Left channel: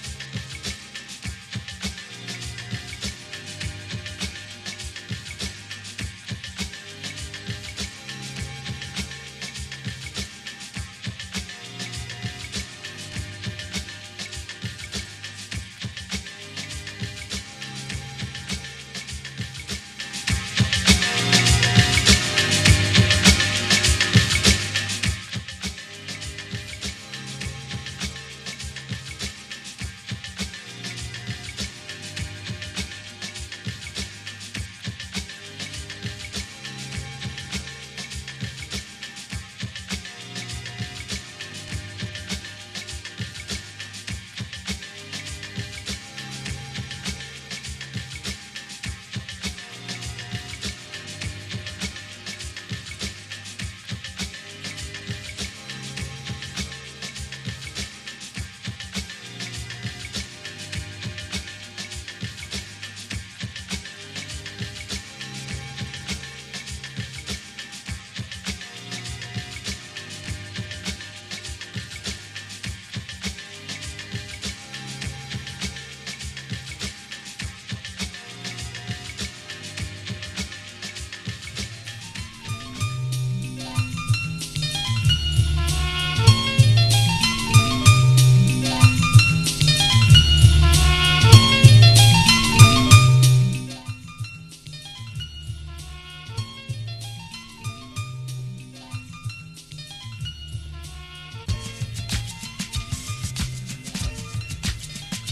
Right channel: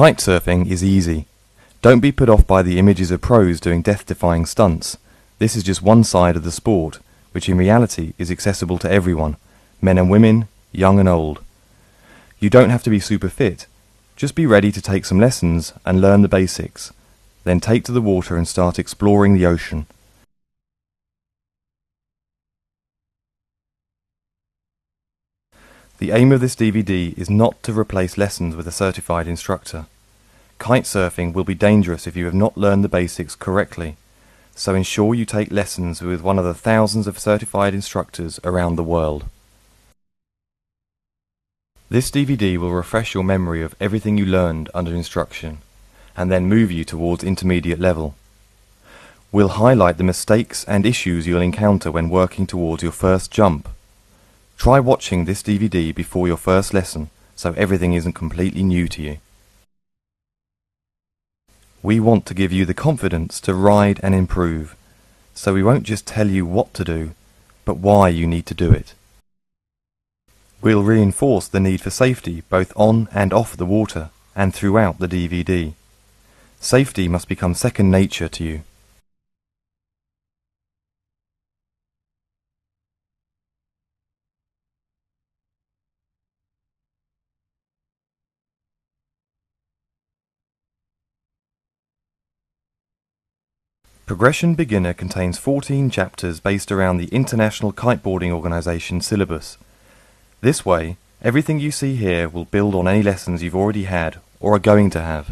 Kitesurfing is easy. Don't be put off by the images of pros doing death-defying stunts. This is just one side of the sport, which in reality is accessible to everyone, men and women, young and old. You don't have to be super fit. Just be ready to take some lessons and learn the basics. Then take to the water and start exploring the ocean. The aim of this DVD is not to replace lessons with a certified instructor. Kitesurfing will be dangerous if you have not learned the basics correctly, so ensure you take lessons with one of the thousands of certified instructors around the world. This DVD will refresh your memory of everything you learned under instruction, and then move you towards intermediate level. We'll highlight the mistakes and issues you'll encounter when working towards your first jump. Try watching this DVD before your first lesson, so everything isn't completely new to you. We want to give you the confidence to ride and improve, so we won't just tell you what to do, but why you need to do it. We'll reinforce the need for safety both on and off the water and throughout the DVD. Safety must become second nature to you. Progression Beginner contains 14 chapters based around the International Kiteboarding Organisation syllabus. This way, everything you see here will build on any lessons you've already had or are going to have.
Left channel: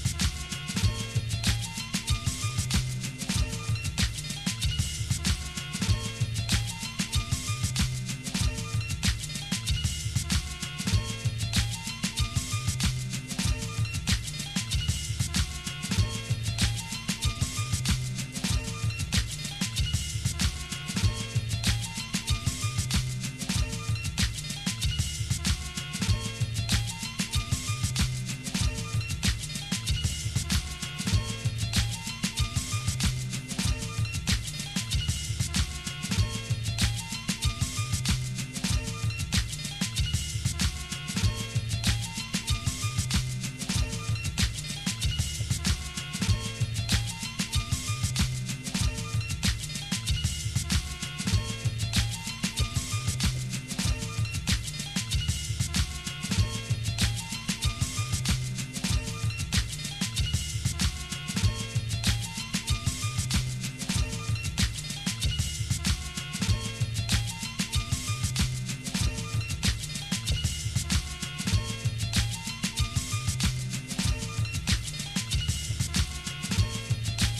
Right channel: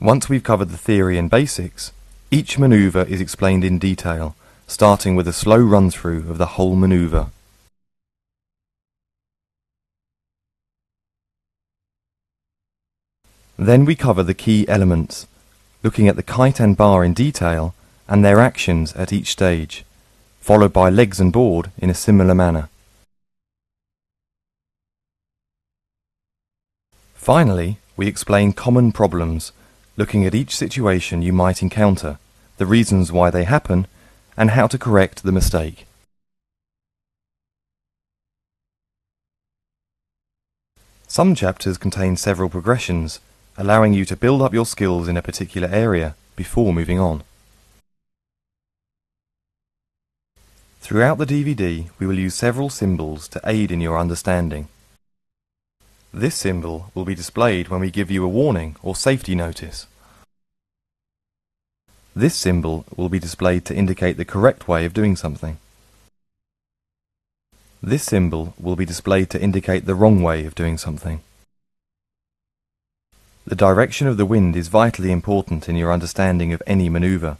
Once we've covered the theory and basics, each manoeuvre is explained in detail, starting with a slow run-through of the whole manoeuvre. Then we cover the key elements, looking at the kite and bar in detail and their actions at each stage, followed by legs and board in a similar manner. Finally, we explain common problems, looking at each situation you might encounter, the reasons why they happen, and how to correct the mistake. Some chapters contain several progressions, allowing you to build up your skills in a particular area before moving on. Throughout the DVD, we will use several symbols to aid in your understanding. This symbol will be displayed when we give you a warning or safety notice. This symbol will be displayed to indicate the correct way of doing something. This symbol will be displayed to indicate the wrong way of doing something. The direction of the wind is vitally important in your understanding of any manoeuvre,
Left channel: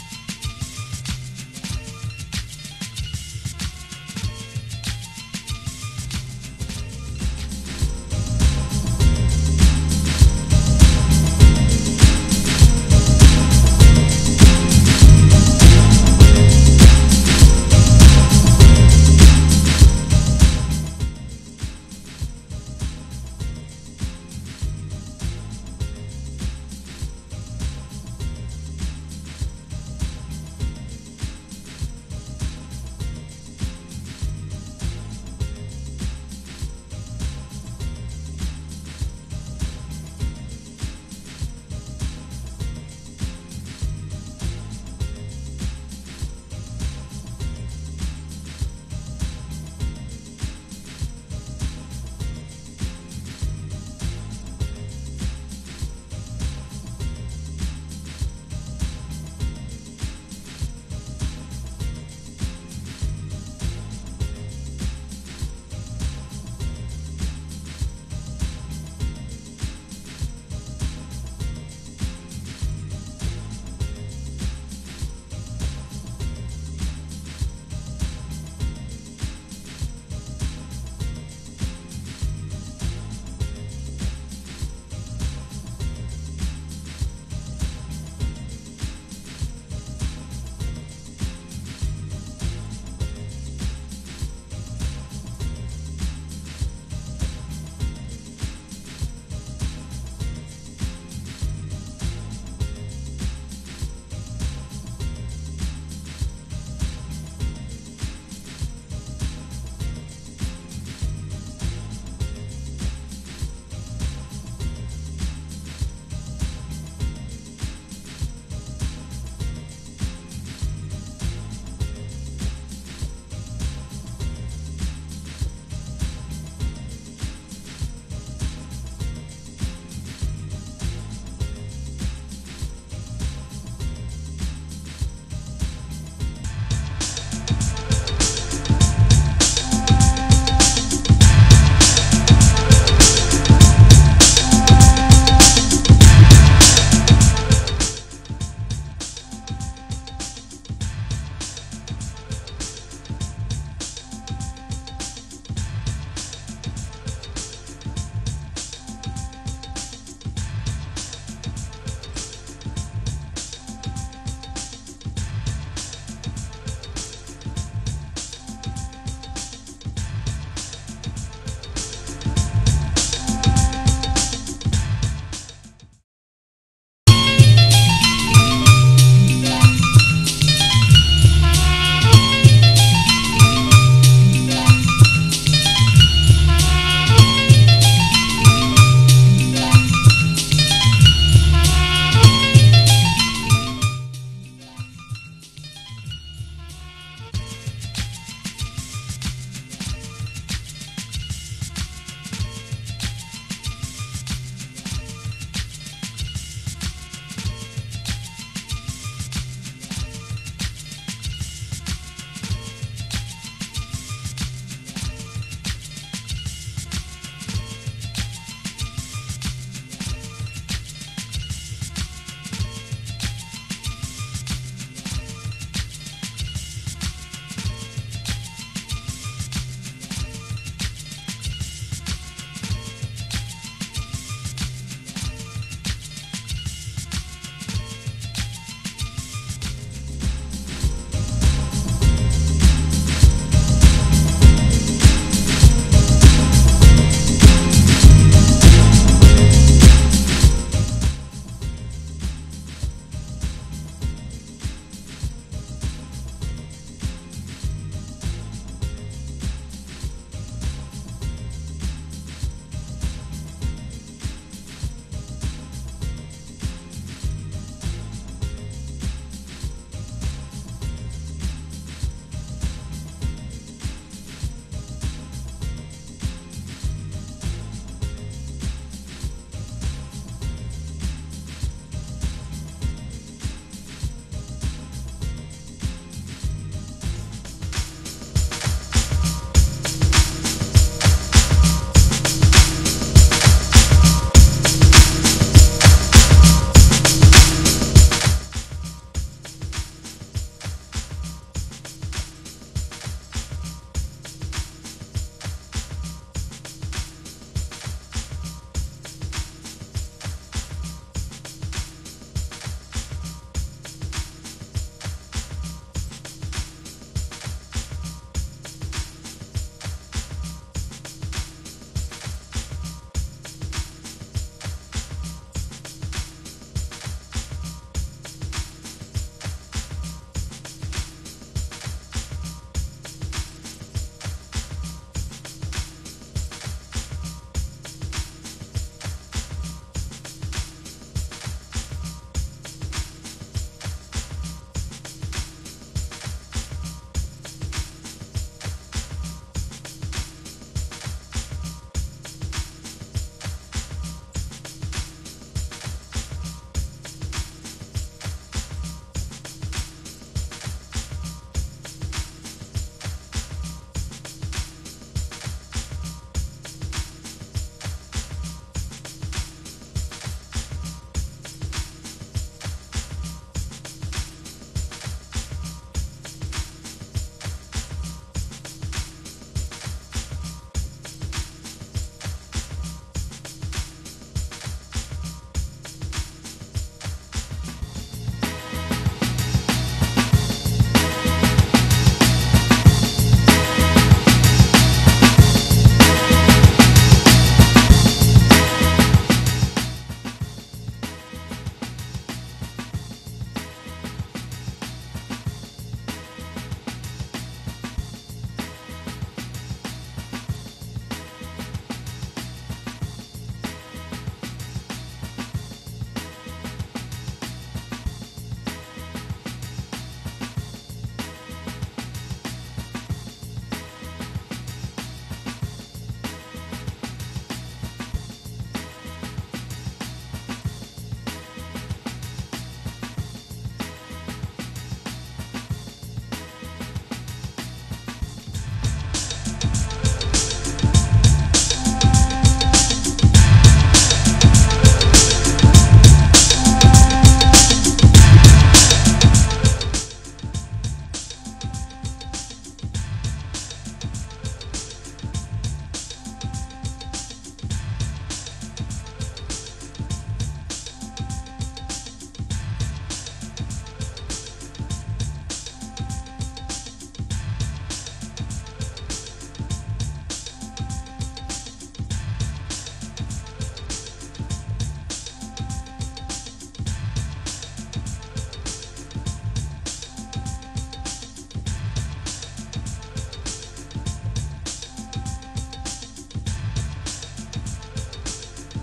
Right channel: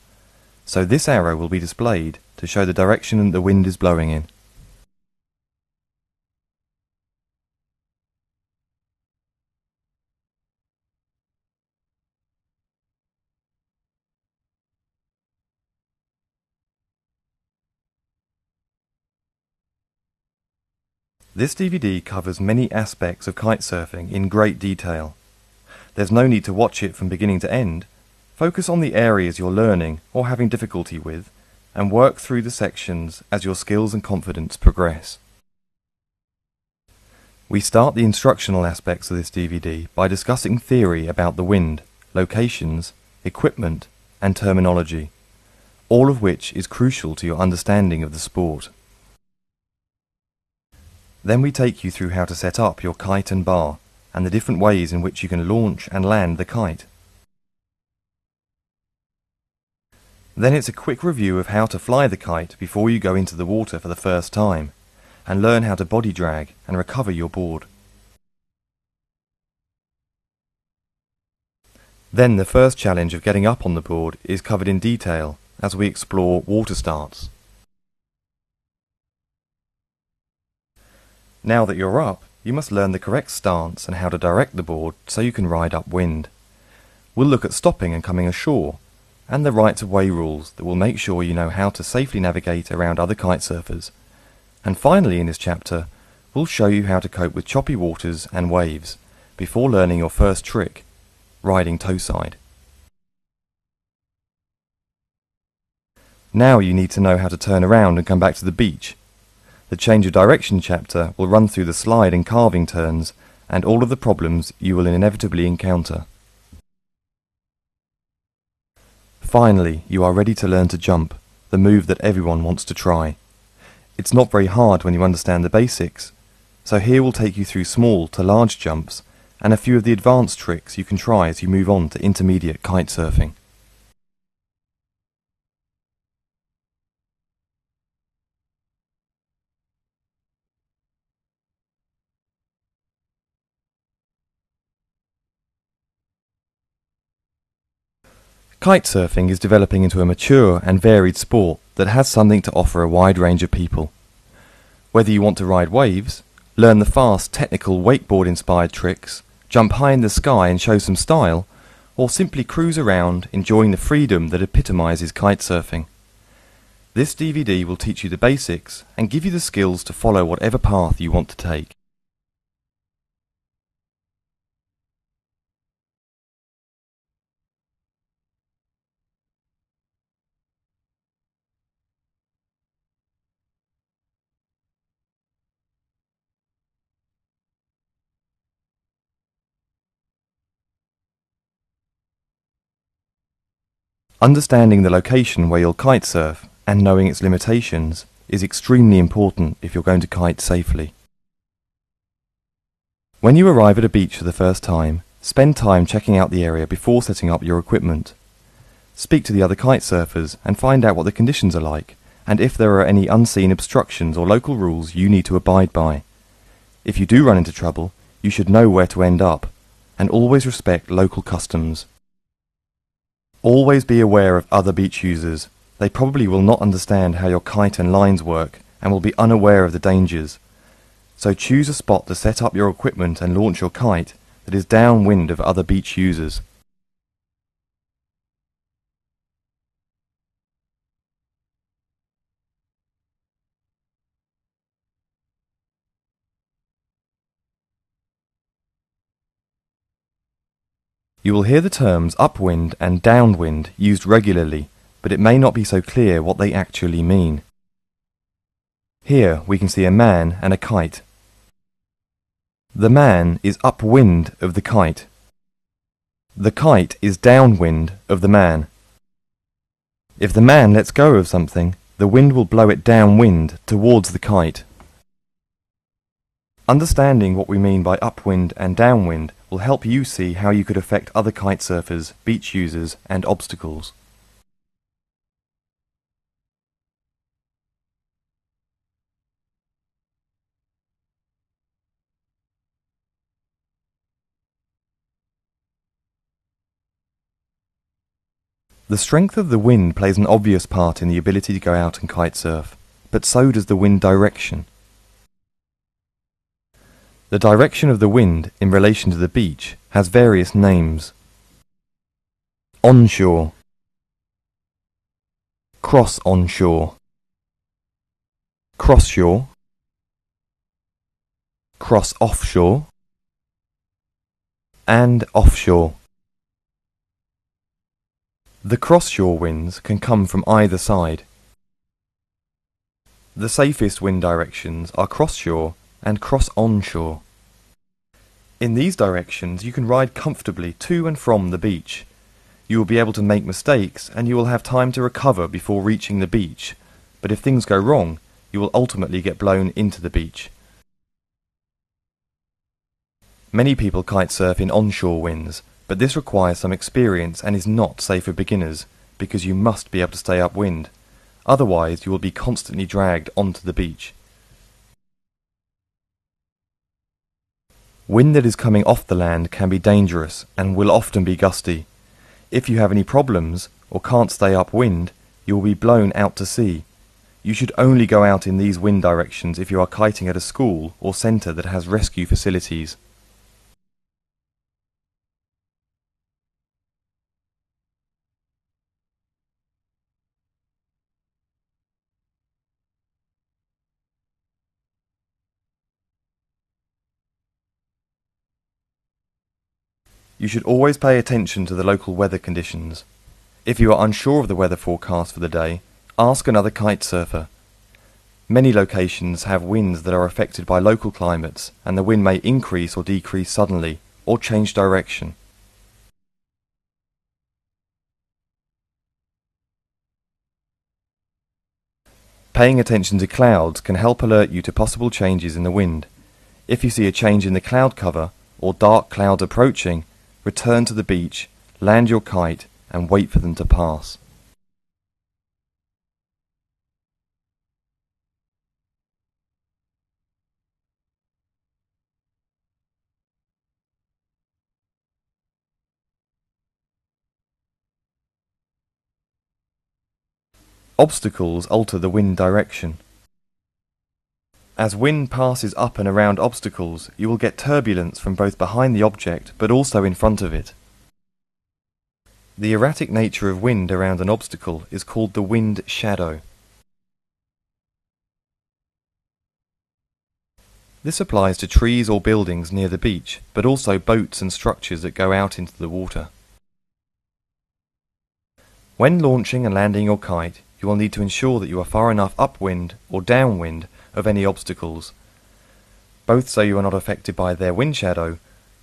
so this arrow will be displayed to show the direction the wind is blowing in. This DVD covers many aspects of kitesurfing in great detail. There's no need to watch it from beginning to end. Focus on the areas you're learning or having difficulty with, and work through the sections as your skills and confidence progress. We start the instructional aspects of this DVD by discussing theory about the wind, locations, equipment, and terminology, all of which is crucial to your understanding of the sport. Then we take you through how to set up your kite and bar, and the different ways in which you can launch and land the kite. Then it's a quick review of how to fly the kite before you go into the water for the first time, and learn how to body drag and recover your board. Then the first challenge of getting up on the board is covered in detail as we explore water starts. Now that you're up, you must learn the correct stance and how to direct the board so you can ride upwind. We'll look at stopping and coming ashore, and the rights-of-way rules that will make sure you know how to safely navigate around other kitesurfers. And finally in this chapter, we'll show you how to cope with choppy waters and waves, before learning your first trick, riding toe-side. Now you need to know how to turn around and come back to the beach. The change of direction chapter will run through the slide and carving turns and all of the problems you will inevitably encounter. Finally, you are ready to learn to jump, the move that everyone wants to try. It's not very hard when you understand the basics, so here we'll take you through small to large jumps and a few of the advanced tricks you can try as you move on to intermediate kitesurfing. Kitesurfing is developing into a mature and varied sport that has something to offer a wide range of people. Whether you want to ride waves, learn the fast, technical wakeboard-inspired tricks, jump high in the sky and show some style, or simply cruise around enjoying the freedom that epitomizes kitesurfing. This DVD will teach you the basics and give you the skills to follow whatever path you want to take. Understanding the location where you'll kitesurf and knowing its limitations is extremely important if you're going to kite safely. When you arrive at a beach for the first time, spend time checking out the area before setting up your equipment. Speak to the other kitesurfers and find out what the conditions are like and if there are any unseen obstructions or local rules you need to abide by. If you do run into trouble, you should know where to end up and always respect local customs. Always be aware of other beach users. They probably will not understand how your kite and lines work and will be unaware of the dangers. So choose a spot to set up your equipment and launch your kite that is downwind of other beach users. You will hear the terms upwind and downwind used regularly, but it may not be so clear what they actually mean. Here we can see a man and a kite. The man is upwind of the kite. The kite is downwind of the man. If the man lets go of something, the wind will blow it downwind towards the kite. Understanding what we mean by upwind and downwind will help you see how you could affect other kitesurfers, beach users, and obstacles. The strength of the wind plays an obvious part in the ability to go out and kitesurf, but so does the wind direction. The direction of the wind in relation to the beach has various names. Onshore, cross-onshore, cross-shore, cross-offshore, and offshore. The cross-shore winds can come from either side. The safest wind directions are cross-shore and cross-onshore. In these directions you can ride comfortably to and from the beach. You will be able to make mistakes and you will have time to recover before reaching the beach, but if things go wrong, you will ultimately get blown into the beach. Many people kitesurf in onshore winds, but this requires some experience and is not safe for beginners because you must be able to stay upwind. Otherwise you will be constantly dragged onto the beach. Wind that is coming off the land can be dangerous and will often be gusty. If you have any problems or can't stay upwind, you will be blown out to sea. You should only go out in these wind directions if you are kiting at a school or centre that has rescue facilities. You should always pay attention to the local weather conditions. If you are unsure of the weather forecast for the day, ask another kitesurfer. Many locations have winds that are affected by local climates, and the wind may increase or decrease suddenly, or change direction. Paying attention to clouds can help alert you to possible changes in the wind. If you see a change in the cloud cover, or dark clouds approaching, return to the beach, land your kite, and wait for them to pass. Obstacles alter the wind direction. As wind passes up and around obstacles, you will get turbulence from both behind the object but also in front of it. The erratic nature of wind around an obstacle is called the wind shadow. This applies to trees or buildings near the beach, but also boats and structures that go out into the water. When launching and landing your kite, you will need to ensure that you are far enough upwind or downwind of any obstacles, both so you are not affected by their wind shadow,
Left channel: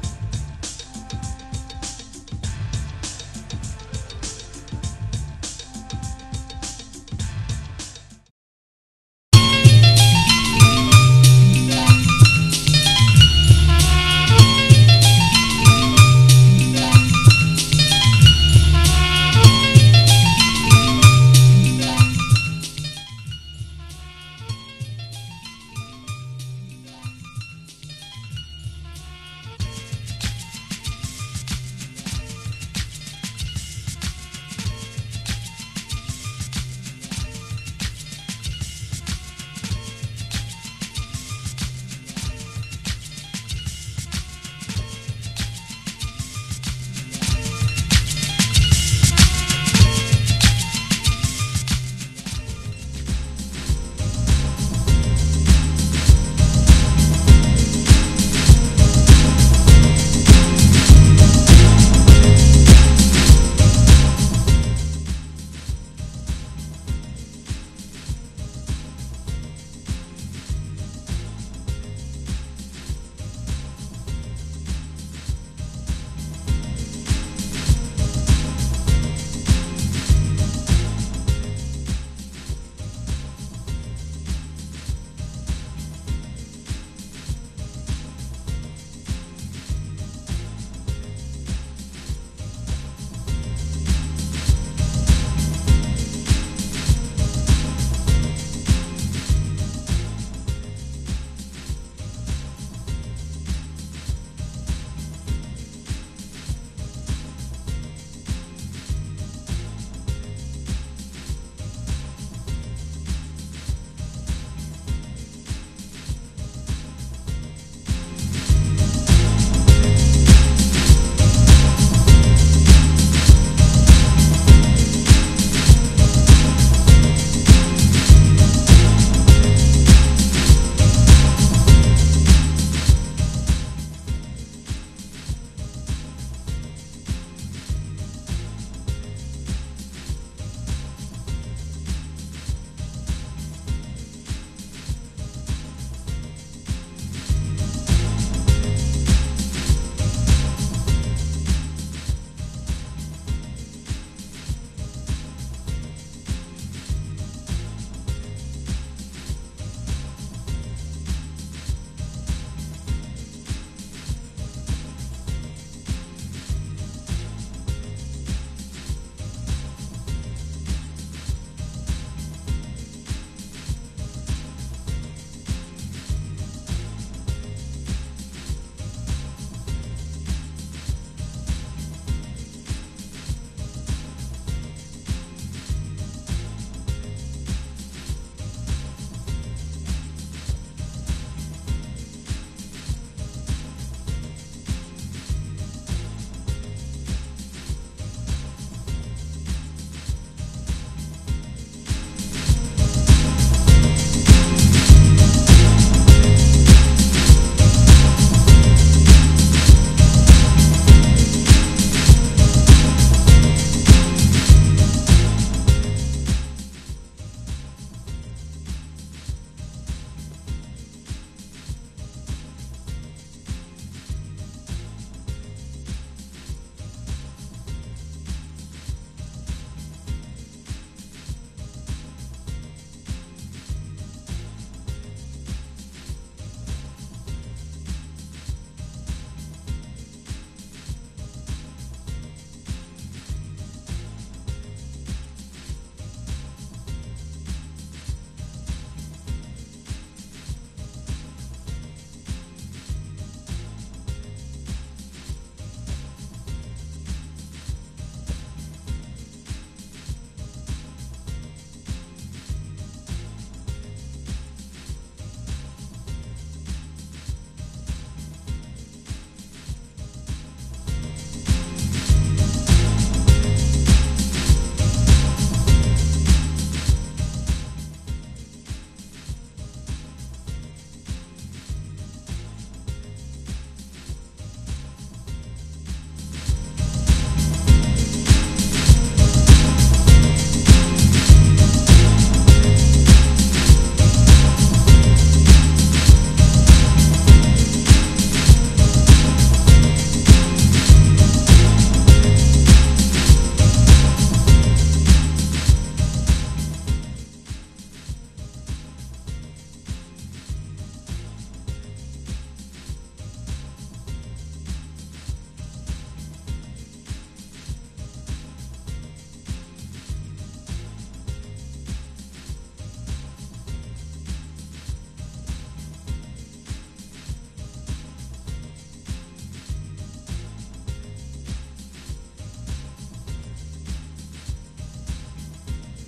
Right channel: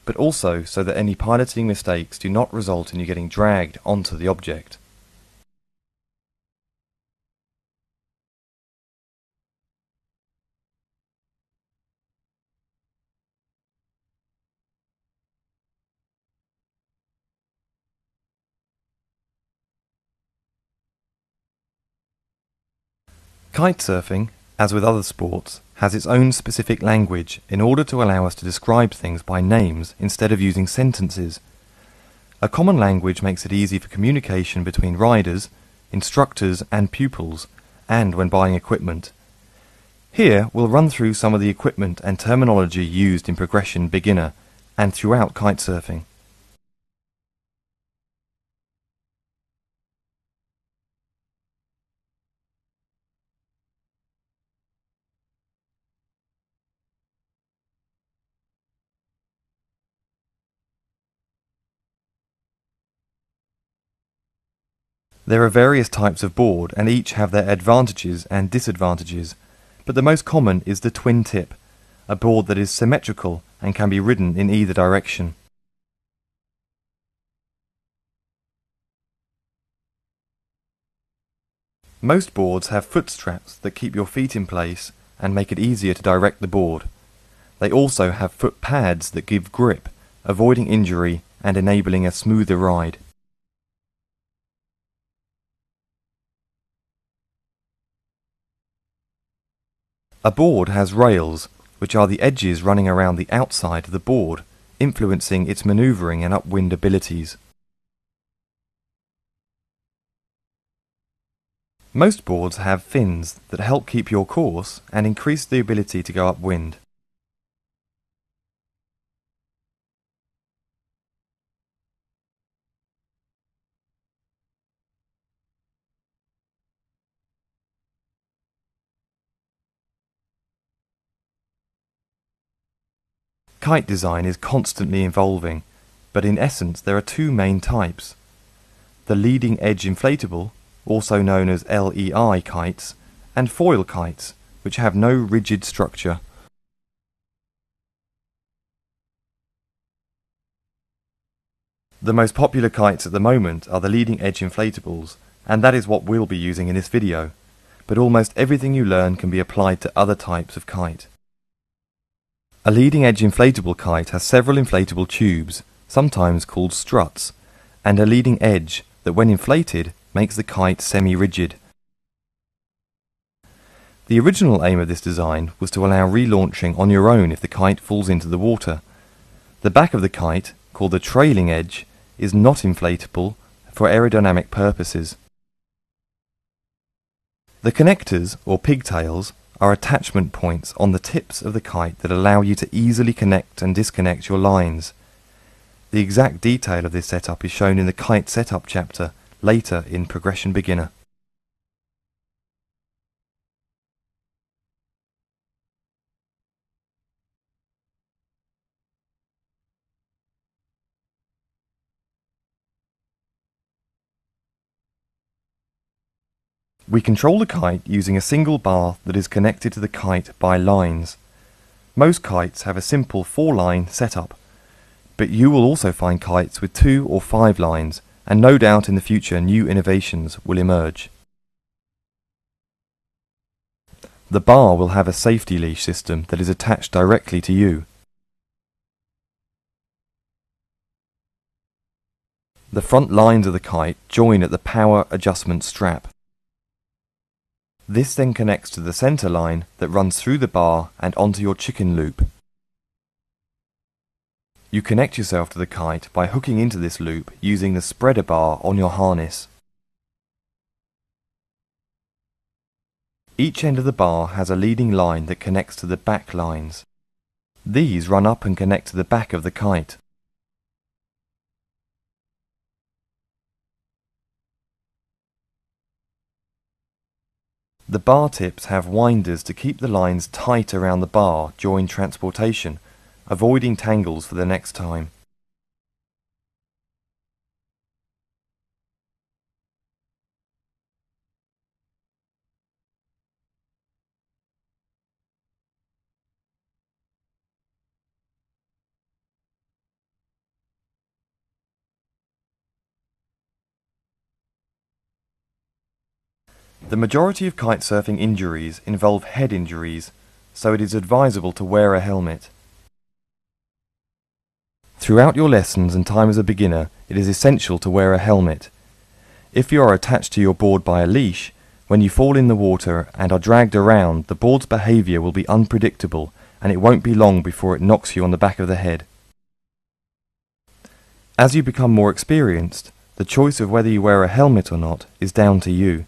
but also so that any piloting mistakes do not result in you getting dragged onto the object. Kitesurfing, as with other sports, has its own specific language in order to allow us to describe things by names instead of using sentences. A common language makes it easy for communication between riders, instructors and pupils, and when buying equipment. Here we'll run through some of the equipment and terminology used in Progression Beginner and throughout kitesurfing. There are various types of board and each have their advantages and disadvantages, but the most common is the twin tip, a board that is symmetrical and can be ridden in either direction. Most boards have foot straps that keep your feet in place and make it easier to direct the board. They also have foot pads that give grip, avoiding injury and enabling a smoother ride. A board has rails, which are the edges running around the outside of the board, influencing its manoeuvring and upwind abilities. Most boards have fins that help keep your course and increase the ability to go upwind. Kite design is constantly evolving, but in essence there are two main types. The leading edge inflatable, also known as LEI kites, and foil kites, which have no rigid structure. The most popular kites at the moment are the leading edge inflatables, and that is what we'll be using in this video, but almost everything you learn can be applied to other types of kite. A leading edge inflatable kite has several inflatable tubes, sometimes called struts, and a leading edge that when inflated makes the kite semi-rigid. The original aim of this design was to allow relaunching on your own if the kite falls into the water. The back of the kite, called the trailing edge, is not inflatable for aerodynamic purposes. The connectors, or pigtails, are attachment points on the tips of the kite that allow you to easily connect and disconnect your lines. The exact detail of this setup is shown in the kite setup chapter later in Progression Beginner. We control the kite using a single bar that is connected to the kite by lines. Most kites have a simple 4-line setup, but you will also find kites with 2 or 5 lines, and no doubt in the future new innovations will emerge. The bar will have a safety leash system that is attached directly to you. The front lines of the kite join at the power adjustment strap. This then connects to the center line that runs through the bar and onto your chicken loop. You connect yourself to the kite by hooking into this loop using the spreader bar on your harness. Each end of the bar has a leading line that connects to the back lines. These run up and connect to the back of the kite. The bar tips have winders to keep the lines tight around the bar during transportation, avoiding tangles for the next time. The majority of kitesurfing injuries involve head injuries, so it is advisable to wear a helmet. Throughout your lessons and time as a beginner, it is essential to wear a helmet. If you are attached to your board by a leash, when you fall in the water and are dragged around, the board's behaviour will be unpredictable and it won't be long before it knocks you on the back of the head. As you become more experienced, the choice of whether you wear a helmet or not is down to you.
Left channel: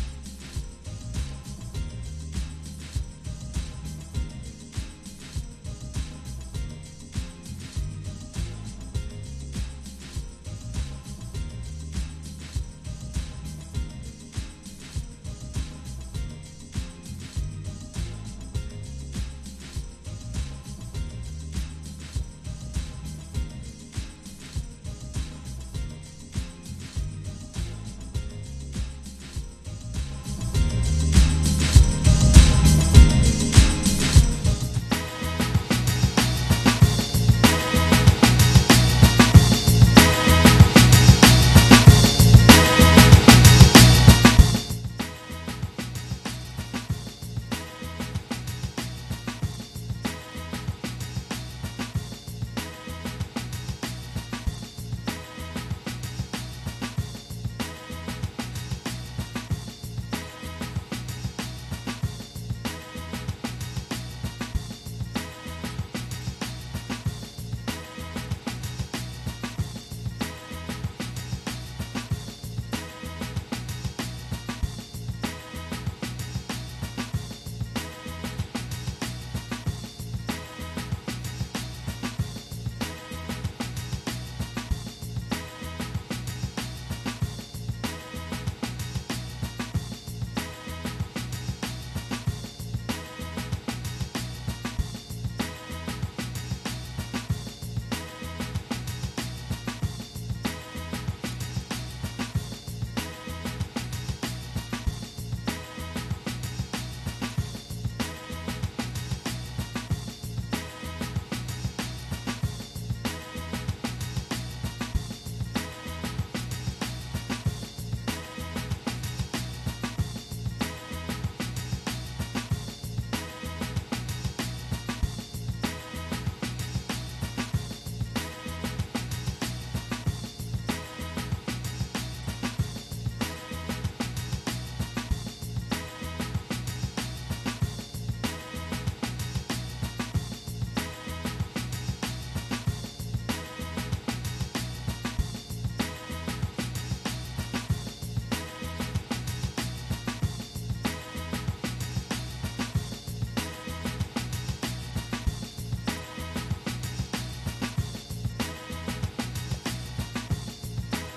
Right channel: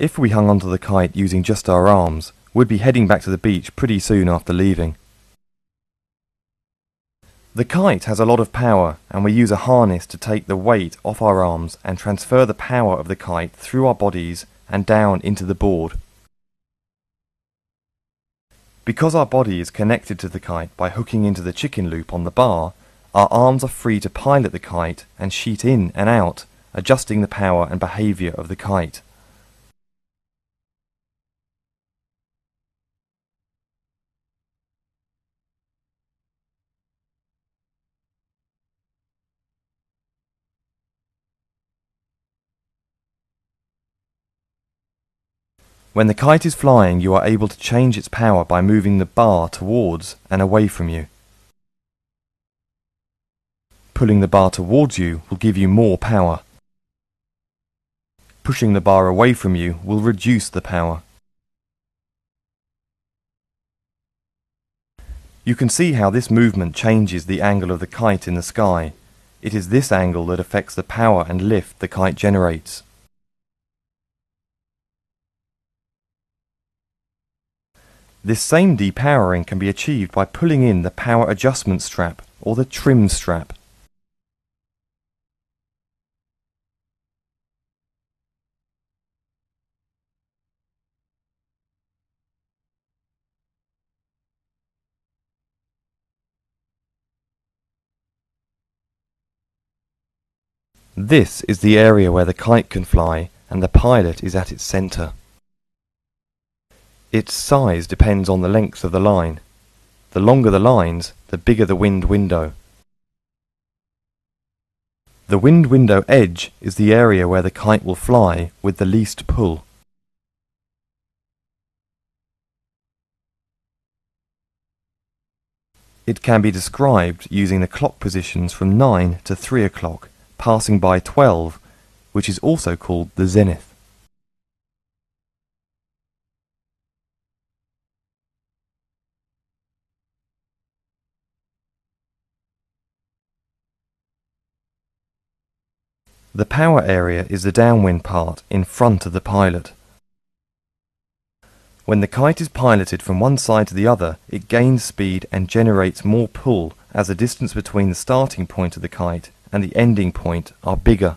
If we hung onto the kite using just our arms, we'd be heading back to the beach pretty soon after leaving. The kite has a lot of power, and we use a harness to take the weight off our arms and transfer the power of the kite through our bodies and down into the board. Because our body is connected to the kite by hooking into the chicken loop on the bar, our arms are free to pilot the kite and sheet in and out, adjusting the power and behaviour of the kite. When the kite is flying, you are able to change its power by moving the bar towards and away from you. Pulling the bar towards you will give you more power. Pushing the bar away from you will reduce the power. You can see how this movement changes the angle of the kite in the sky. It is this angle that affects the power and lift the kite generates. This same depowering can be achieved by pulling in the power adjustment strap or the trim strap. This is the area where the kite can fly, and the pilot is at its centre. Its size depends on the length of the line. The longer the lines, the bigger the wind window. The wind window edge is the area where the kite will fly with the least pull. It can be described using the clock positions from 9 to 3 o'clock, passing by 12, which is also called the zenith. The power area is the downwind part in front of the pilot. When the kite is piloted from one side to the other, it gains speed and generates more pull as the distance between the starting point of the kite and the ending point are bigger.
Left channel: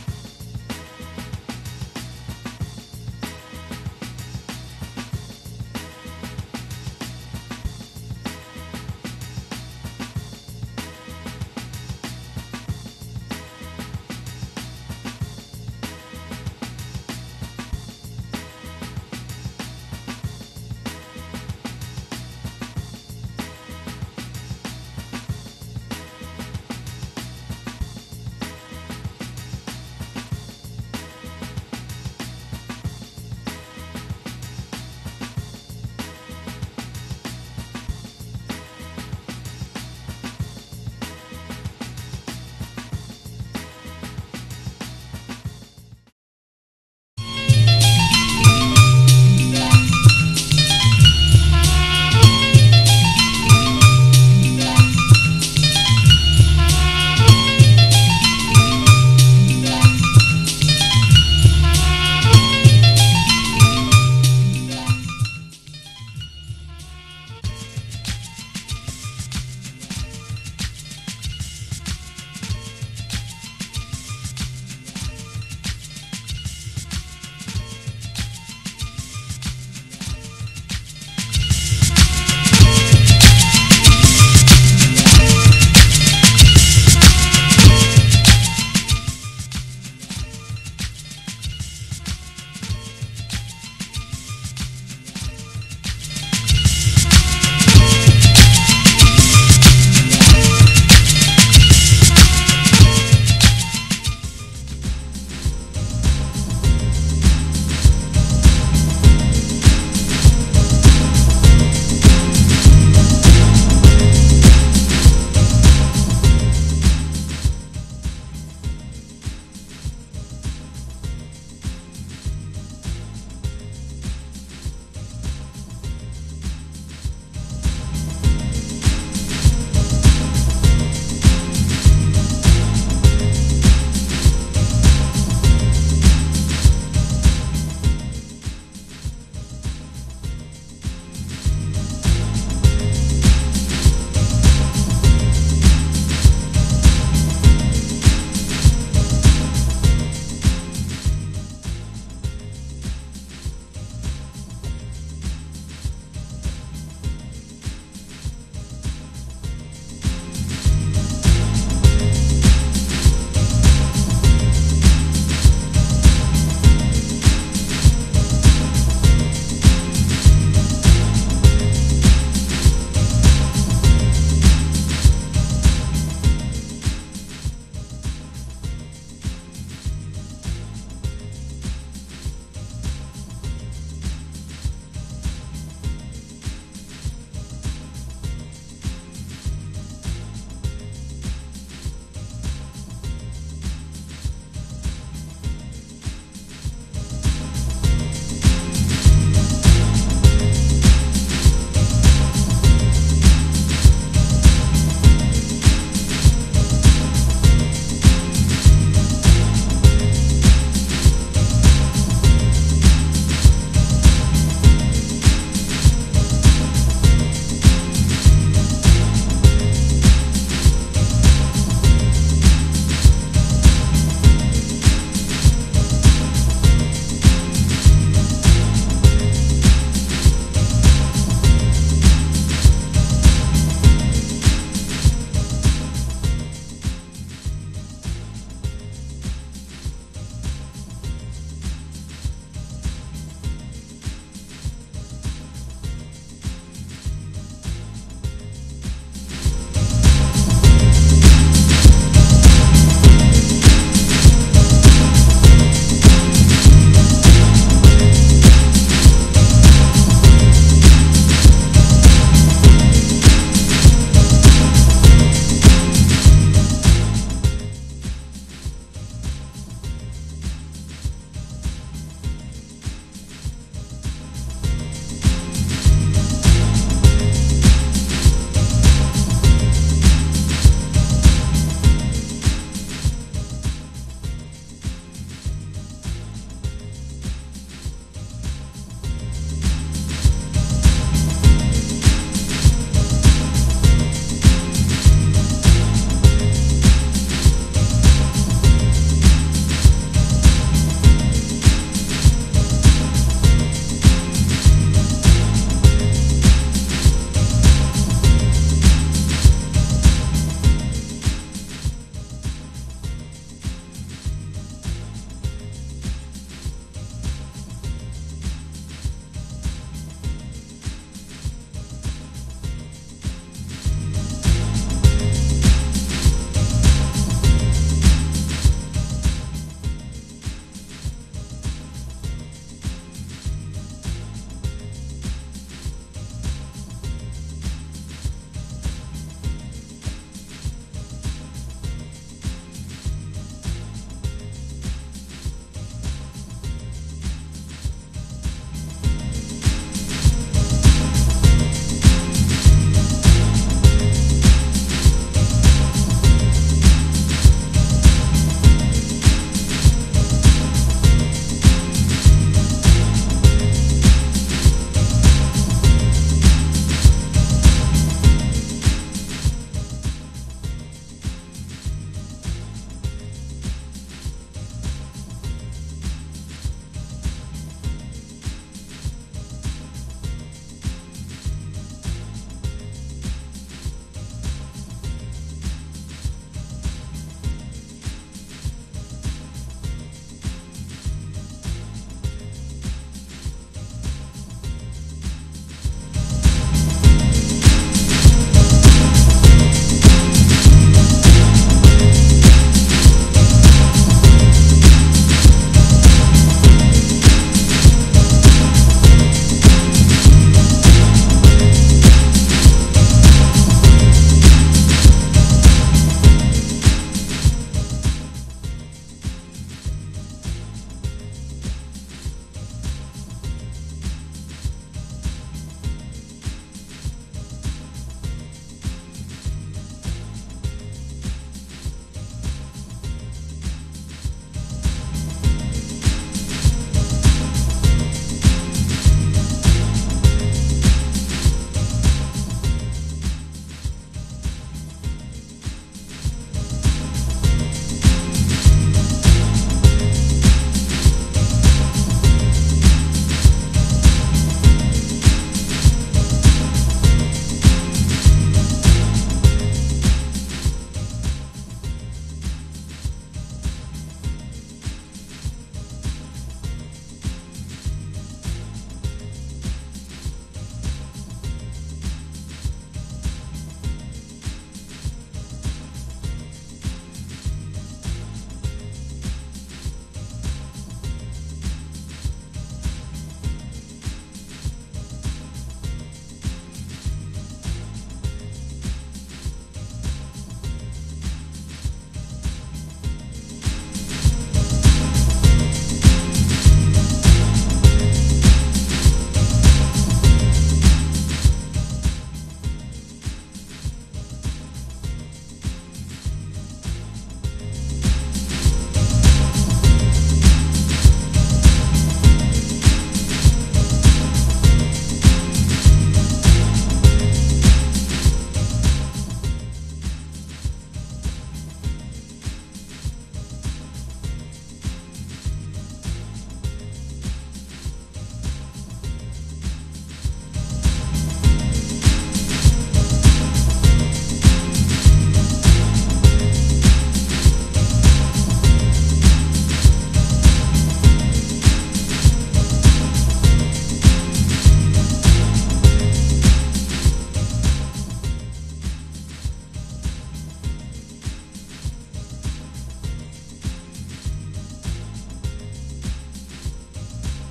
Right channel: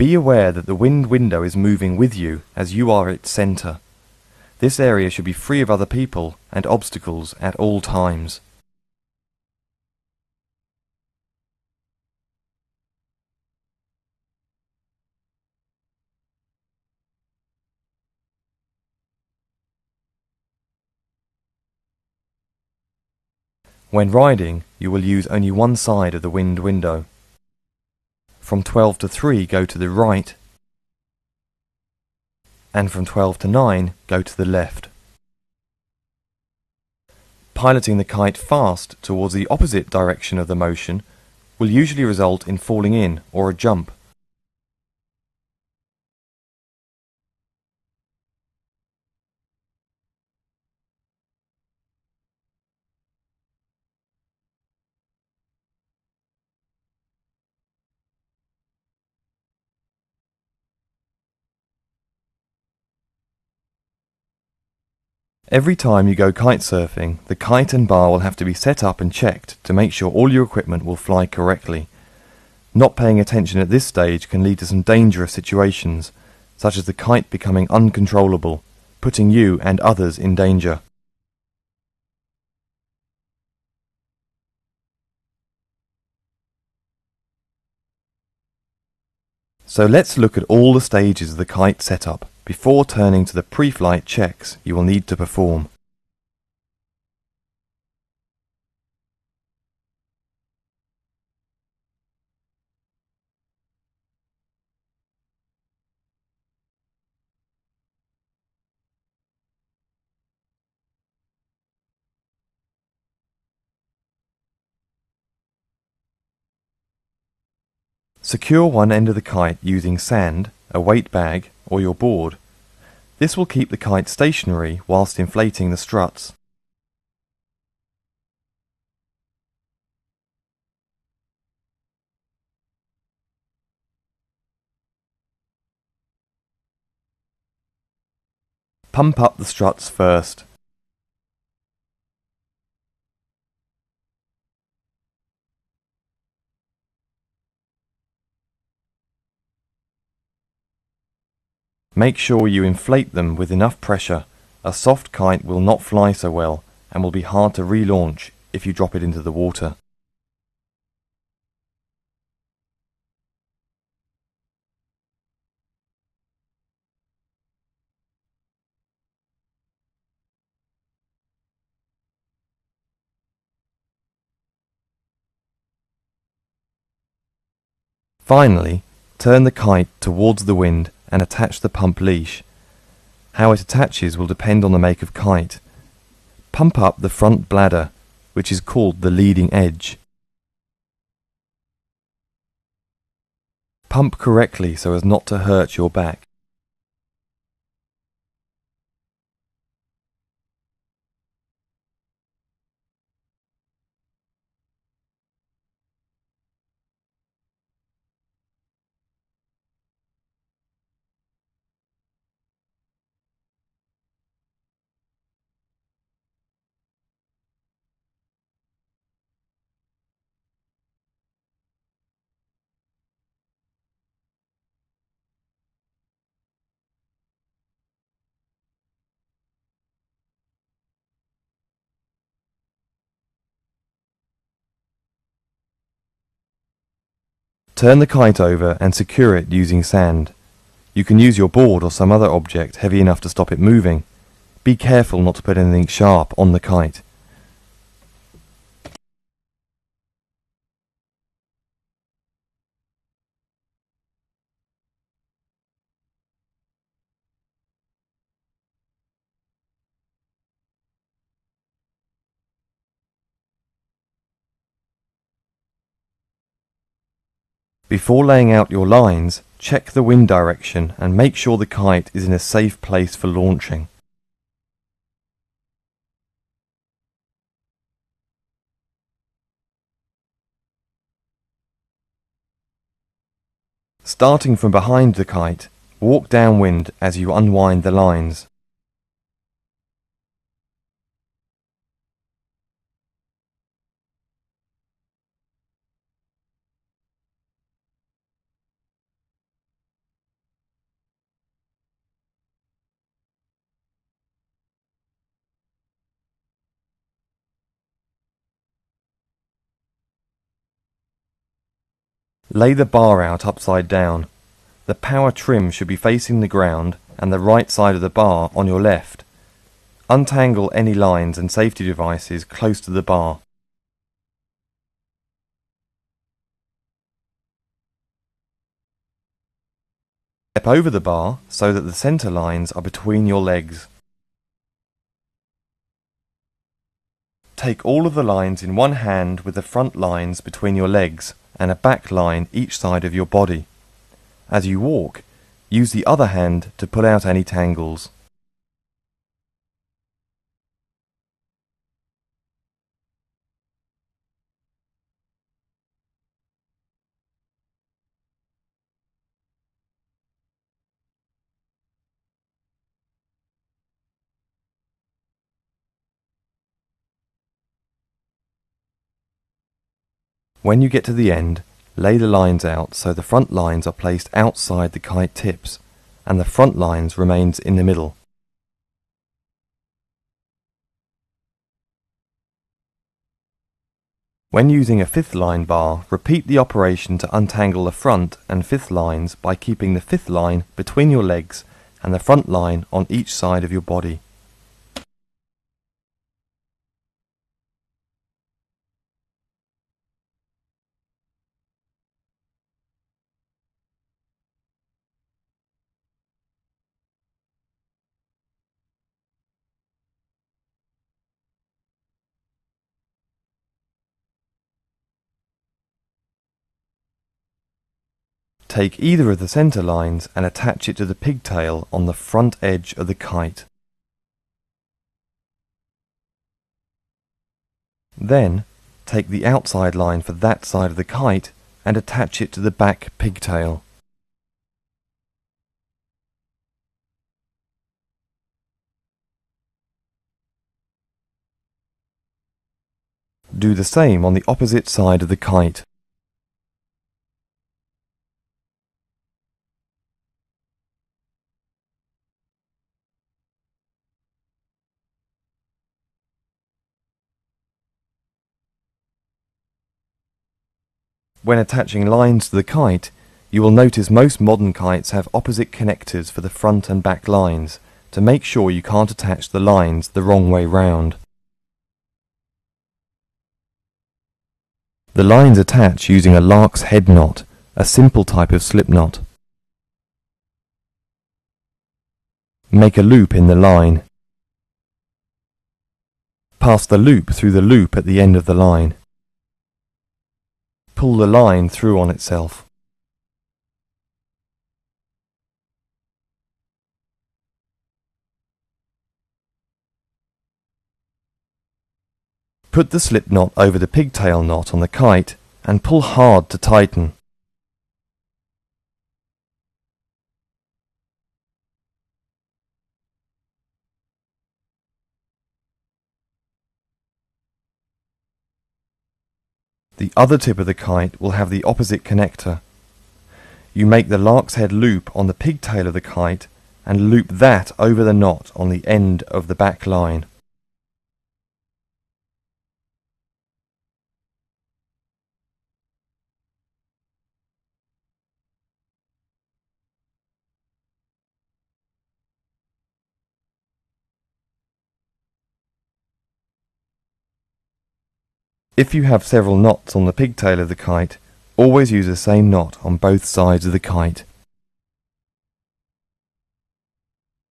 Be aware that the wind window is moving with you as you are its centre. This area should be free of other people and obstacles at all times. When riding, you will use only one side of the wind window. From 12 to 3 go to the right, and from 12 to 9 go to the left. Piloting the kite fast towards the opposite direction of the motion will usually result in falling in or a jump. Every time you go kite surfing, the kite and bar will have to be set up and checked to make sure all your equipment will fly correctly. Not paying attention at this stage can lead to some dangerous situations, such as the kite becoming uncontrollable, putting you and others in danger. So let's look at all the stages of the kite setup before turning to the pre-flight checks you will need to perform. Secure one end of the kite using sand, a weight bag, or your board. This will keep the kite stationary whilst inflating the struts. Pump up the struts first. Make sure you inflate them with enough pressure. A soft kite will not fly so well and will be hard to relaunch if you drop it into the water. Finally, turn the kite towards the wind and attach the pump leash. How it attaches will depend on the make of kite. Pump up the front bladder, which is called the leading edge. Pump correctly so as not to hurt your back. Turn the kite over and secure it using sand. You can use your board or some other object heavy enough to stop it moving. Be careful not to put anything sharp on the kite. Before laying out your lines, check the wind direction and make sure the kite is in a safe place for launching. Starting from behind the kite, walk downwind as you unwind the lines. Lay the bar out upside down. The power trim should be facing the ground and the right side of the bar on your left. Untangle any lines and safety devices close to the bar. Step over the bar so that the centre lines are between your legs. Take all of the lines in one hand with the front lines between your legs and a back line each side of your body. As you walk, use the other hand to pull out any tangles. When you get to the end, lay the lines out so the front lines are placed outside the kite tips and the front lines remains in the middle. When using a fifth line bar, repeat the operation to untangle the front and fifth lines by keeping the fifth line between your legs and the front line on each side of your body. Take either of the centre lines and attach it to the pigtail on the front edge of the kite. Then, take the outside line for that side of the kite and attach it to the back pigtail. Do the same on the opposite side of the kite. When attaching lines to the kite, you will notice most modern kites have opposite connectors for the front and back lines to make sure you can't attach the lines the wrong way round. The lines attach using a lark's head knot, a simple type of slip knot. Make a loop in the line. Pass the loop through the loop at the end of the line. Pull the line through on itself. Put the slip knot over the pigtail knot on the kite and pull hard to tighten. The other tip of the kite will have the opposite connector. You make the lark's head loop on the pigtail of the kite and loop that over the knot on the end of the back line. If you have several knots on the pigtail of the kite, always use the same knot on both sides of the kite.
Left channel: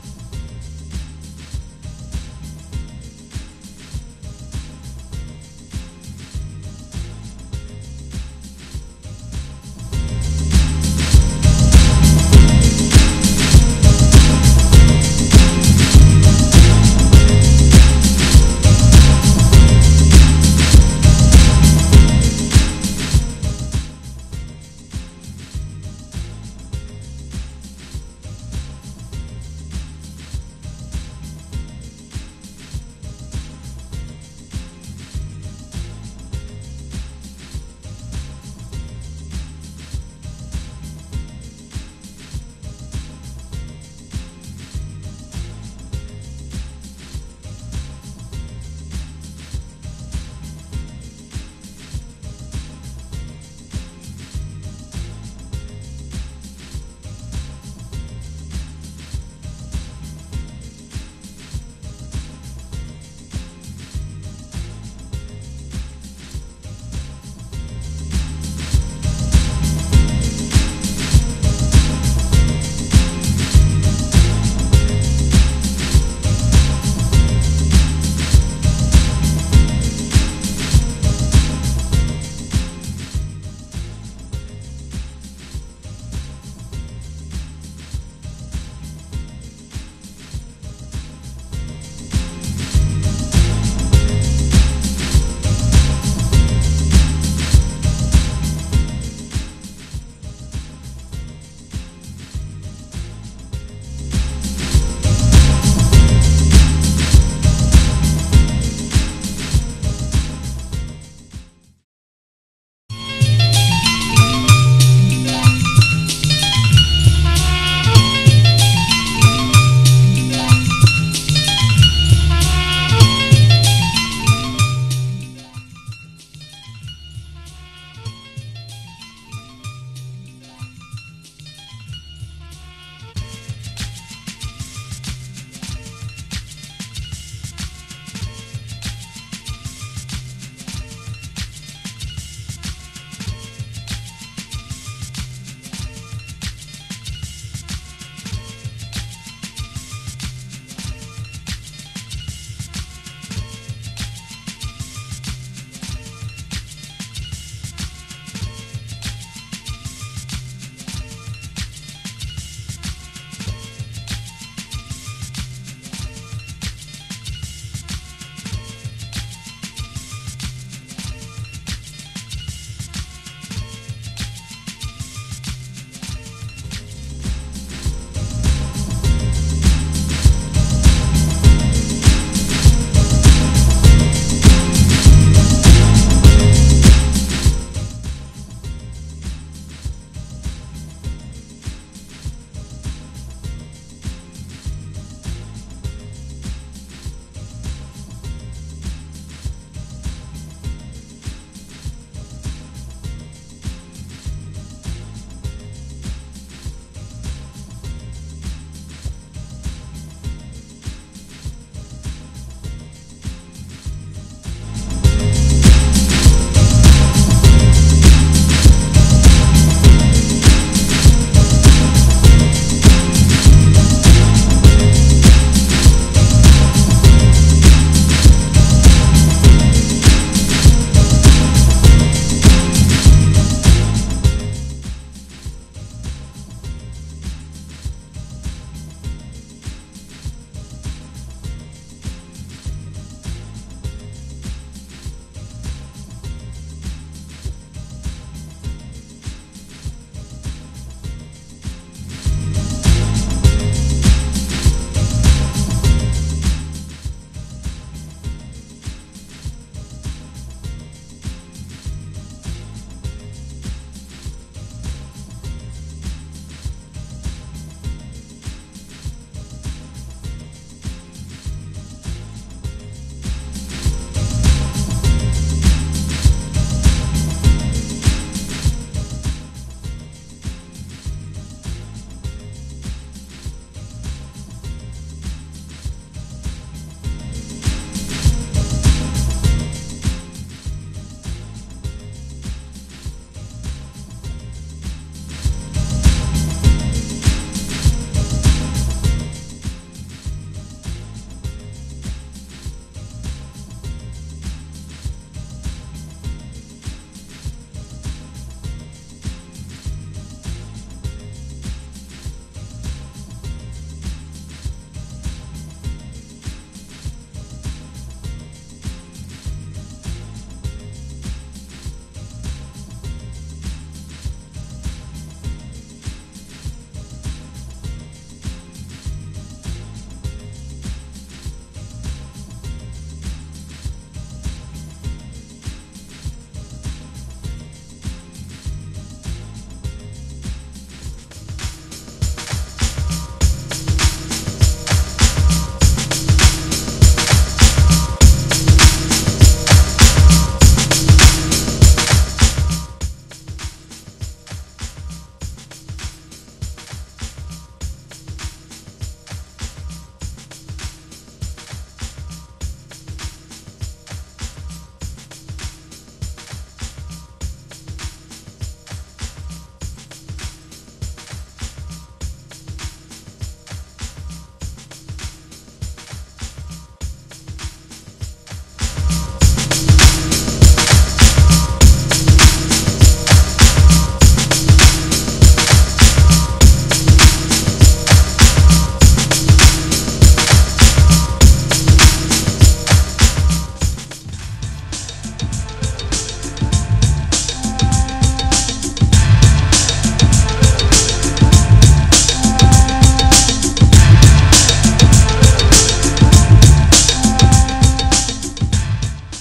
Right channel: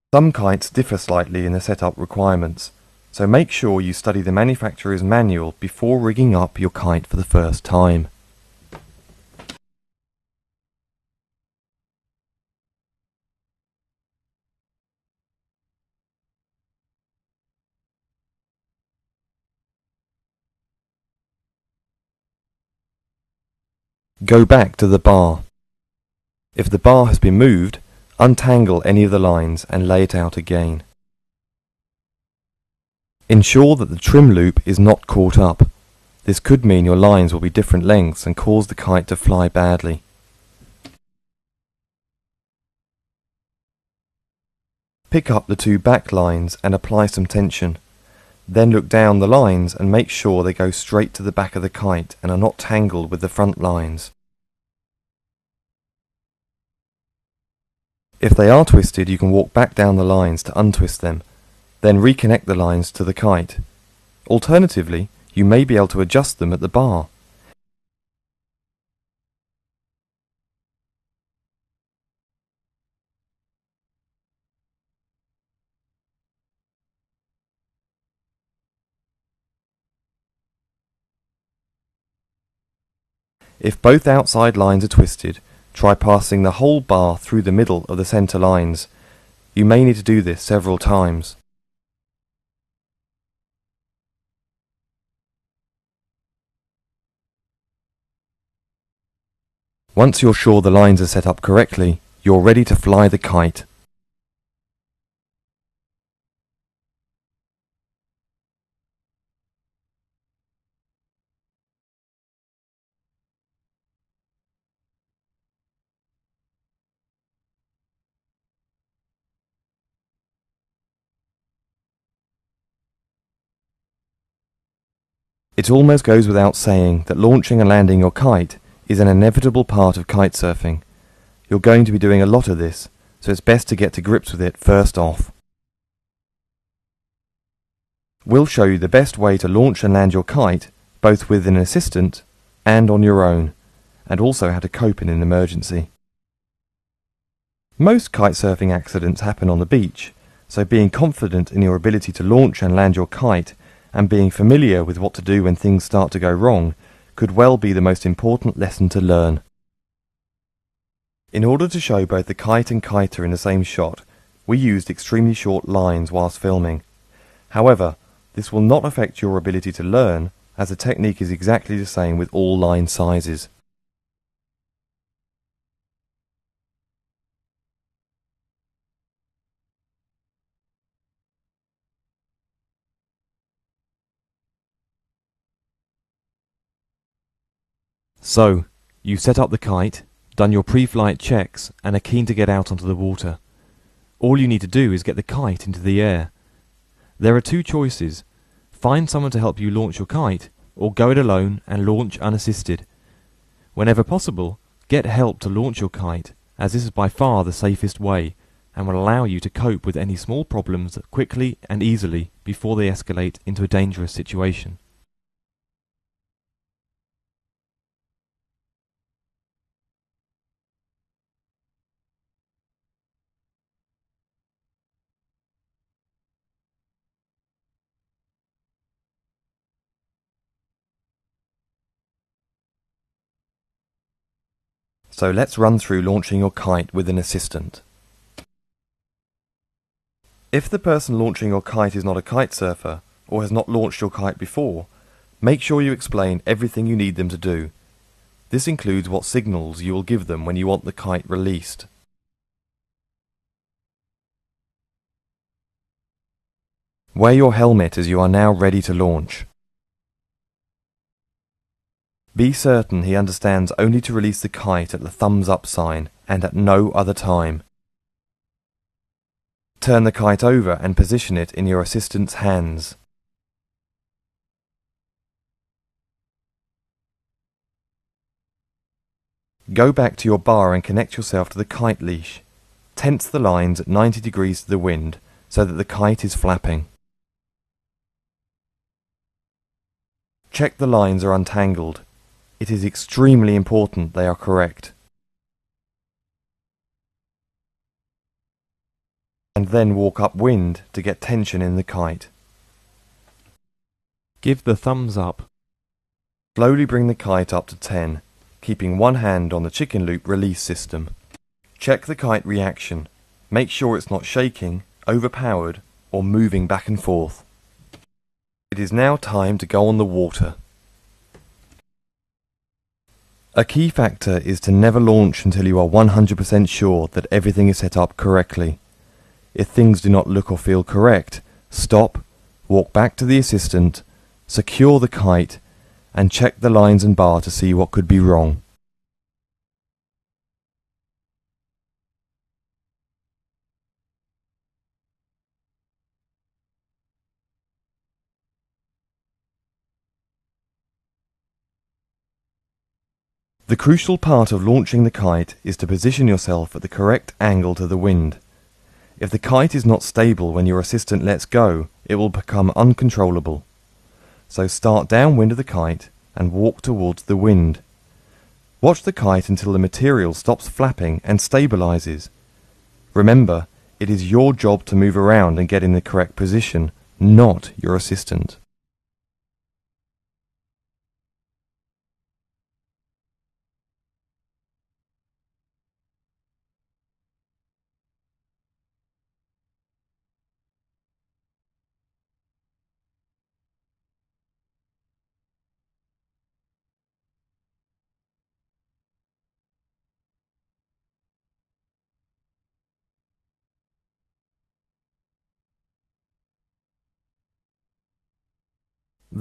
Some kites differ slightly in the setup requirements, so make sure you study the manufacturer's manual before rigging up your kite for the first time. Go back to the bar. If the bar has been moved, untangle any of the lines and lay it out again. Ensure that the trim loop is not caught up. This could mean your lines will be different lengths and cause the kite to fly badly. Pick up the two back lines and apply some tension. Then look down the lines and make sure they go straight to the back of the kite and are not tangled with the front lines. If they are twisted, you can walk back down the lines to untwist them, then reconnect the lines to the kite. Alternatively, you may be able to adjust them at the bar. If both outside lines are twisted, try passing the whole bar through the middle of the centre lines. You may need to do this several times. Once you're sure the lines are set up correctly, you're ready to fly the kite. It almost goes without saying that launching and landing your kite is an inevitable part of kitesurfing. You're going to be doing a lot of this, so it's best to get to grips with it first off. We'll show you the best way to launch and land your kite, both with an assistant and on your own, and also how to cope in an emergency. Most kitesurfing accidents happen on the beach, so being confident in your ability to launch and land your kite and being familiar with what to do when things start to go wrong could well be the most important lesson to learn. In order to show both the kite and kiter in the same shot, we used extremely short lines whilst filming. However, this will not affect your ability to learn, as the technique is exactly the same with all line sizes. So, you've set up the kite, done your pre-flight checks, and are keen to get out onto the water. All you need to do is get the kite into the air. There are two choices: find someone to help you launch your kite, or go it alone and launch unassisted. Whenever possible, get help to launch your kite, as this is by far the safest way, and will allow you to cope with any small problems quickly and easily before they escalate into a dangerous situation. So let's run through launching your kite with an assistant. If the person launching your kite is not a kite surfer or has not launched your kite before, make sure you explain everything you need them to do. This includes what signals you will give them when you want the kite released. Wear your helmet as you are now ready to launch. Be certain he understands only to release the kite at the thumbs up sign and at no other time. Turn the kite over and position it in your assistant's hands. Go back to your bar and connect yourself to the kite leash. Tense the lines at 90 degrees to the wind so that the kite is flapping. Check the lines are untangled. It is extremely important they are correct. And then walk upwind to get tension in the kite. Give the thumbs up. Slowly bring the kite up to 10, keeping one hand on the chicken loop release system. Check the kite reaction. Make sure it's not shaking, overpowered, or moving back and forth. It is now time to go on the water. A key factor is to never launch until you are 100% sure that everything is set up correctly. If things do not look or feel correct, stop, walk back to the assistant, secure the kite, and check the lines and bar to see what could be wrong. The crucial part of launching the kite is to position yourself at the correct angle to the wind. If the kite is not stable when your assistant lets go, it will become uncontrollable. So start downwind of the kite and walk towards the wind. Watch the kite until the material stops flapping and stabilizes. Remember, it is your job to move around and get in the correct position, not your assistant.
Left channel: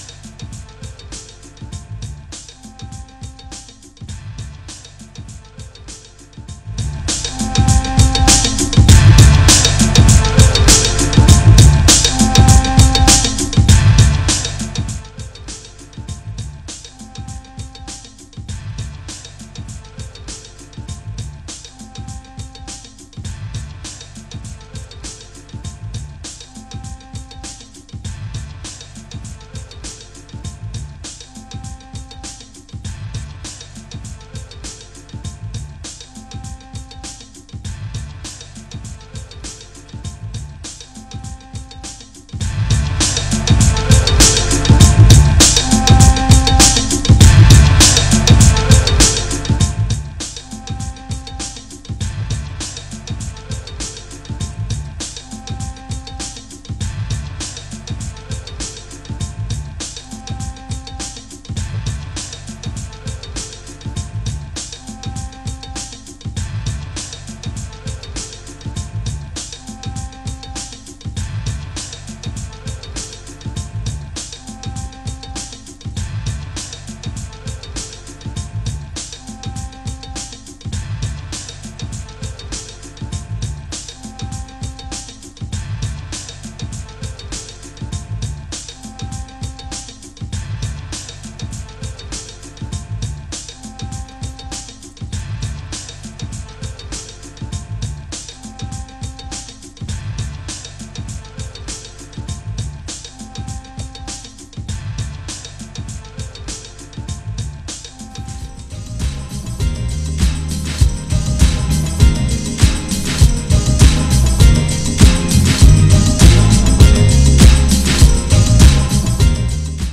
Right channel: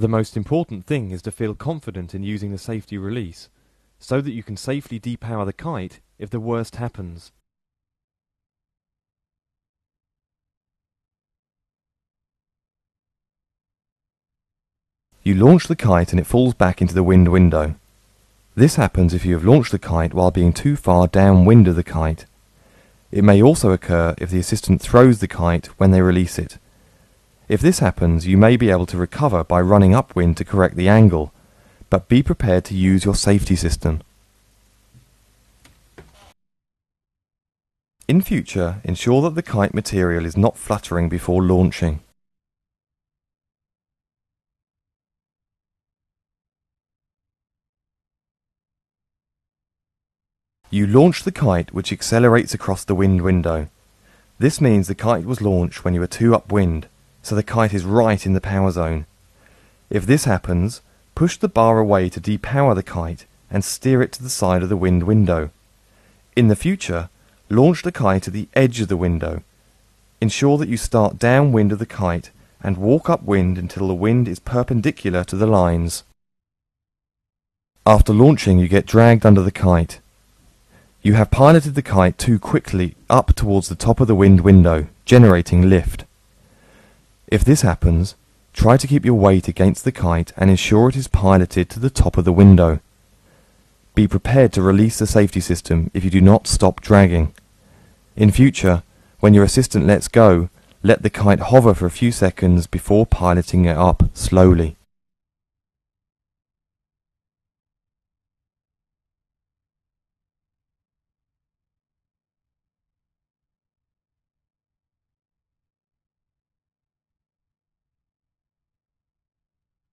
The most important thing is to feel confident in using a safety release, so that you can safely depower the kite if the worst happens. You launch the kite and it falls back into the wind window. This happens if you have launched the kite while being too far downwind of the kite. It may also occur if the assistant throws the kite when they release it. If this happens, you may be able to recover by running upwind to correct the angle, but be prepared to use your safety system. In future, ensure that the kite material is not fluttering before launching. You launch the kite, which accelerates across the wind window. This means the kite was launched when you were too upwind, so the kite is right in the power zone. If this happens, push the bar away to depower the kite and steer it to the side of the wind window. In the future, launch the kite at the edge of the window. Ensure that you start downwind of the kite and walk upwind until the wind is perpendicular to the lines. After launching, you get dragged under the kite. You have piloted the kite too quickly up towards the top of the wind window, generating lift. If this happens, try to keep your weight against the kite and ensure it is piloted to the top of the window. Be prepared to release the safety system if you do not stop dragging. In future, when your assistant lets go, let the kite hover for a few seconds before piloting it up slowly.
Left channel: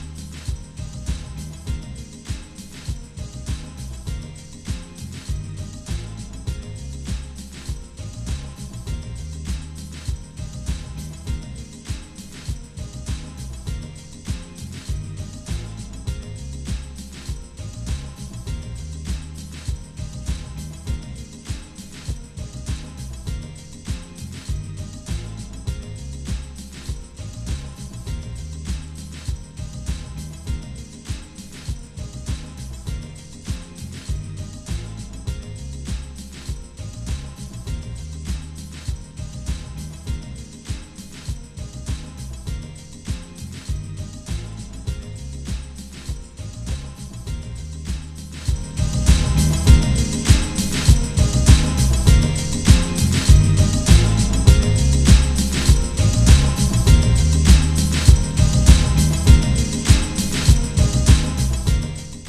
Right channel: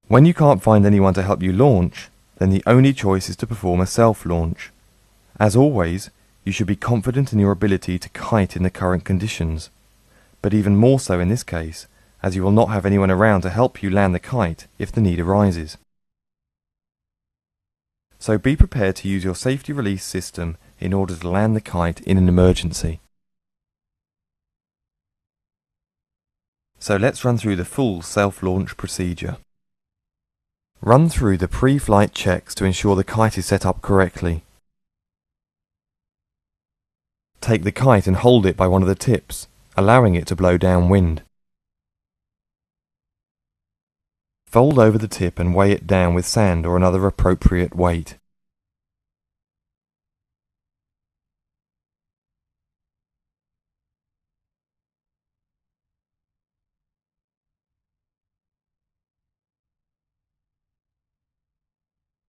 When you can't find anyone to help you launch, then the only choice is to perform a self-launch. As always, you should be confident in your ability to kite in the current conditions, but even more so in this case, as you will not have anyone around to help you land the kite if the need arises. So be prepared to use your safety release system in order to land the kite in an emergency. So let's run through the full self-launch procedure. Run through the pre-flight checks to ensure the kite is set up correctly. Take the kite and hold it by one of the tips, allowing it to blow downwind. Fold over the tip and weigh it down with sand or another appropriate weight.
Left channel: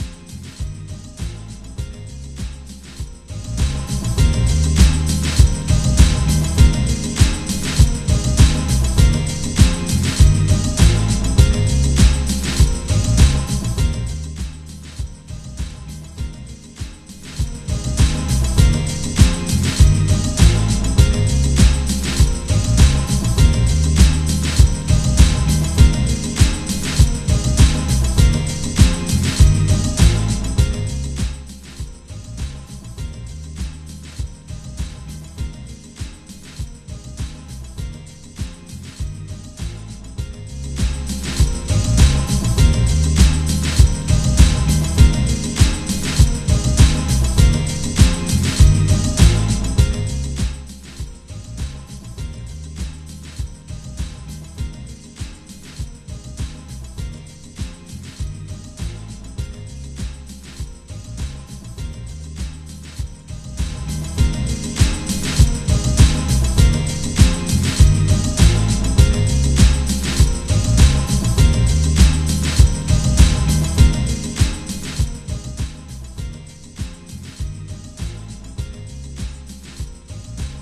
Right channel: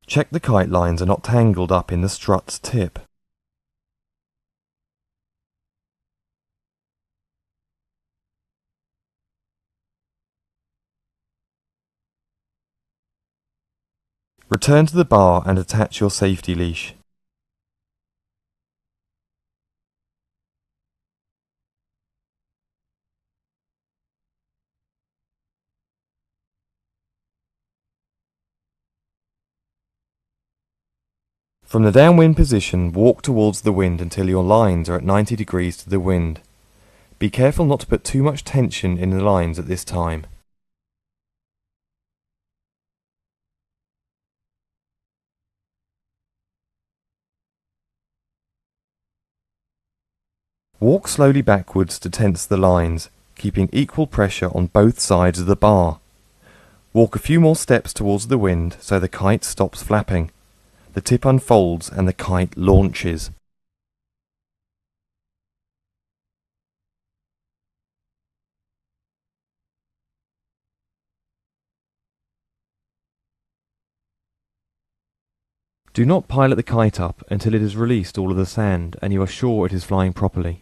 Check the kite lines are not tangled up in the strut's tip. Return to the bar and attach your safety leash. From the downwind position, walk towards the wind until your lines are at 90 degrees to the wind. Be careful not to put too much tension in the lines at this time. Walk slowly backwards to tense the lines, keeping equal pressure on both sides of the bar. Walk a few more steps towards the wind so the kite stops flapping. the tip unfolds and the kite launches. Do not pilot the kite up until it has released all of the sand and you are sure it is flying properly.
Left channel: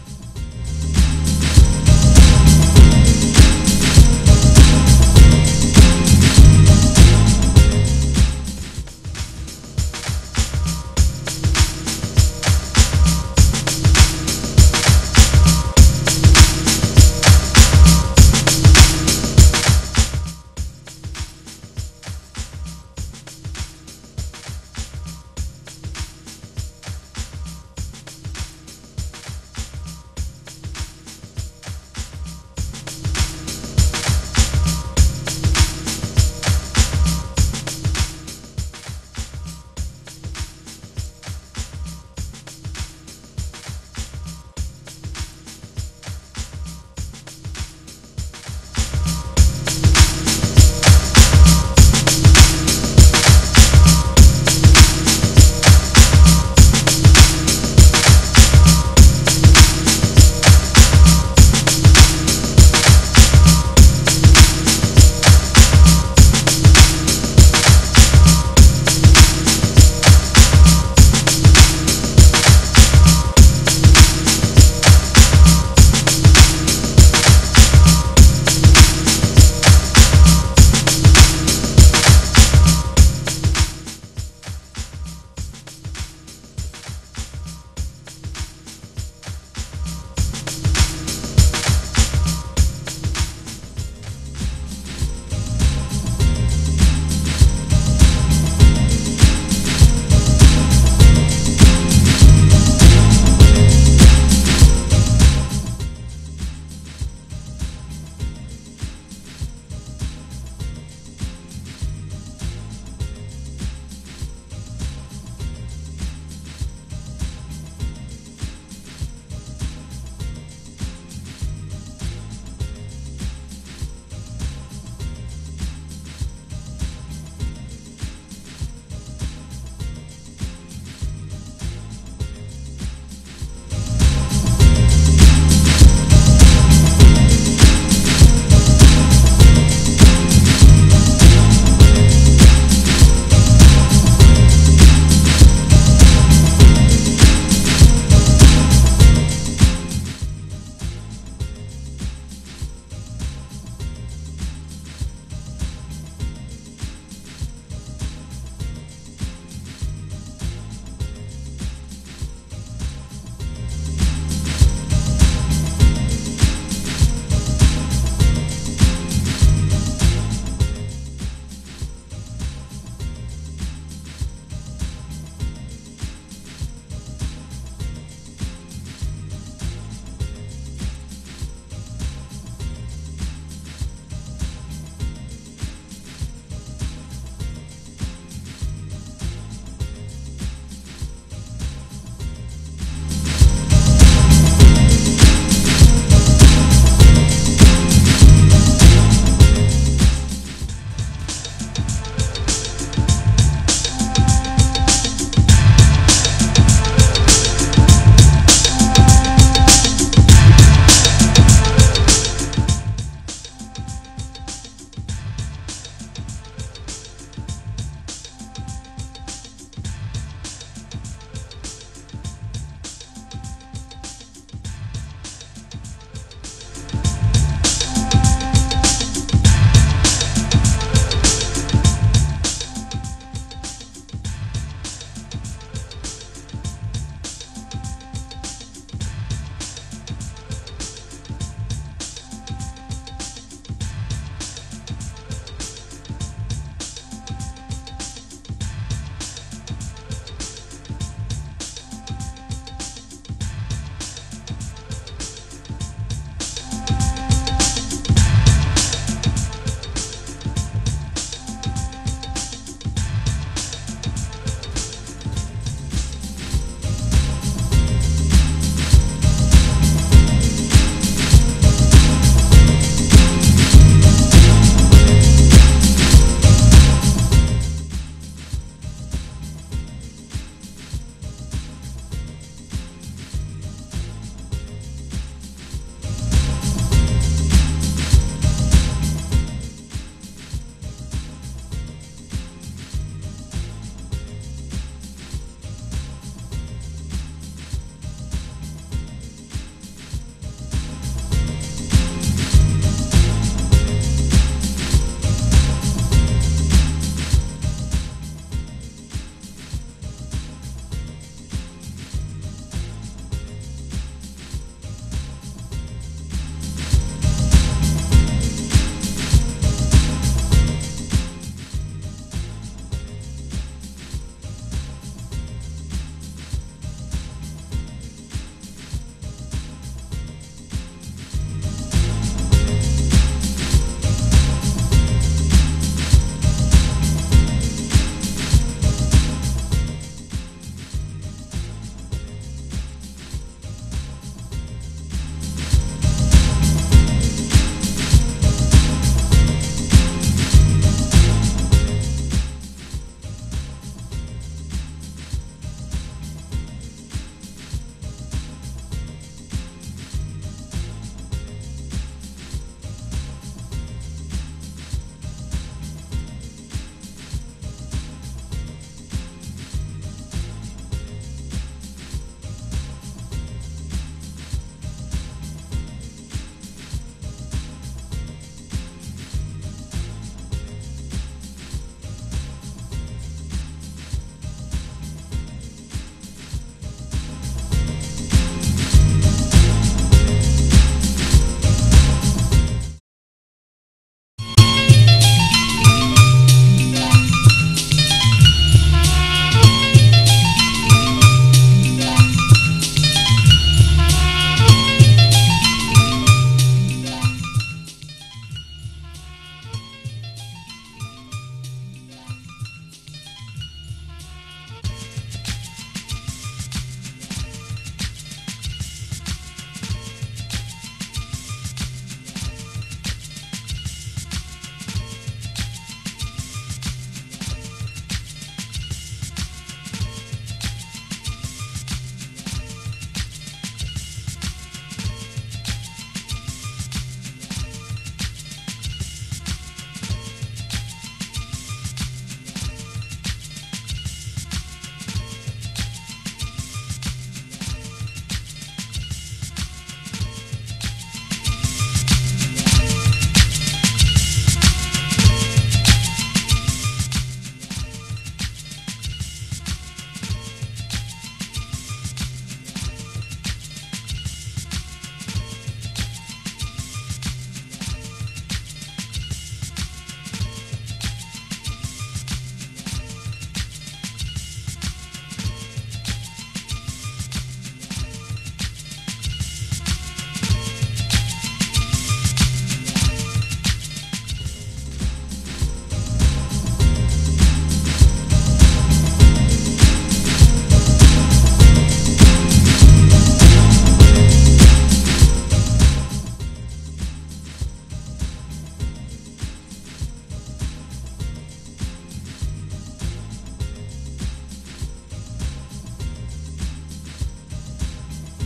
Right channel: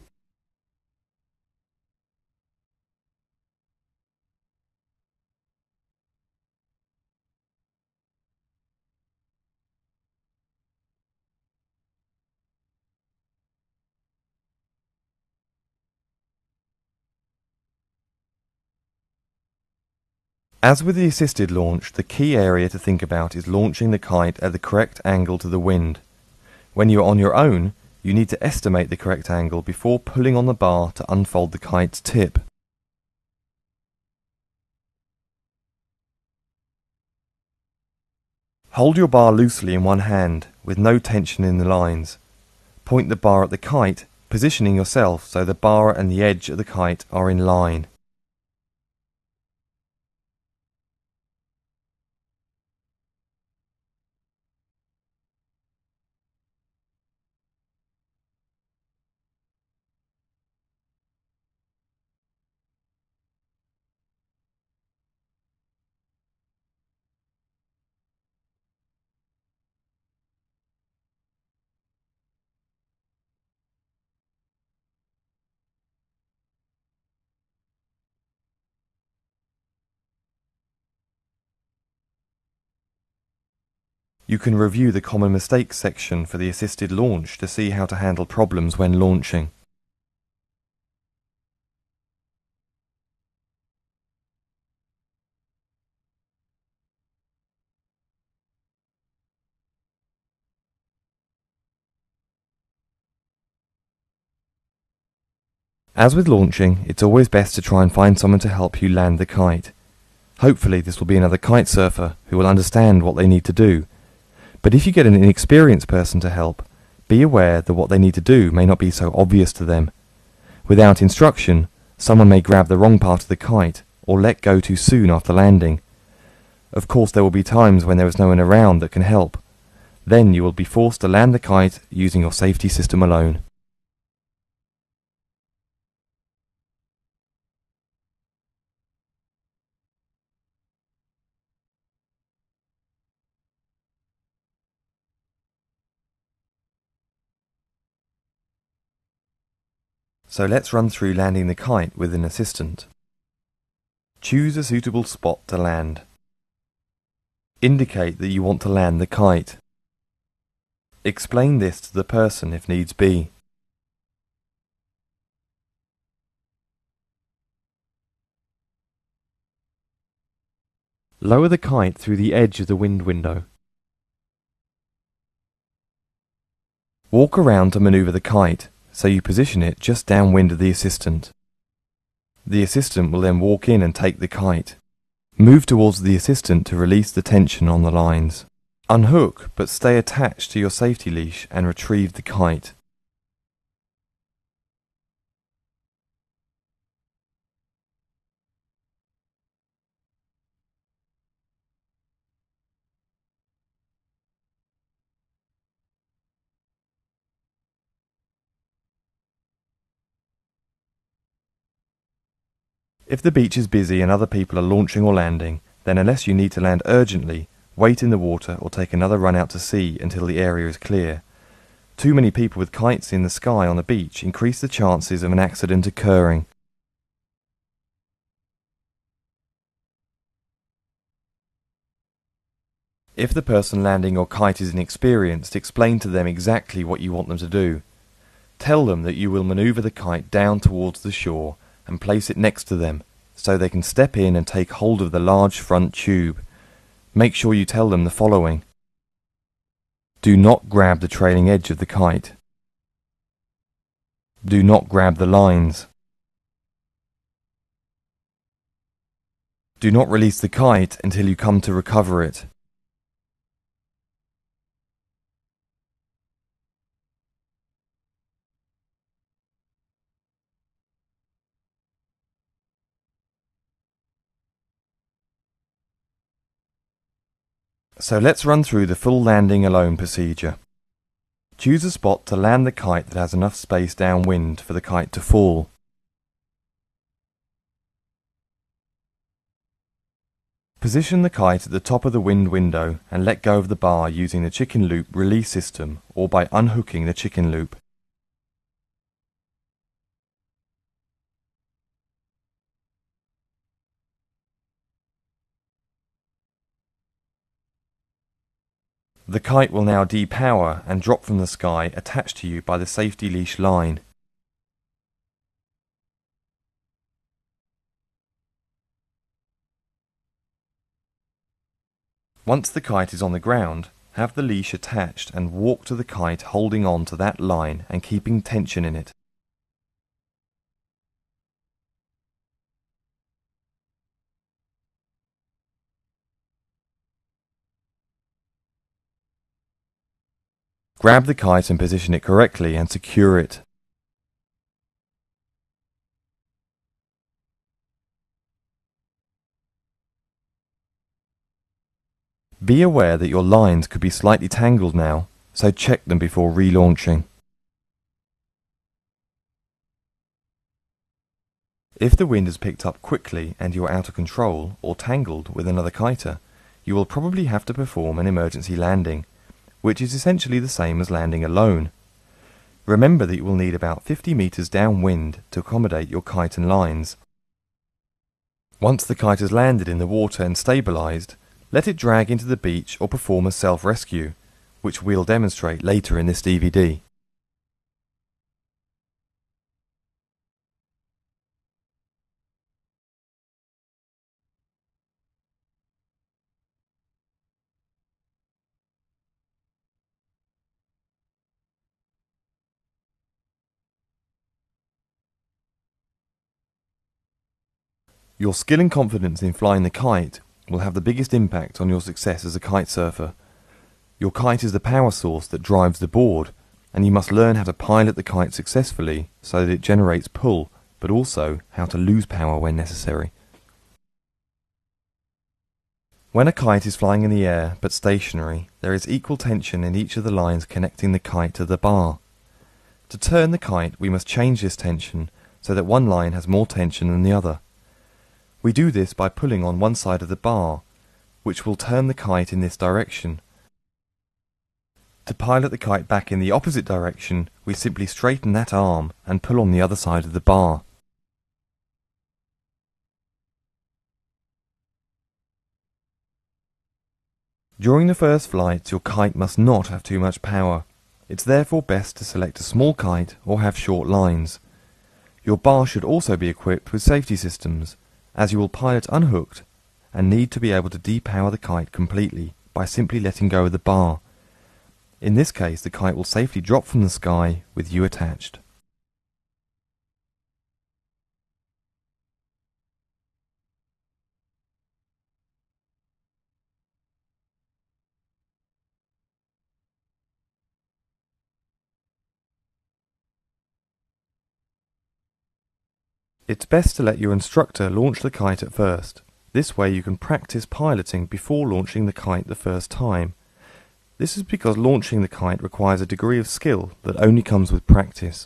As with the assisted launch, the key area to think about is launching the kite at the correct angle to the wind. When you are on your own, you need to estimate the correct angle before pulling on the bar to unfold the kite's tip. Hold your bar loosely in one hand, with no tension in the lines. Point the bar at the kite, positioning yourself so the bar and the edge of the kite are in line. You can review the common mistakes section for the assisted launch to see how to handle problems when launching. As with launching, it's always best to try and find someone to help you land the kite. Hopefully this will be another kite surfer who will understand what they need to do. But if you get an inexperienced person to help, be aware that what they need to do may not be so obvious to them. Without instruction, someone may grab the wrong part of the kite or let go too soon after landing. Of course, there will be times when there is no one around that can help. Then you will be forced to land the kite using your safety system alone. So let's run through landing the kite with an assistant. Choose a suitable spot to land. Indicate that you want to land the kite. Explain this to the person if needs be. Lower the kite through the edge of the wind window. Walk around to maneuver the kite, so you position it just downwind of the assistant. The assistant will then walk in and take the kite. Move towards the assistant to release the tension on the lines. Unhook, but stay attached to your safety leash and retrieve the kite. If the beach is busy and other people are launching or landing, then unless you need to land urgently, wait in the water or take another run out to sea until the area is clear. Too many people with kites in the sky on the beach increase the chances of an accident occurring. If the person landing your kite is inexperienced, explain to them exactly what you want them to do. Tell them that you will maneuver the kite down towards the shore and place it next to them so they can step in and take hold of the large front tube. Make sure you tell them the following. Do not grab the trailing edge of the kite. Do not grab the lines. Do not release the kite until you come to recover it. So let's run through the full landing alone procedure. Choose a spot to land the kite that has enough space downwind for the kite to fall. Position the kite at the top of the wind window and let go of the bar using the chicken loop release system or by unhooking the chicken loop. The kite will now depower and drop from the sky attached to you by the safety leash line. Once the kite is on the ground, have the leash attached and walk to the kite holding on to that line and keeping tension in it. Grab the kite and position it correctly and secure it. Be aware that your lines could be slightly tangled now, so check them before relaunching. If the wind has picked up quickly and you are out of control or tangled with another kiter, you will probably have to perform an emergency landing, which is essentially the same as landing alone. Remember that you will need about 50 meters downwind to accommodate your kite and lines. Once the kite has landed in the water and stabilized, let it drag into the beach or perform a self-rescue, which we'll demonstrate later in this DVD. Your skill and confidence in flying the kite will have the biggest impact on your success as a kite surfer. Your kite is the power source that drives the board, and you must learn how to pilot the kite successfully so that it generates pull, but also how to lose power when necessary. When a kite is flying in the air but stationary, there is equal tension in each of the lines connecting the kite to the bar. To turn the kite, we must change this tension so that one line has more tension than the other. We do this by pulling on one side of the bar, which will turn the kite in this direction. To pilot the kite back in the opposite direction, we simply straighten that arm and pull on the other side of the bar. During the first flight, your kite must not have too much power. It's therefore best to select a small kite or have short lines. Your bar should also be equipped with safety systems, as you will pilot unhooked and need to be able to depower the kite completely by simply letting go of the bar. In this case, the kite will safely drop from the sky with you attached. It's best to let your instructor launch the kite at first. This way you can practice piloting before launching the kite the first time. This is because launching the kite requires a degree of skill that only comes with practice.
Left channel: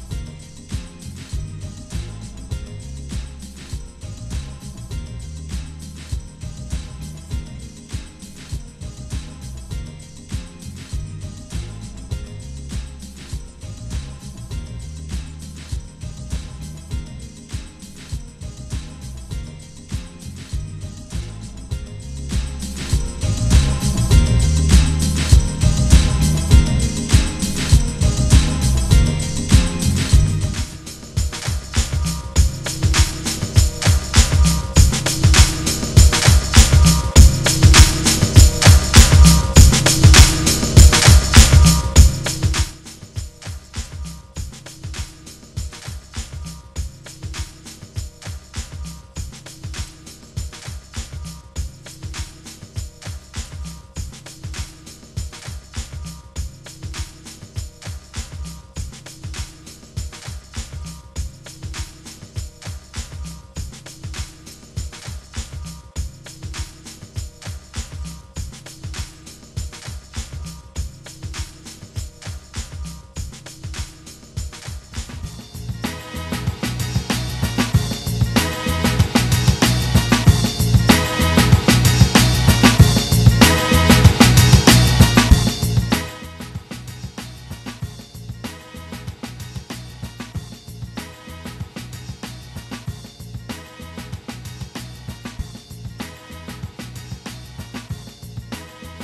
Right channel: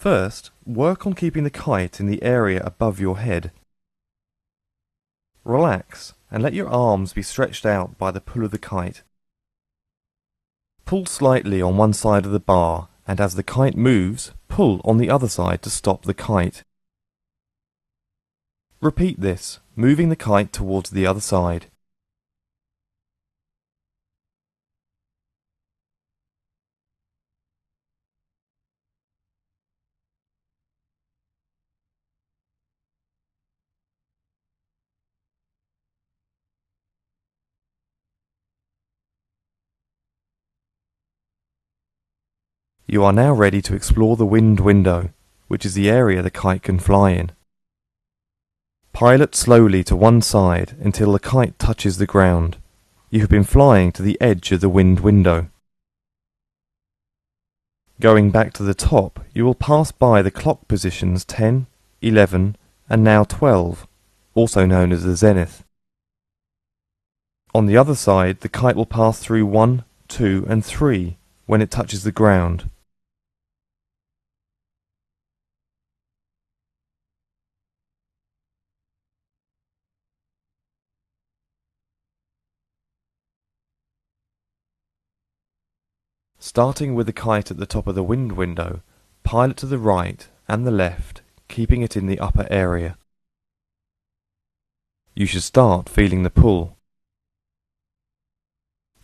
First, work on keeping the kite in the area above your head. Relax and let your arms be stretched out by the pull of the kite. Pull slightly on one side of the bar, and as the kite moves, pull on the other side to stop the kite. Repeat this, moving the kite towards the other side. You are now ready to explore the wind window, which is the area the kite can fly in. Pilot slowly to one side until the kite touches the ground. You have been flying to the edge of the wind window. Going back to the top, you will pass by the clock positions 10, 11 and now 12, also known as the zenith. On the other side, the kite will pass through 1, 2 and 3 when it touches the ground. Starting with the kite at the top of the wind window, pilot to the right and the left, keeping it in the upper area. You should start feeling the pull.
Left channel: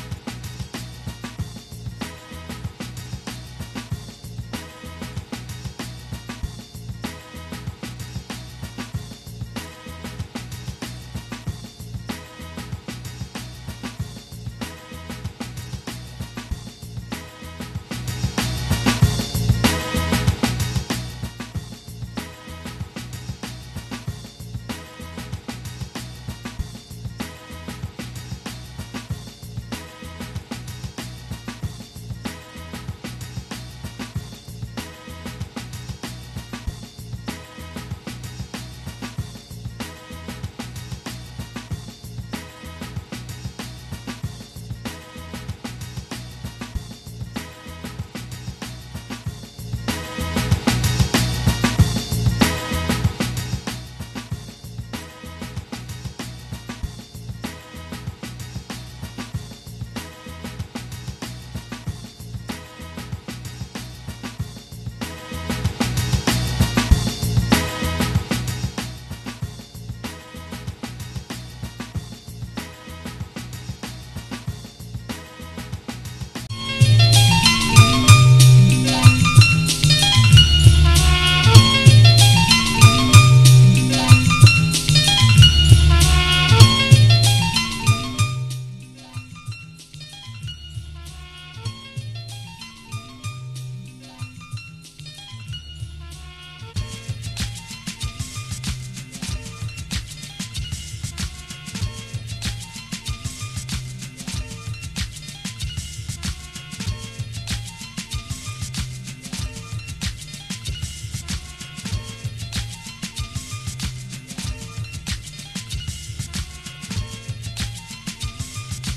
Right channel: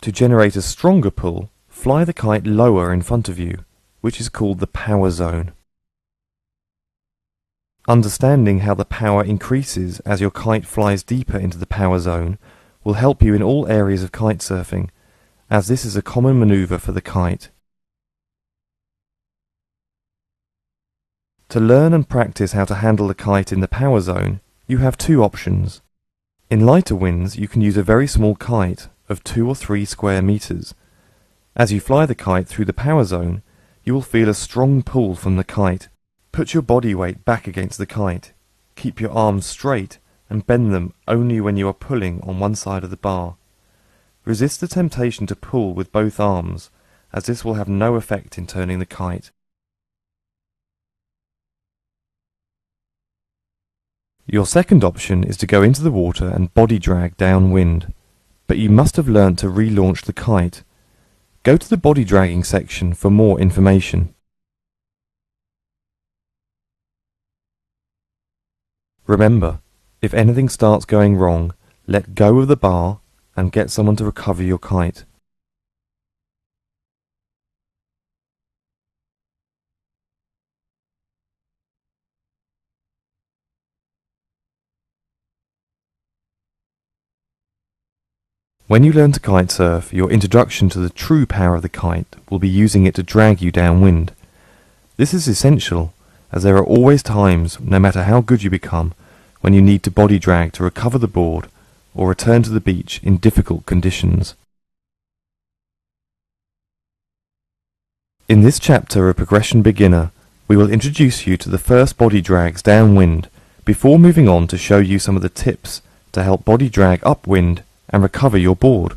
To generate a stronger pull, fly the kite lower in front of you, which is called the power zone. Understanding how the power increases as your kite flies deeper into the power zone will help you in all areas of kitesurfing, as this is a common maneuver for the kite. To learn and practice how to handle the kite in the power zone, you have two options. In lighter winds, you can use a very small kite of 2 or 3 square meters. As you fly the kite through the power zone, you will feel a strong pull from the kite. Put your body weight back against the kite. Keep your arms straight and bend them only when you are pulling on one side of the bar. Resist the temptation to pull with both arms, as this will have no effect in turning the kite. Your second option is to go into the water and body drag downwind, but you must have learnt to relaunch the kite. Go to the body dragging section for more information. Remember, if anything starts going wrong, let go of the bar and get someone to recover your kite. When you learn to kitesurf, your introduction to the true power of the kite will be using it to drag you downwind. This is essential, as there are always times, no matter how good you become, when you need to body drag to recover the board or return to the beach in difficult conditions. In this chapter of Progression Beginner, we will introduce you to the first body drags downwind before moving on to show you some of the tips to help body drag upwind and recover your board.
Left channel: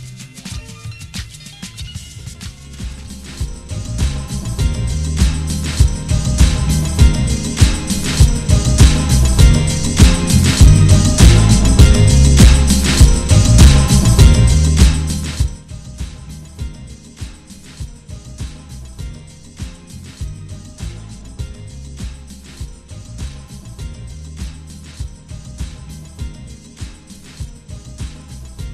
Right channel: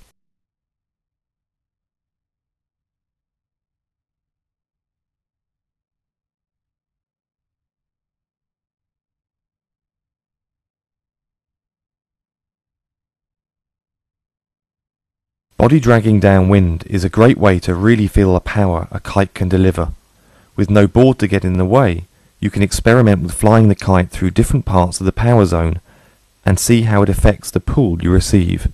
Body dragging downwind is a great way to really feel the power a kite can deliver. With no board to get in the way, you can experiment with flying the kite through different parts of the power zone and see how it affects the pull you receive.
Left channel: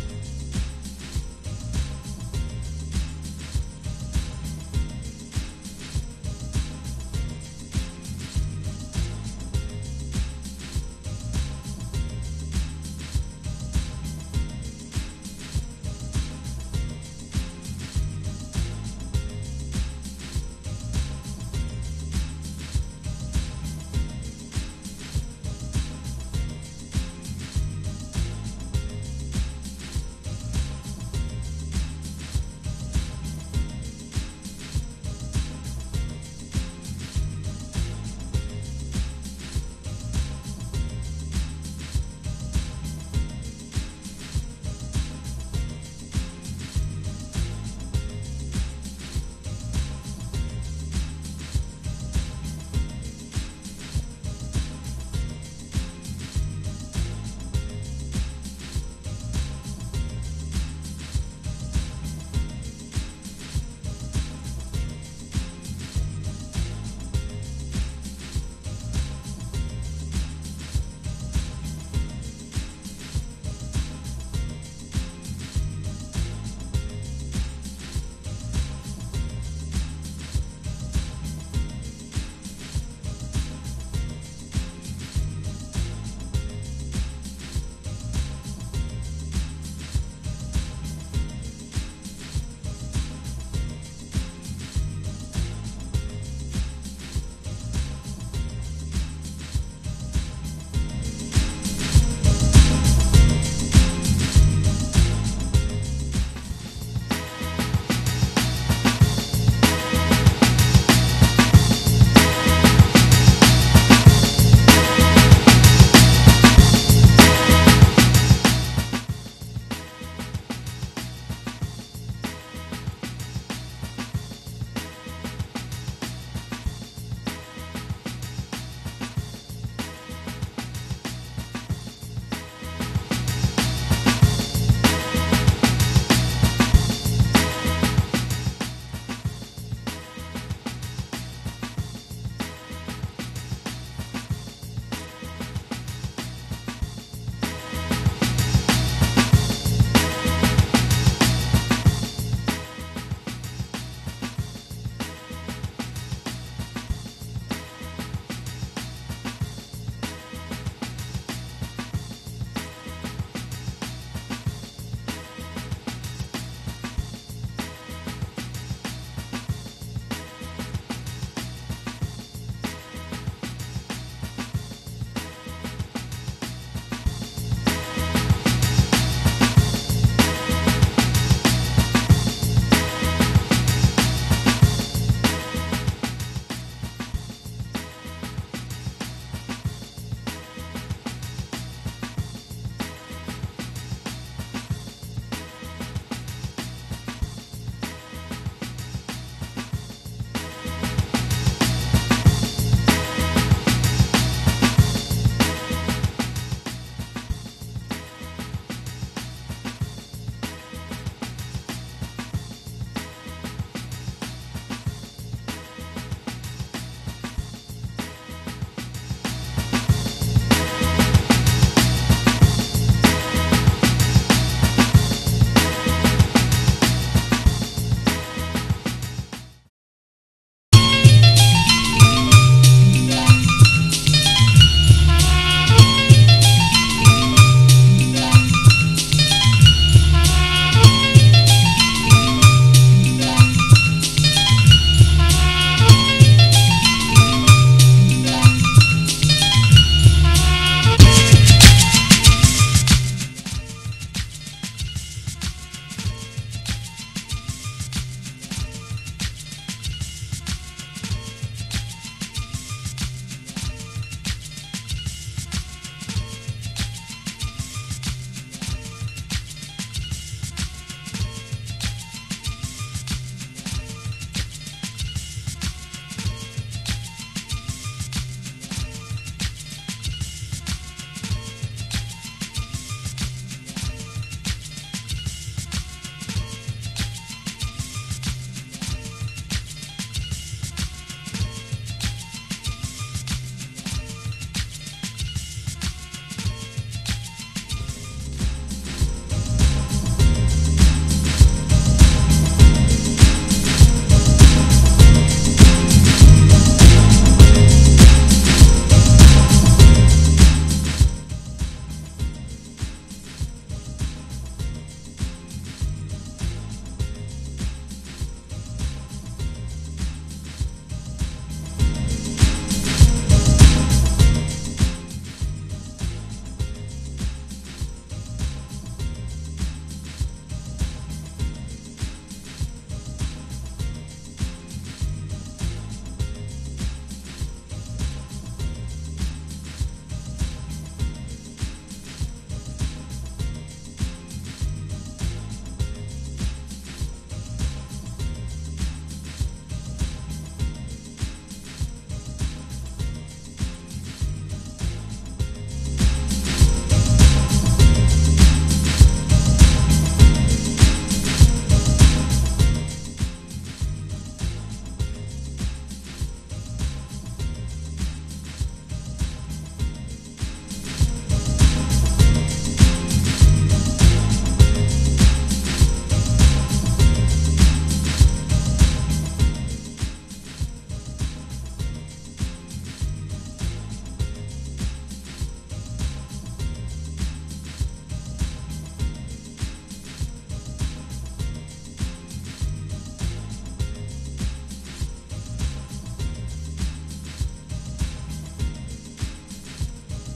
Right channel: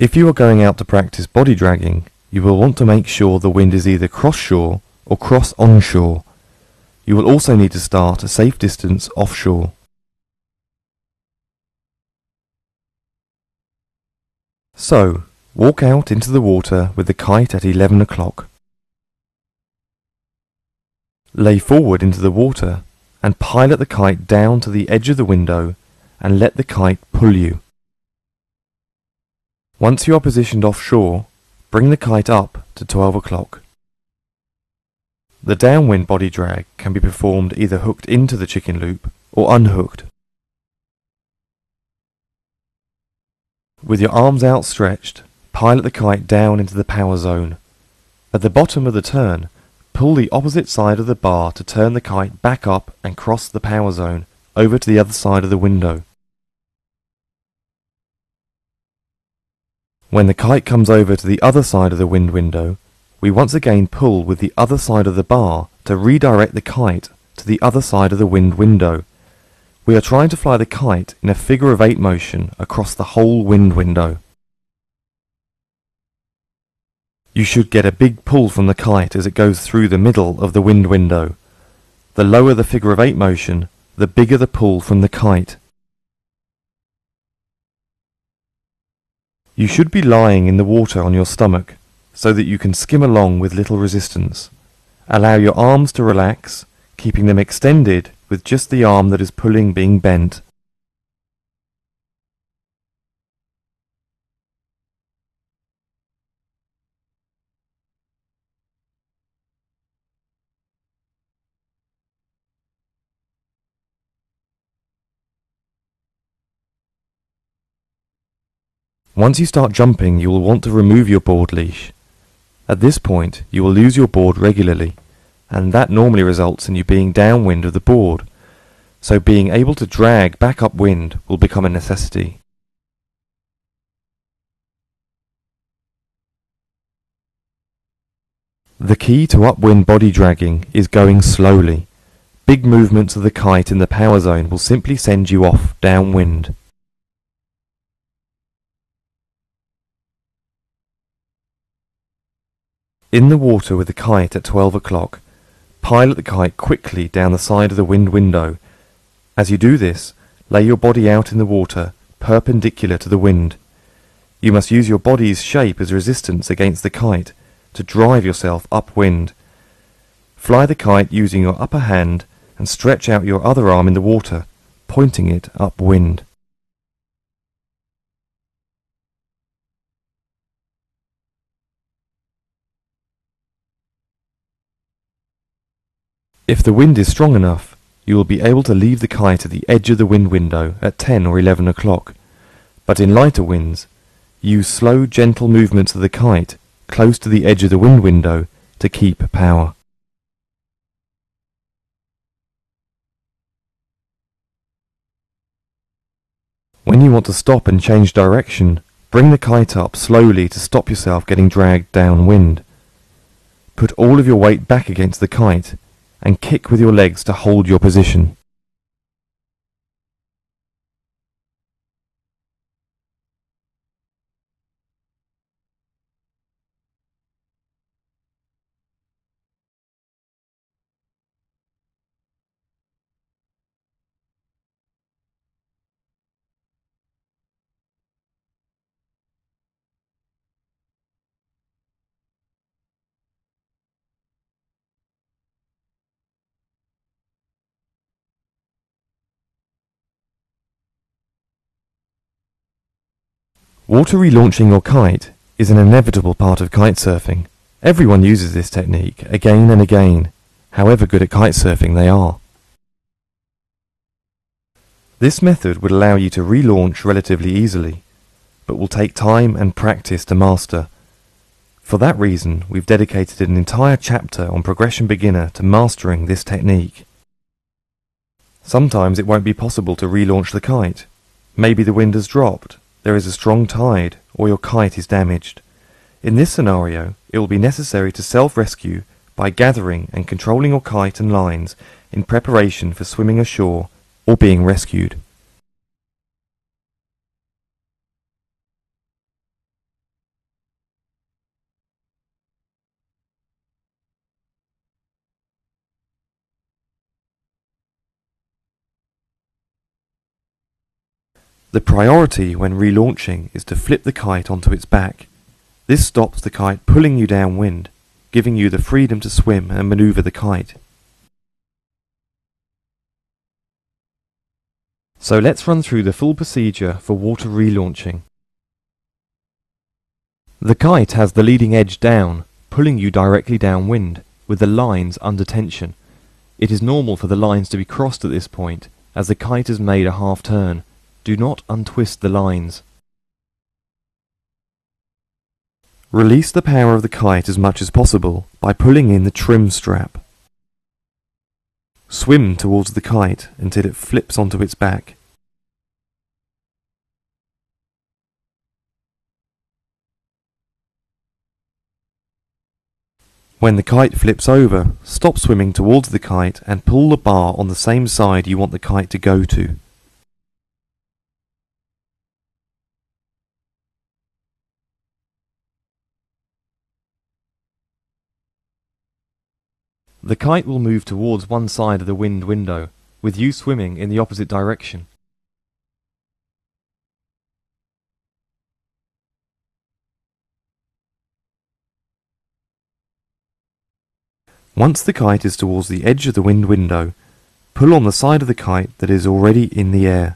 If you are going out to practice body dragging, you will want to make sure the wind is either cross-shore or cross-onshore. You will also need to start a safe distance offshore. So, walk out into the water with the kite at 11 o'clock. Lay forward into the water and pilot the kite down to the edge of the window and let the kite pull you. Once you are positioned offshore, bring the kite up to 12 o'clock. The downwind body drag can be performed either hooked into the chicken loop or unhooked. With your arms outstretched, pilot the kite down into the power zone. At the bottom of the turn, pull the opposite side of the bar to turn the kite back up and cross the power zone over to the other side of the window. When the kite comes over to the other side of the wind window, we once again pull with the other side of the bar to redirect the kite to the other side of the wind window. We are trying to fly the kite in a figure of 8 motion across the whole wind window. You should get a big pull from the kite as it goes through the middle of the wind window. The lower the figure of 8 motion, the bigger the pull from the kite. You should be lying in the water on your stomach so that you can skim along with little resistance. Allow your arms to relax, keeping them extended with just the arm that is pulling being bent. Once you start jumping, you will want to remove your board leash. At this point, you will lose your board regularly, and that normally results in you being downwind of the board, so being able to drag back upwind will become a necessity. The key to upwind body dragging is going slowly. Big movements of the kite in the power zone will simply send you off downwind. In the water with the kite at 12 o'clock, pilot the kite quickly down the side of the wind window. As you do this, lay your body out in the water, perpendicular to the wind. You must use your body's shape as resistance against the kite to drive yourself upwind. Fly the kite using your upper hand and stretch out your other arm in the water, pointing it upwind. If the wind is strong enough, you will be able to leave the kite at the edge of the wind window at 10 or 11 o'clock. But in lighter winds, use slow, gentle movements of the kite close to the edge of the wind window to keep power. When you want to stop and change direction, bring the kite up slowly to stop yourself getting dragged downwind. Put all of your weight back against the kite and kick with your legs to hold your position. Water relaunching your kite is an inevitable part of kitesurfing. Everyone uses this technique again and again, however good at kitesurfing they are. This method would allow you to relaunch relatively easily, but will take time and practice to master. For that reason, we've dedicated an entire chapter on Progression Beginner to mastering this technique. Sometimes it won't be possible to relaunch the kite. Maybe the wind has dropped, there is a strong tide, or your kite is damaged. In this scenario, it will be necessary to self-rescue by gathering and controlling your kite and lines in preparation for swimming ashore or being rescued. The priority when relaunching is to flip the kite onto its back. This stops the kite pulling you downwind, giving you the freedom to swim and maneuver the kite. So let's run through the full procedure for water relaunching. The kite has the leading edge down, pulling you directly downwind, with the lines under tension. It is normal for the lines to be crossed at this point, as the kite has made a half turn. Do not untwist the lines. Release the power of the kite as much as possible by pulling in the trim strap. Swim towards the kite until it flips onto its back. When the kite flips over, stop swimming towards the kite and pull the bar on the same side you want the kite to go to. The kite will move towards one side of the wind window, with you swimming in the opposite direction. Once the kite is towards the edge of the wind window, pull on the side of the kite that is already in the air.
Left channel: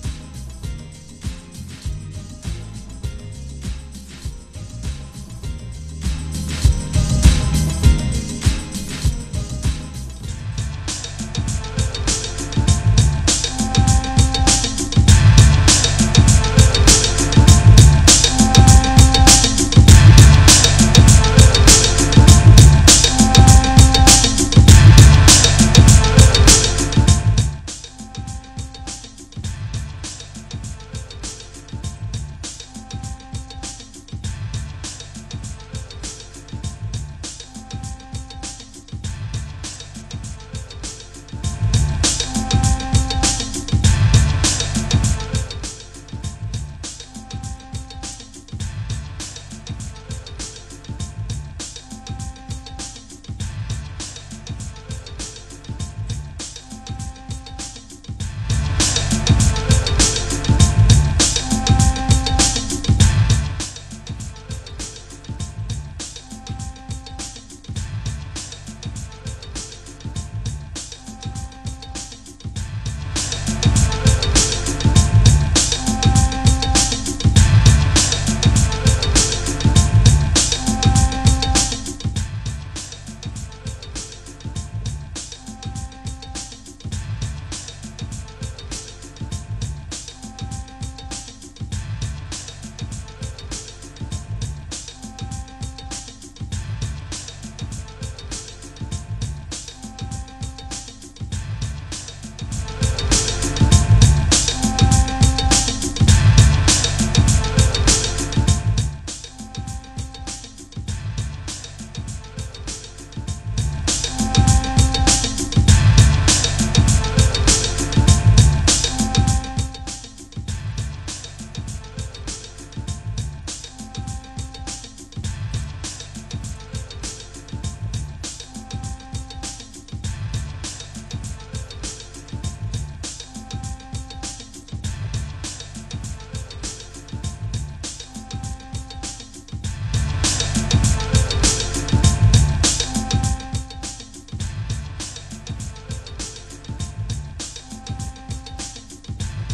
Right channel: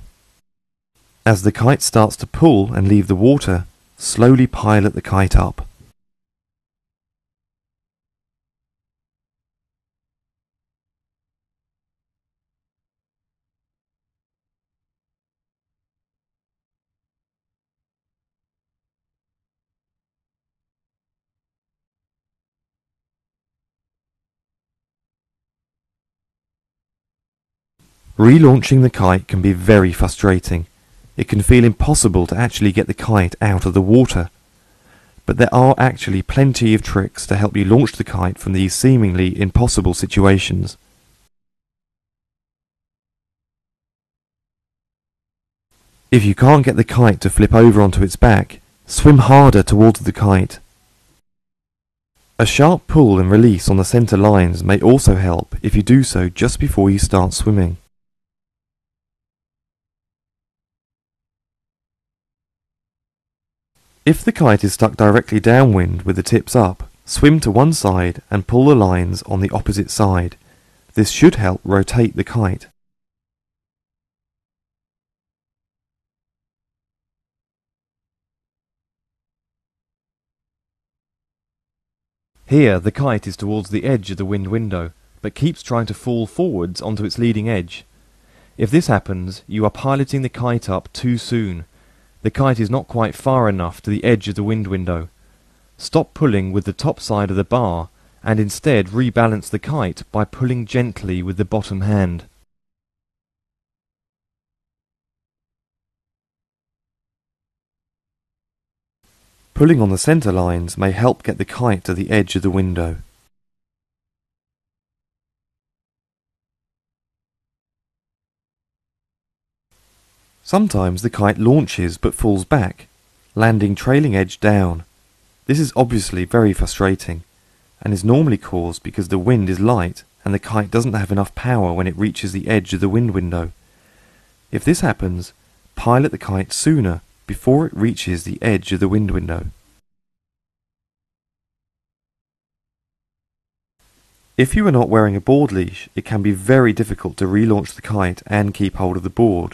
As the kite starts to pull and leave the water, slowly pilot the kite up. Relaunching the kite can be very frustrating. It can feel impossible to actually get the kite out of the water. But there are actually plenty of tricks to help you launch the kite from these seemingly impossible situations. If you can't get the kite to flip over onto its back, swim harder towards the kite. A sharp pull and release on the centre lines may also help if you do so just before you start swimming. If the kite is stuck directly downwind with the tips up, swim to one side and pull the lines on the opposite side. This should help rotate the kite. Here the kite is towards the edge of the wind window, but keeps trying to fall forwards onto its leading edge. If this happens, you are piloting the kite up too soon. The kite is not quite far enough to the edge of the wind window. Stop pulling with the top side of the bar and instead rebalance the kite by pulling gently with the bottom hand. Pulling on the centre lines may help get the kite to the edge of the window. Sometimes the kite launches but falls back, landing trailing edge down. This is obviously very frustrating and is normally caused because the wind is light and the kite doesn't have enough power when it reaches the edge of the wind window. If this happens, pilot the kite sooner before it reaches the edge of the wind window. If you are not wearing a board leash, it can be very difficult to relaunch the kite and keep hold of the board.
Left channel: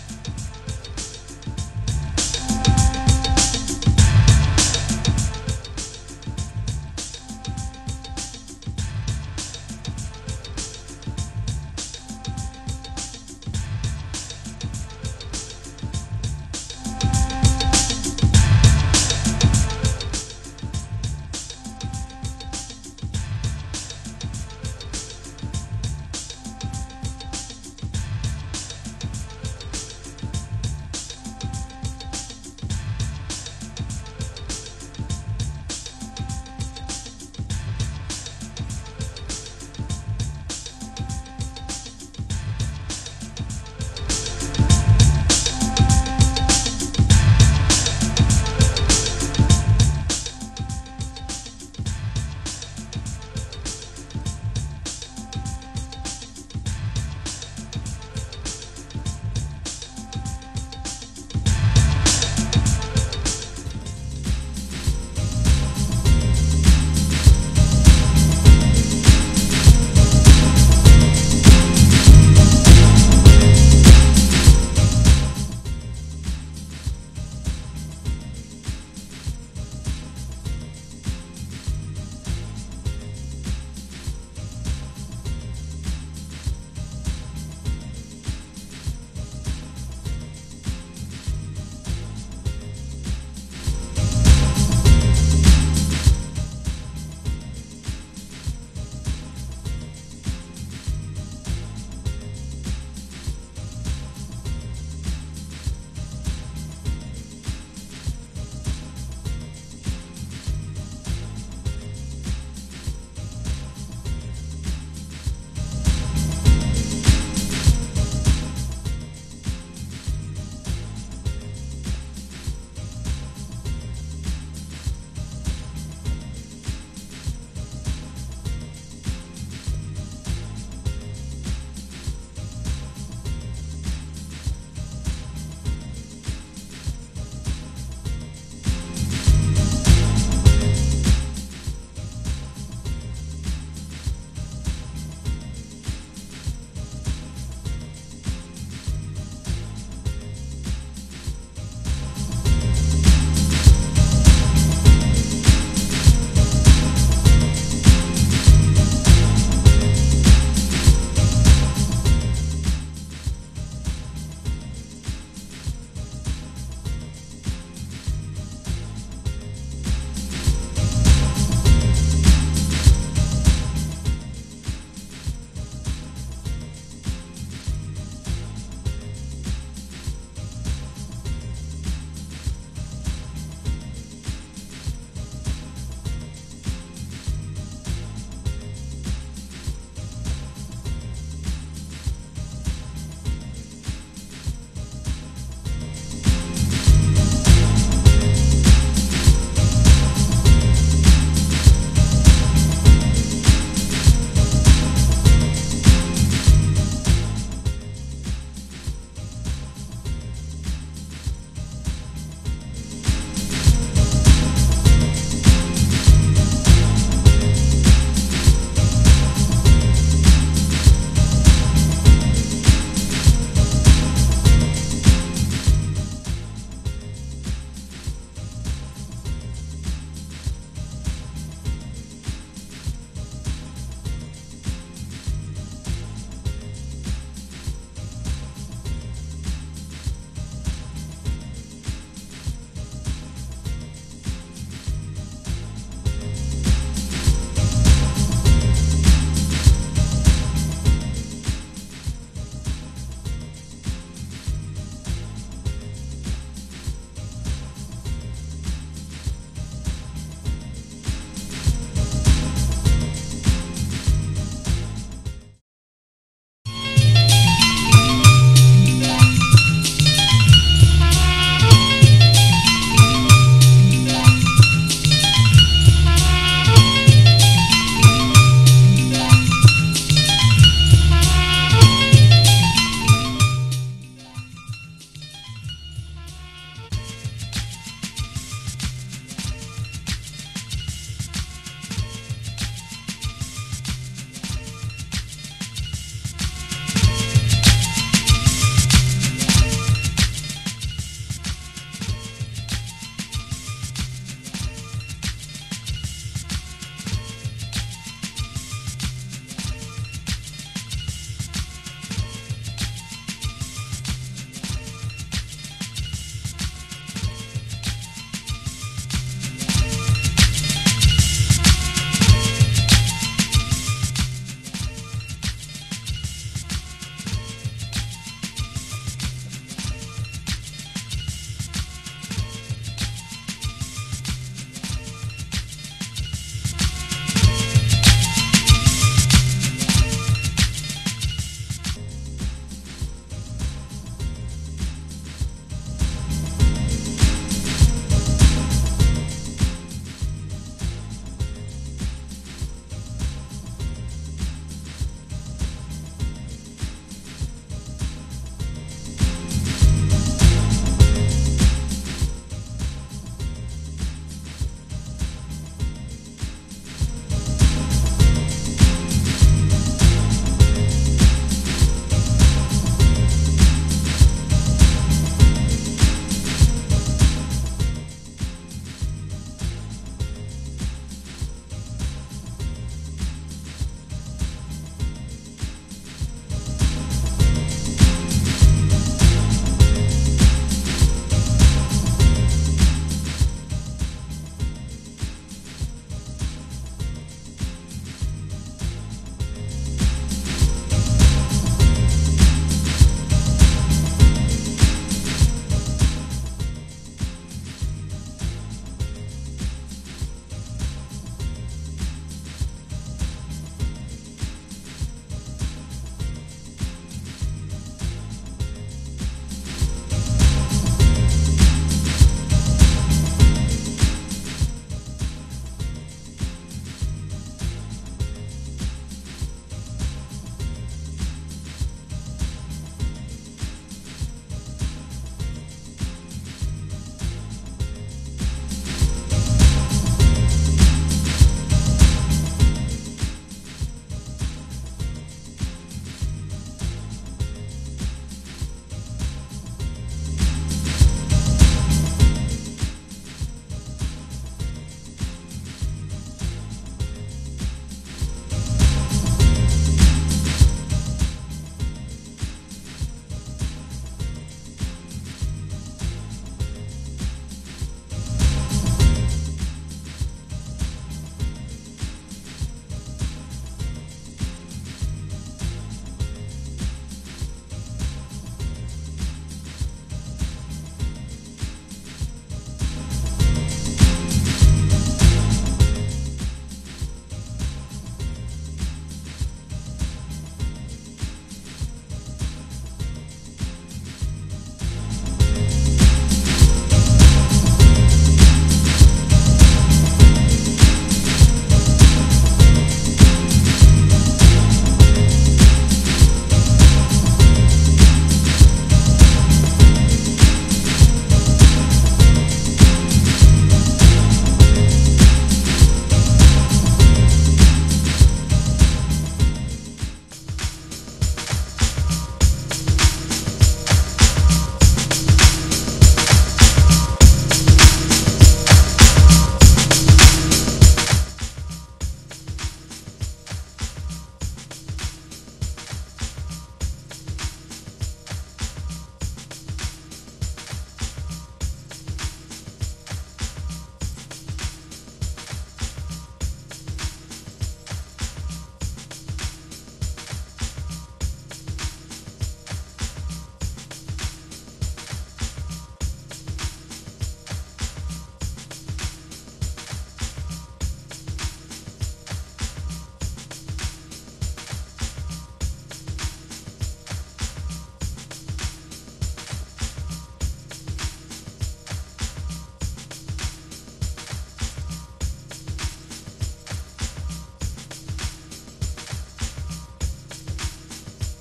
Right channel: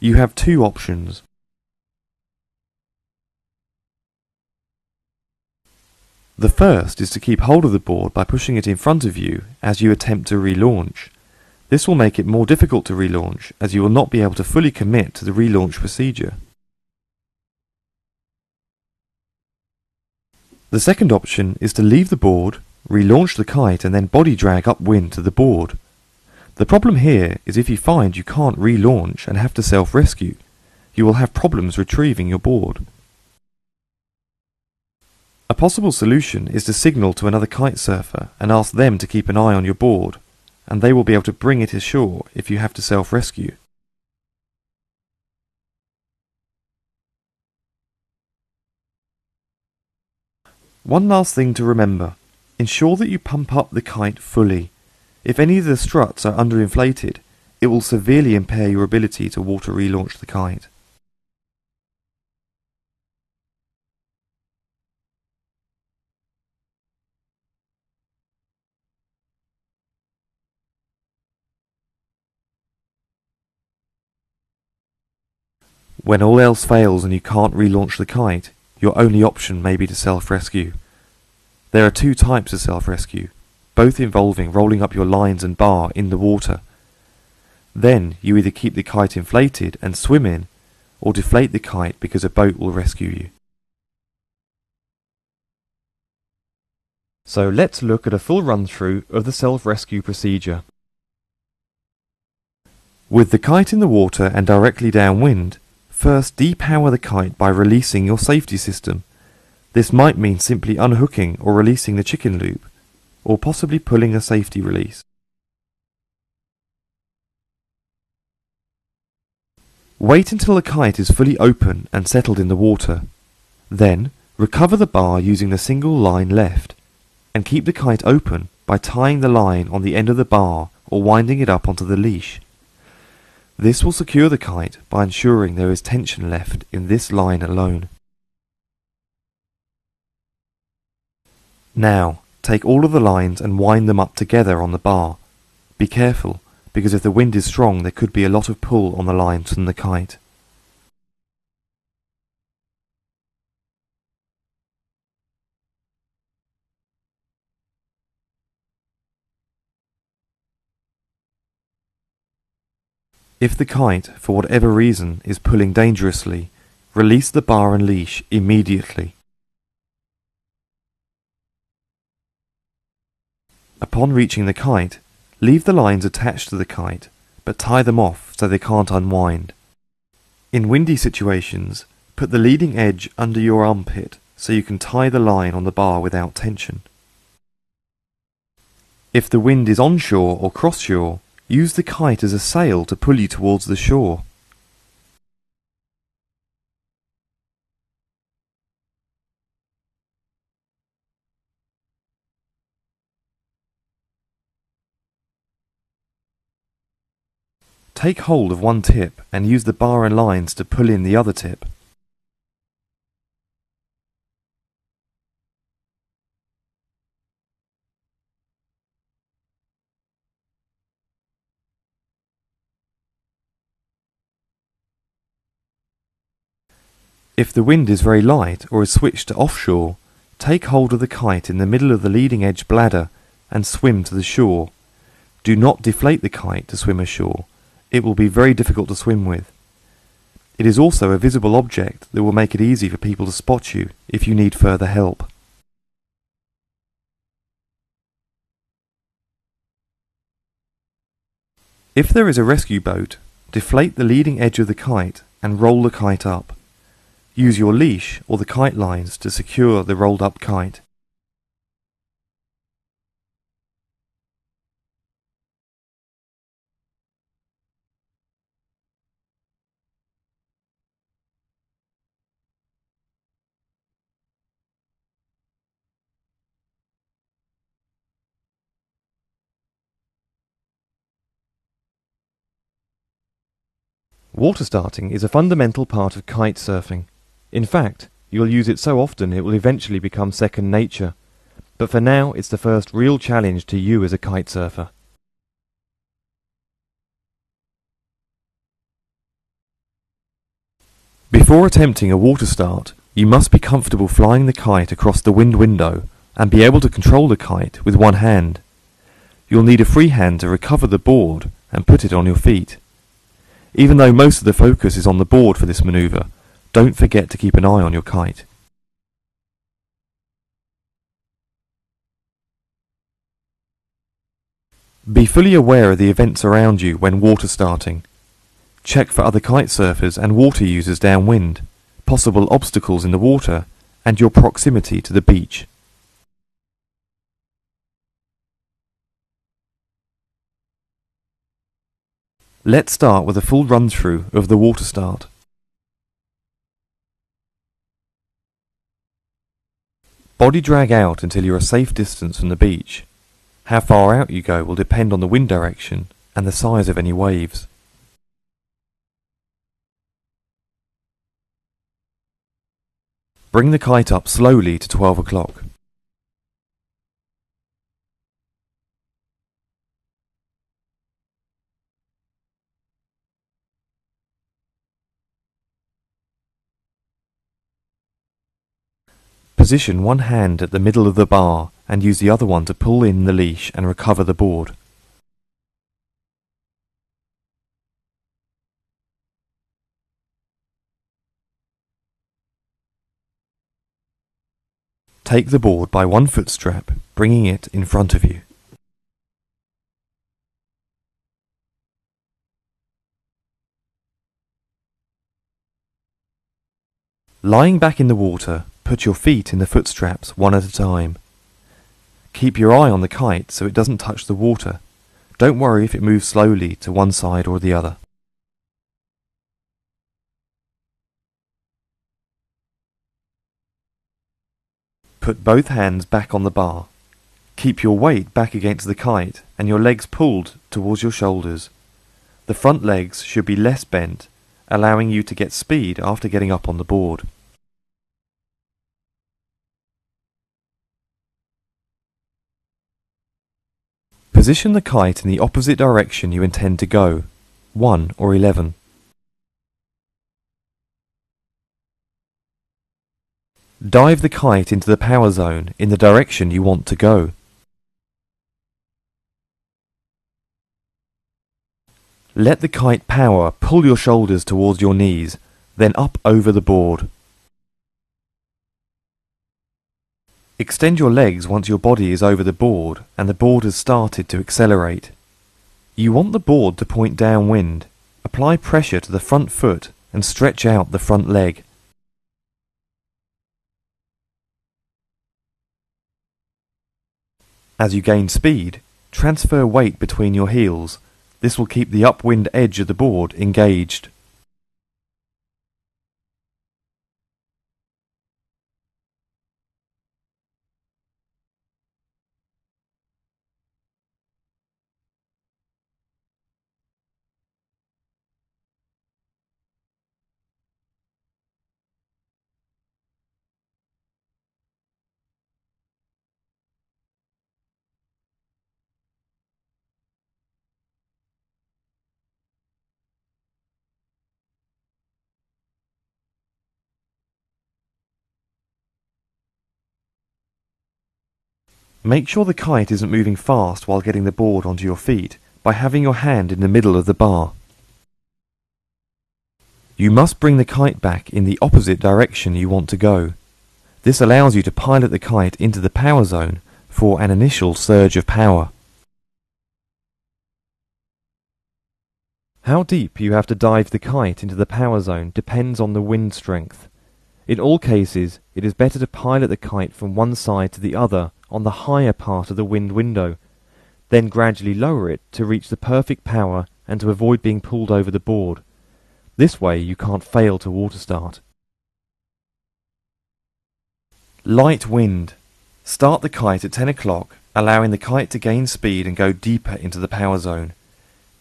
You have two options. The first is to keep hold of the board by pushing it in front of you as you attempt to relaunch. This will make it more difficult to relaunch as you will not be able to fully commit to the relaunch procedure. The second option is to leave the board, relaunch the kite and then body drag upwind to the board. The problem here is if you find you can't relaunch and have to self-rescue, you will have problems retrieving your board. A possible solution is to signal to another kite surfer and ask them to keep an eye on your board, and they will be able to bring it ashore if you have to self-rescue. One last thing to remember, ensure that you pump up the kite fully. If any of the struts are underinflated, it will severely impair your ability to water relaunch the kite. When all else fails and you can't relaunch the kite, your only option may be to self-rescue. There are two types of self-rescue, both involving rolling up your lines and bar in the water. Then you either keep the kite inflated and swim in, or deflate the kite because a boat will rescue you. So let's look at a full run-through of the self-rescue procedure. With the kite in the water and directly downwind, first depower the kite by releasing your safety system. This might mean simply unhooking or releasing the chicken loop, or possibly pulling a safety release. Wait until the kite is fully open and settled in the water. Then, recover the bar using the single line left, and keep the kite open by tying the line on the end of the bar or winding it up onto the leash. This will secure the kite by ensuring there is tension left in this line alone. Now, take all of the lines and wind them up together on the bar. Be careful, because if the wind is strong there could be a lot of pull on the lines from the kite. If the kite, for whatever reason, is pulling dangerously, release the bar and leash immediately. Upon reaching the kite, leave the lines attached to the kite but tie them off so they can't unwind. In windy situations, put the leading edge under your armpit so you can tie the line on the bar without tension. If the wind is onshore or cross-shore, use the kite as a sail to pull you towards the shore. Take hold of one tip and use the bar and lines to pull in the other tip. If the wind is very light or is switched to offshore, take hold of the kite in the middle of the leading edge bladder and swim to the shore. Do not deflate the kite to swim ashore. It will be very difficult to swim with. It is also a visible object that will make it easy for people to spot you if you need further help. If there is a rescue boat, deflate the leading edge of the kite and roll the kite up. Use your leash or the kite lines to secure the rolled up kite. Water starting is a fundamental part of kite surfing. In fact, you'll use it so often it will eventually become second nature. But for now, it's the first real challenge to you as a kite surfer. Before attempting a water start, you must be comfortable flying the kite across the wind window and be able to control the kite with one hand. You'll need a free hand to recover the board and put it on your feet. Even though most of the focus is on the board for this manoeuvre, don't forget to keep an eye on your kite. Be fully aware of the events around you when water starting. Check for other kite surfers and water users downwind, possible obstacles in the water, and your proximity to the beach. Let's start with a full run-through of the water start. Body drag out until you're a safe distance from the beach. How far out you go will depend on the wind direction and the size of any waves. Bring the kite up slowly to 12 o'clock. Position one hand at the middle of the bar and use the other one to pull in the leash and recover the board. Take the board by one foot strap, bringing it in front of you. Lying back in the water, put your feet in the foot straps one at a time. Keep your eye on the kite so it doesn't touch the water. Don't worry if it moves slowly to one side or the other. Put both hands back on the bar. Keep your weight back against the kite and your legs pulled towards your shoulders. The front legs should be less bent, allowing you to get speed after getting up on the board. Position the kite in the opposite direction you intend to go, 1 or 11. Dive the kite into the power zone in the direction you want to go. Let the kite power pull your shoulders towards your knees, then up over the board. Extend your legs once your body is over the board and the board has started to accelerate. You want the board to point downwind. Apply pressure to the front foot and stretch out the front leg. As you gain speed, transfer weight between your heels. This will keep the upwind edge of the board engaged. Make sure the kite isn't moving fast while getting the board onto your feet by having your hand in the middle of the bar. You must bring the kite back in the opposite direction you want to go. This allows you to pilot the kite into the power zone for an initial surge of power. How deep you have to dive the kite into the power zone depends on the wind strength. In all cases, it is better to pilot the kite from one side to the other on the higher part of the wind window, then gradually lower it to reach the perfect power and to avoid being pulled over the board. This way you can't fail to water start. Light wind. Start the kite at 10 o'clock, allowing the kite to gain speed and go deeper into the power zone.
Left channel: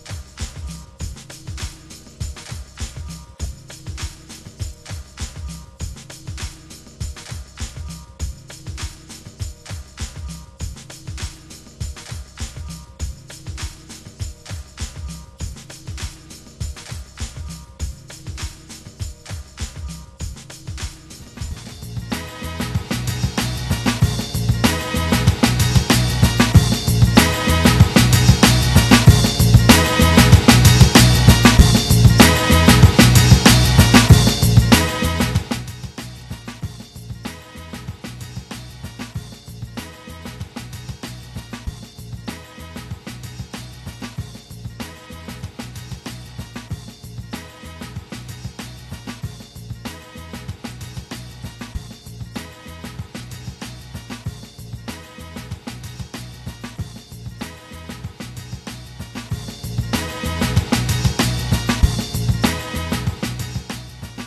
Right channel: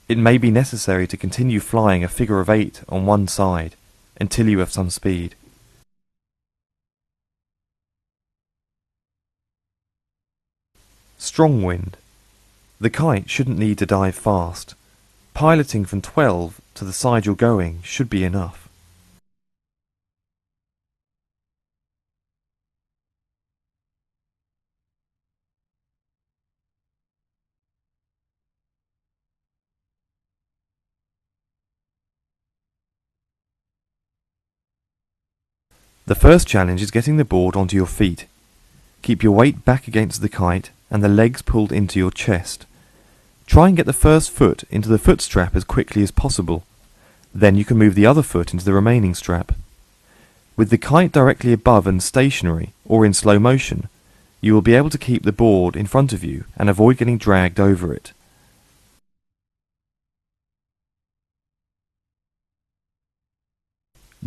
It may be necessary to continue flying a figure of 8 on one side until you have some speed. Strong wind. The kite shouldn't need to dive fast. Piloting from 12 to the side you're going should be enough. The first challenge is getting the board onto your feet. Keep your weight back against the kite and the legs pulled into your chest. Try and get the first foot into the foot strap as quickly as possible. Then you can move the other foot into the remaining strap. With the kite directly above and stationary or in slow motion, you will be able to keep the board in front of you and avoid getting dragged over it.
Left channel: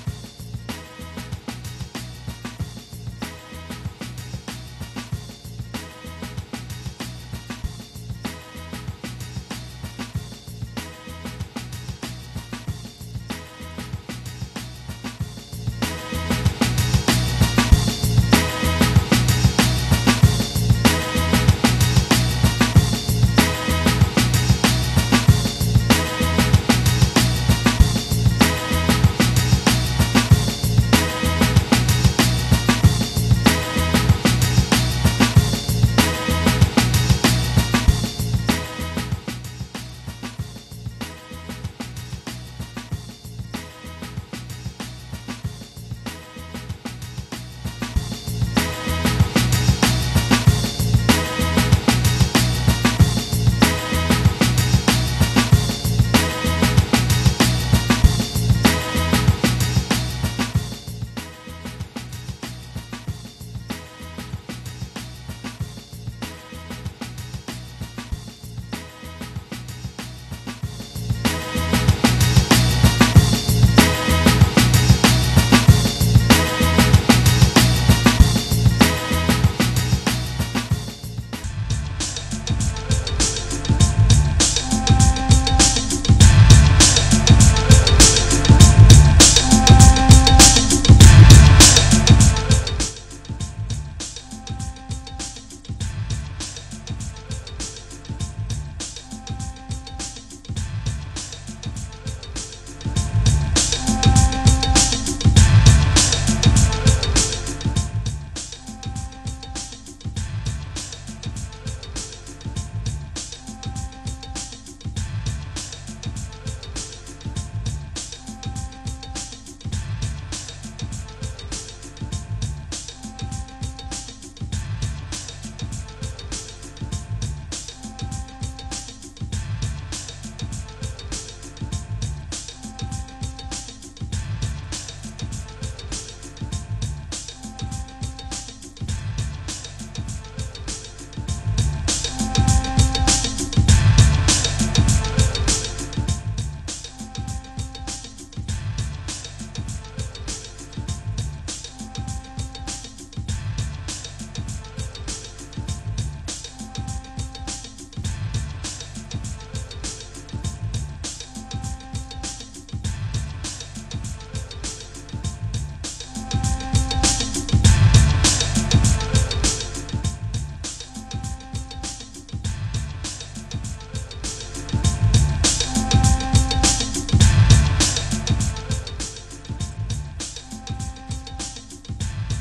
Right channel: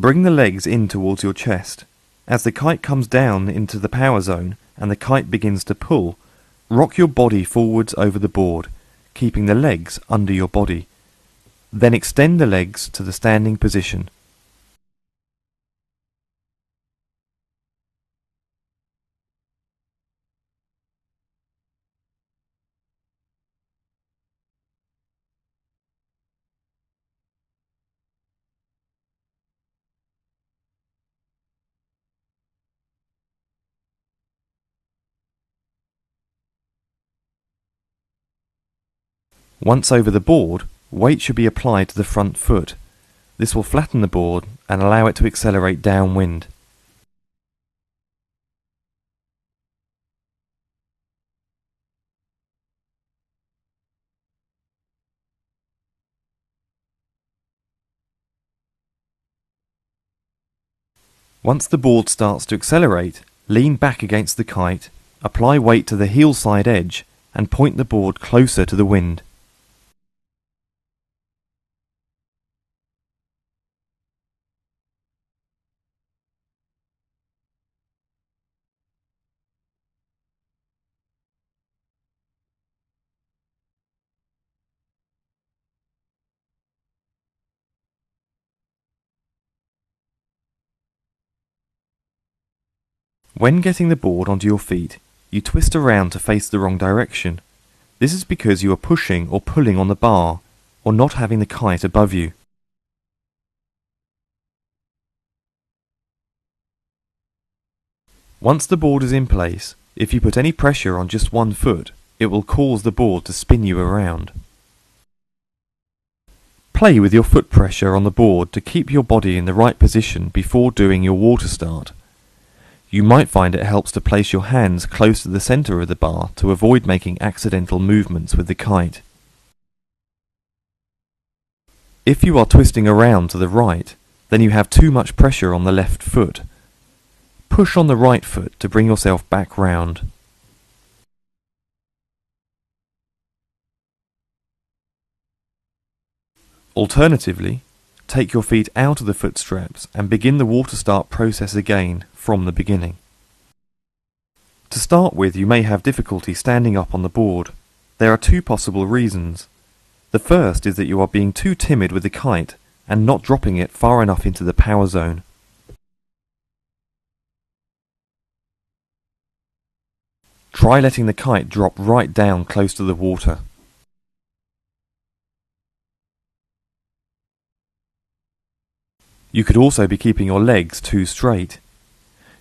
Bring the legs in towards your chest. As the kite comes down into the power zone and the kite begins to pull, rock your body forwards over the board, keeping the legs under your body. Then extend the legs to the standing position. Once over the board, weight should be applied to the front foot. This will flatten the board and allow it to accelerate downwind. Once the board starts to accelerate, lean back against the kite, apply weight to the heel side edge and point the board closer to the wind. When getting the board onto your feet, you twist around to face the wrong direction. This is because you are pushing or pulling on the bar, or not having the kite above you. Once the board is in place, if you put any pressure on just one foot, it will cause the board to spin you around. Play with your foot pressure on the board to keep your body in the right position before doing your water start. You might find it helps to place your hands close to the center of the bar to avoid making accidental movements with the kite. If you are twisting around to the right, then you have too much pressure on the left foot. Push on the right foot to bring yourself back round. Alternatively, take your feet out of the foot straps and begin the water start process again from the beginning. To start with, you may have difficulty standing up on the board. There are two possible reasons. The first is that you are being too timid with the kite and not dropping it far enough into the power zone. Try letting the kite drop right down close to the water. You could also be keeping your legs too straight.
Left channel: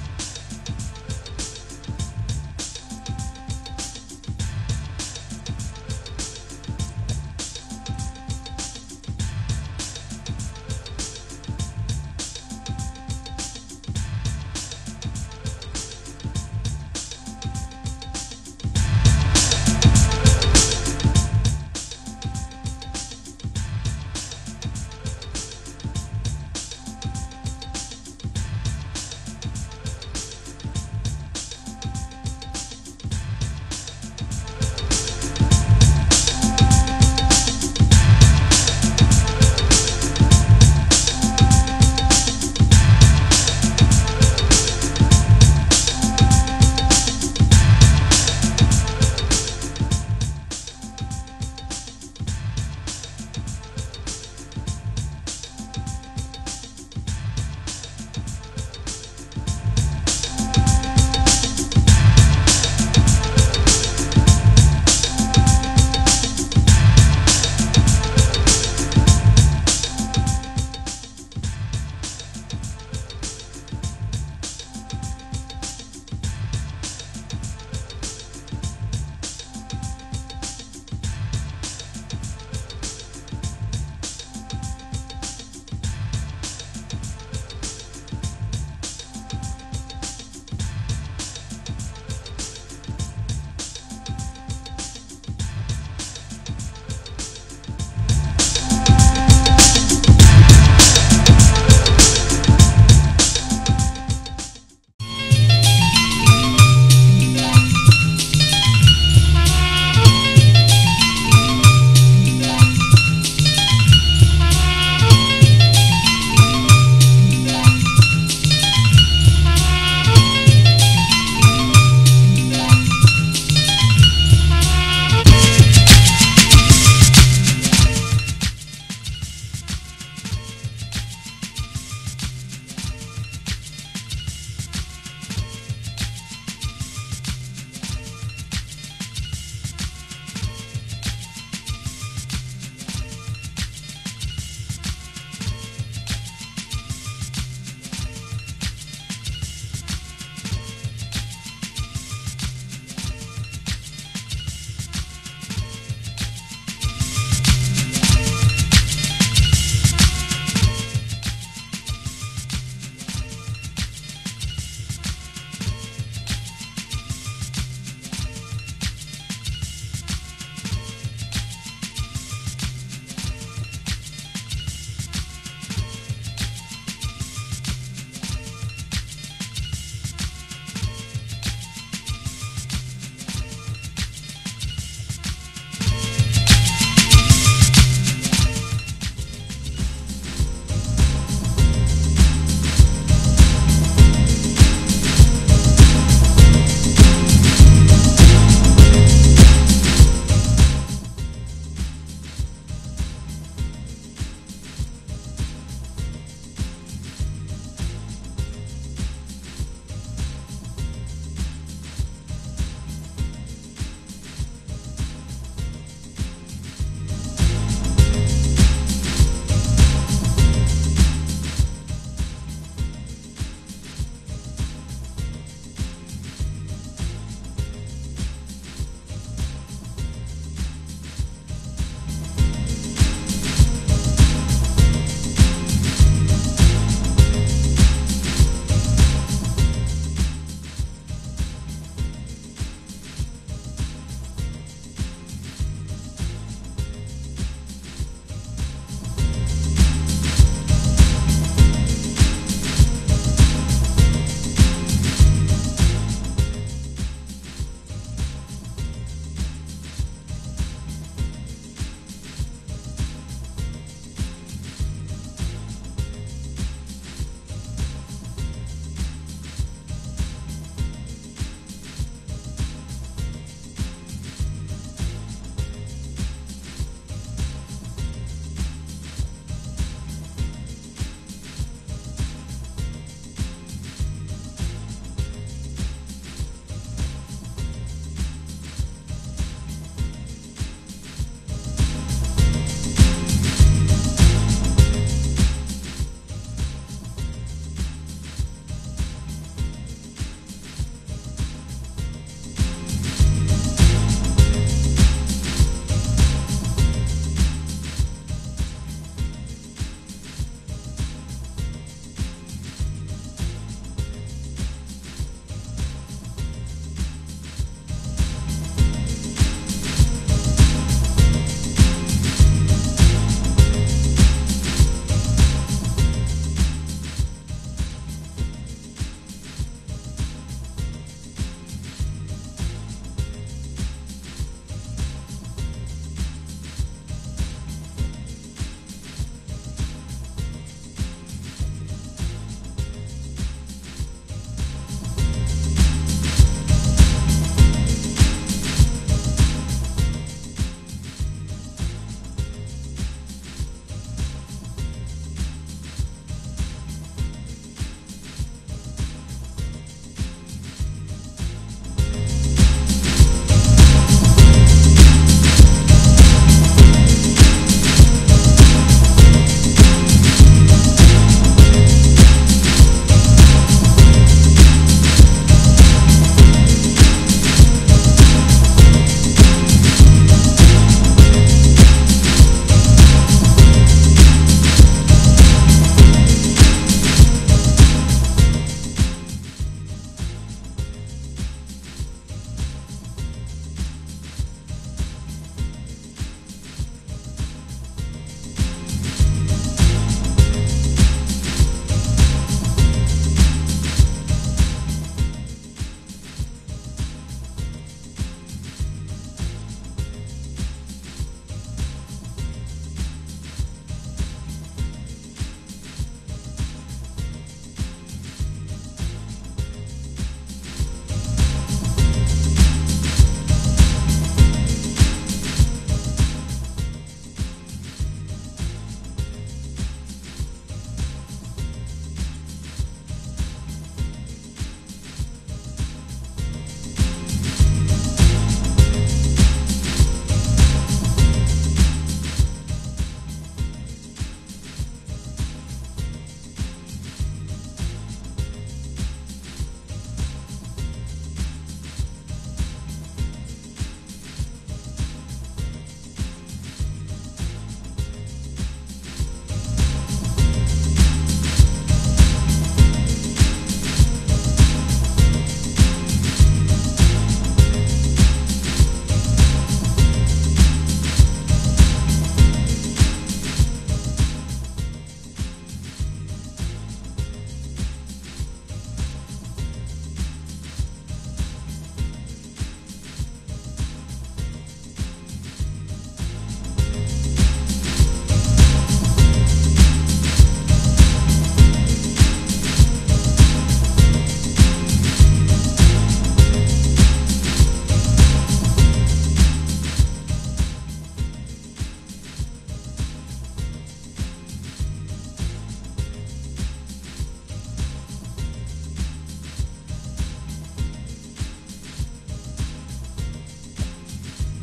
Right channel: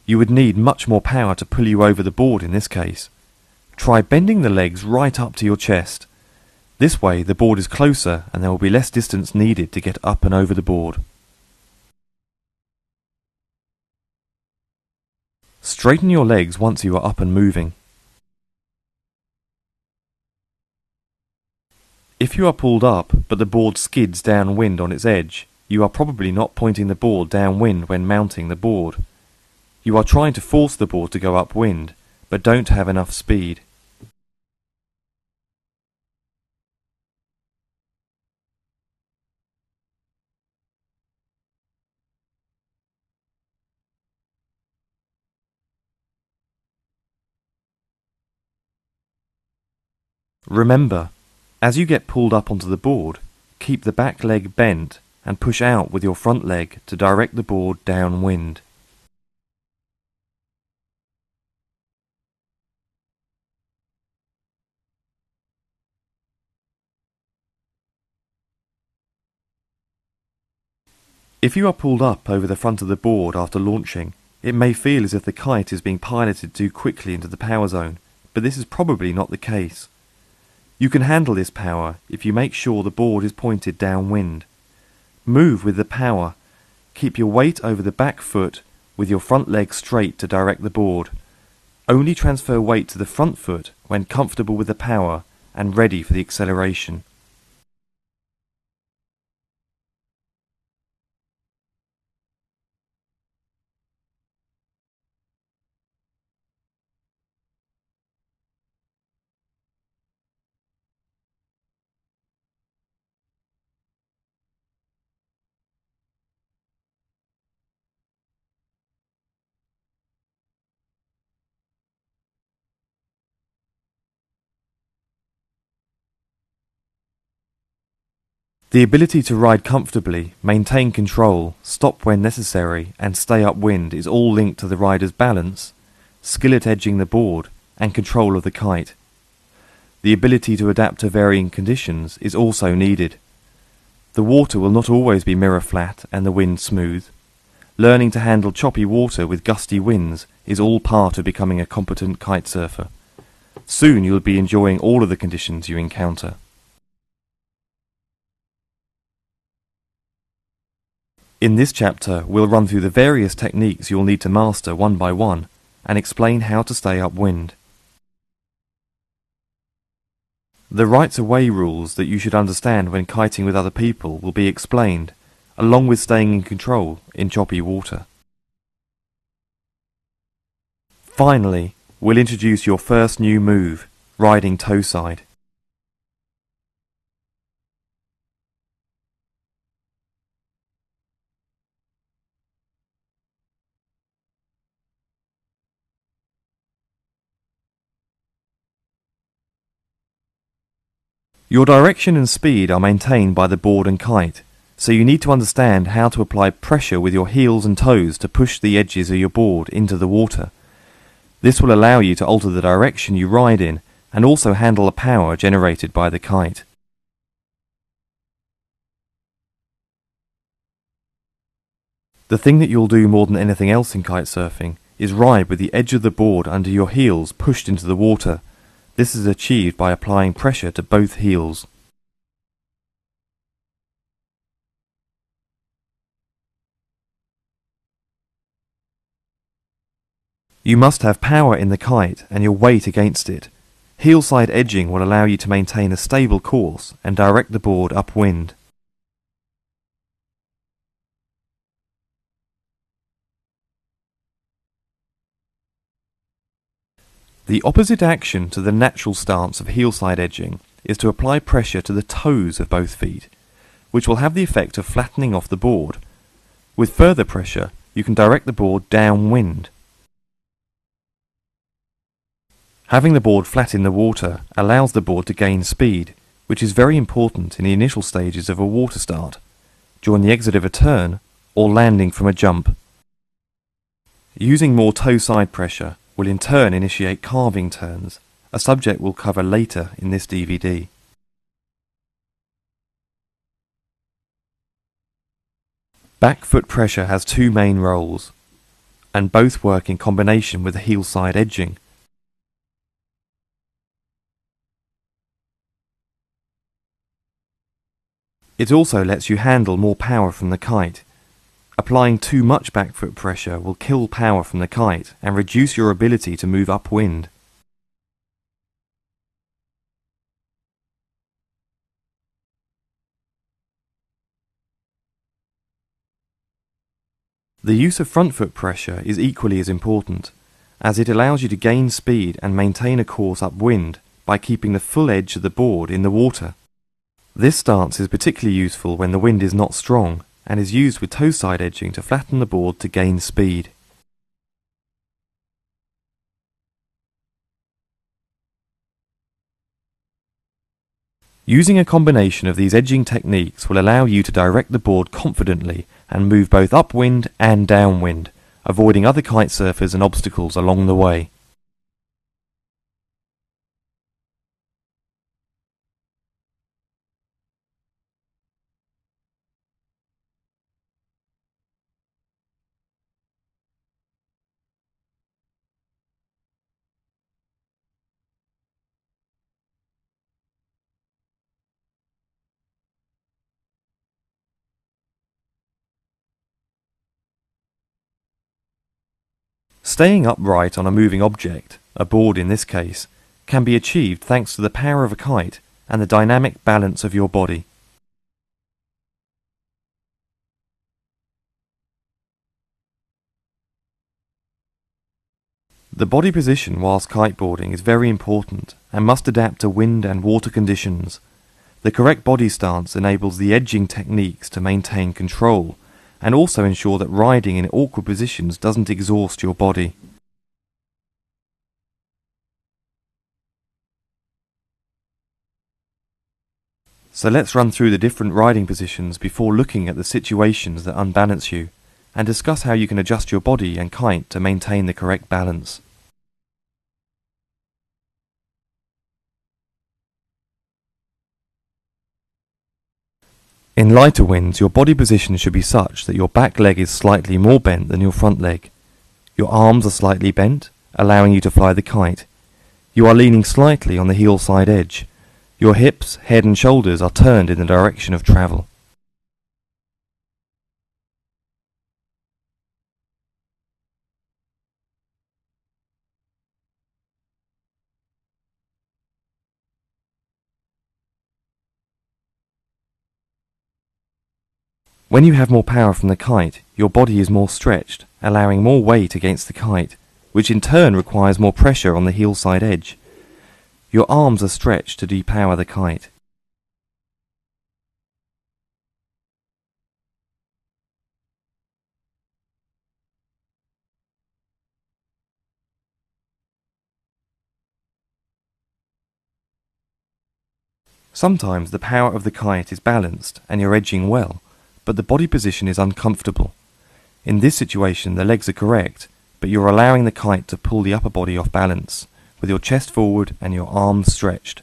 You would need much more power to pull you over the board in this case. Try bending the legs right up to your chest. This way the board is closer and there will be less distance needed to get up and over the board. Straighten your legs once you are up and moving. If you are pulled up but the board skids downwind on its edge, you are probably not pointing the board downwind when mounting the board. You are trying to force the board to go upwind, but don't have enough speed. Remember, as you get pulled up onto the board, keep the back leg bent and push out with your front leg to direct the board downwind. If you are pulled up over the front of the board after launching, it may feel as if the kite is being piloted too quickly into the power zone, but this is probably not the case. You can handle this power if you make sure the board is pointed downwind. Move with the power. Keep your weight over the back foot with your front leg straight to direct the board. Only transfer weight to the front foot when comfortable with the power and ready for the acceleration. The ability to ride comfortably, maintain control, stop when necessary and stay upwind is all linked to the rider's balance, skill at edging the board and control of the kite. The ability to adapt to varying conditions is also needed. The water will not always be mirror flat and the wind smooth. Learning to handle choppy water with gusty winds is all part of becoming a competent kite surfer. Soon you'll be enjoying all of the conditions you encounter. In this chapter, we'll run through the various techniques you'll need to master one by one and explain how to stay upwind. The rights of way rules that you should understand when kiting with other people will be explained, along with staying in control in choppy water. Finally, we'll introduce your first new move, riding toe side. Your direction and speed are maintained by the board and kite, so you need to understand how to apply pressure with your heels and toes to push the edges of your board into the water. This will allow you to alter the direction you ride in and also handle the power generated by the kite. The thing that you'll do more than anything else in kite surfing is ride with the edge of the board under your heels pushed into the water. This is achieved by applying pressure to both heels. You must have power in the kite and your weight against it. Heel side edging will allow you to maintain a stable course and direct the board upwind. The opposite action to the natural stance of heel side edging is to apply pressure to the toes of both feet, which will have the effect of flattening off the board. With further pressure, you can direct the board downwind. Having the board flat in the water allows the board to gain speed, which is very important in the initial stages of a water start, during the exit of a turn, or landing from a jump. Using more toe side pressure will in turn initiate carving turns, a subject we'll cover later in this DVD. Back foot pressure has two main roles, and both work in combination with the heel side edging. It also lets you handle more power from the kite. Applying too much back foot pressure will kill power from the kite and reduce your ability to move upwind. The use of front foot pressure is equally as important, as it allows you to gain speed and maintain a course upwind by keeping the full edge of the board in the water. This stance is particularly useful when the wind is not strong and is used with toe side edging to flatten the board to gain speed. Using a combination of these edging techniques will allow you to direct the board confidently and move both upwind and downwind, avoiding other kite surfers and obstacles along the way. Staying upright on a moving object, a board in this case, can be achieved thanks to the power of a kite and the dynamic balance of your body. The body position whilst kiteboarding is very important and must adapt to wind and water conditions. The correct body stance enables the edging techniques to maintain control and also ensure that riding in awkward positions doesn't exhaust your body. So let's run through the different riding positions before looking at the situations that unbalance you, and discuss how you can adjust your body and kite to maintain the correct balance. In lighter winds, your body position should be such that your back leg is slightly more bent than your front leg. Your arms are slightly bent, allowing you to fly the kite. You are leaning slightly on the heel side edge. Your hips, head and shoulders are turned in the direction of travel. When you have more power from the kite, your body is more stretched, allowing more weight against the kite, which in turn requires more pressure on the heel side edge. Your arms are stretched to depower the kite. Sometimes the power of the kite is balanced and you're edging well, but the body position is uncomfortable. In this situation, the legs are correct, but you're allowing the kite to pull the upper body off balance, with your chest forward and your arms stretched.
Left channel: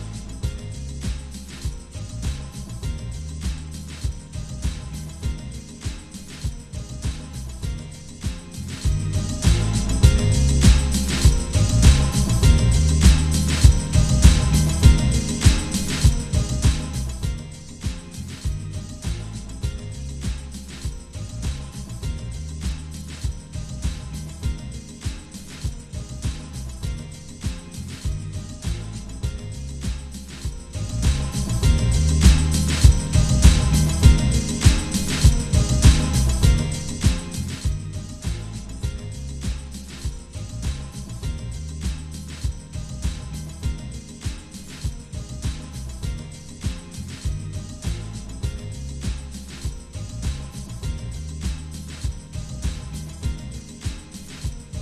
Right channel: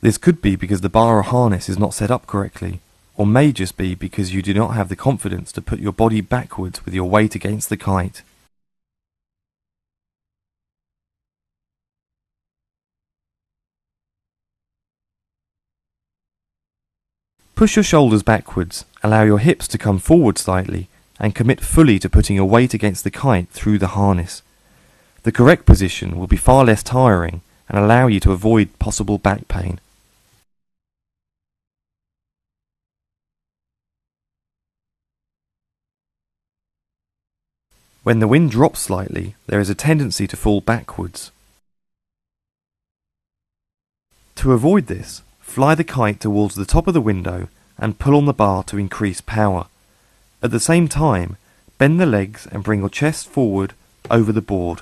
This could be because the bar or harness is not set up correctly, or may just be because you do not have the confidence to put your body backwards with your weight against the kite. Push your shoulders backwards, allow your hips to come forward slightly, and commit fully to putting your weight against the kite through the harness. The correct position will be far less tiring and allow you to avoid possible back pain. When the wind drops slightly, there is a tendency to fall backwards. To avoid this, fly the kite towards the top of the window and pull on the bar to increase power. At the same time, bend the legs and bring your chest forward over the board.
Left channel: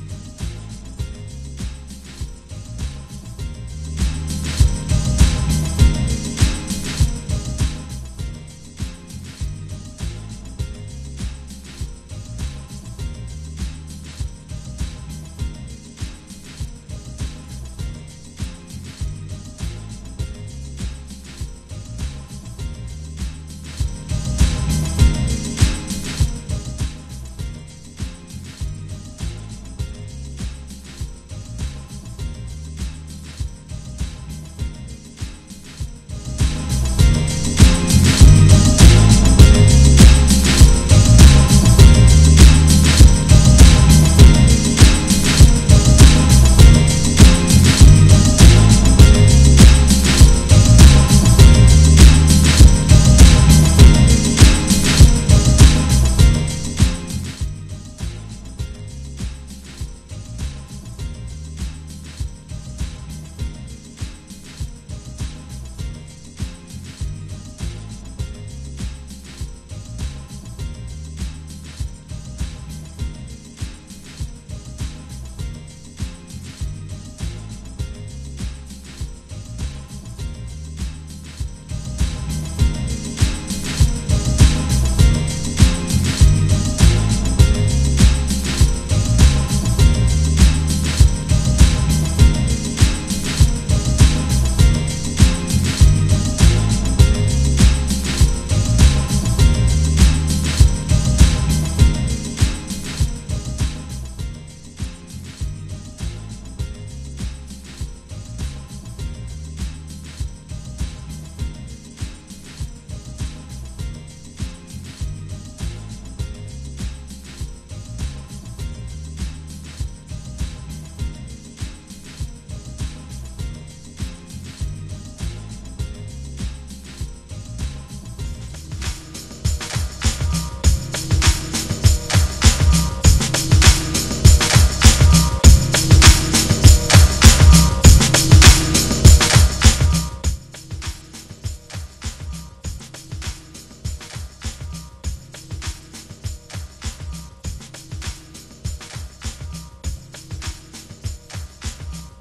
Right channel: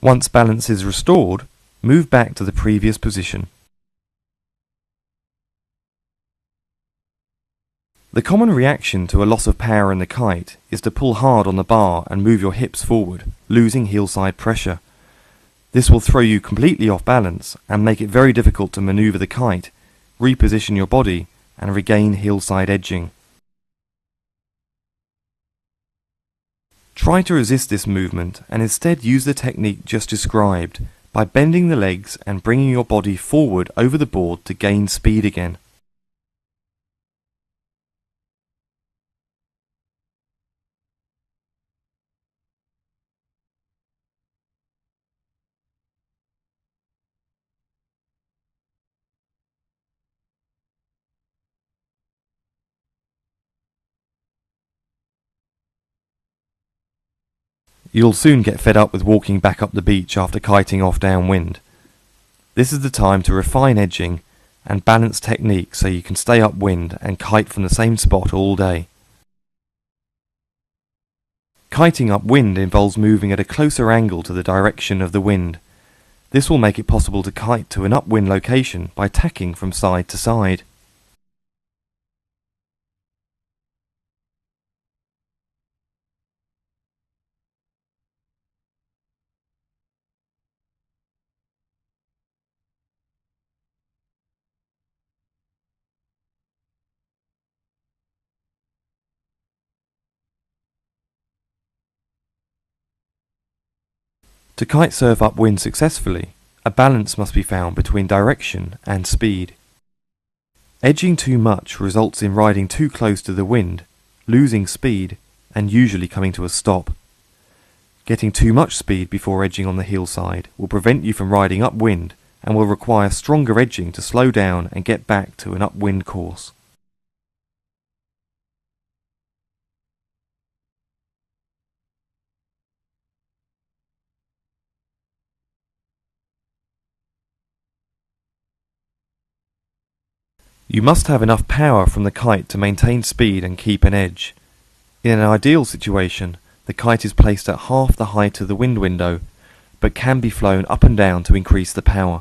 Once balance is restored, move back to the previous position. The common reaction to a loss of power in the kite is to pull hard on the bar and move your hips forward, losing heel-side pressure. This will throw you completely off balance and make it very difficult to maneuver the kite, reposition your body, and regain heel-side edging. Try to resist this movement and instead use the technique just described by bending the legs and bringing your body forward over the board to gain speed again. You'll soon get fed up with walking back up the beach after kiting off downwind. This is the time to refine edging and balance technique so you can stay upwind and kite from the same spot all day. Kiting upwind involves moving at a closer angle to the direction of the wind. This will make it possible to kite to an upwind location by tacking from side to side. To kite surf upwind successfully, a balance must be found between direction and speed. Edging too much results in riding too close to the wind, losing speed, and usually coming to a stop. Getting too much speed before edging on the heel side will prevent you from riding upwind and will require stronger edging to slow down and get back to an upwind course. You must have enough power from the kite to maintain speed and keep an edge. In an ideal situation, the kite is placed at half the height of the wind window, but can be flown up and down to increase the power.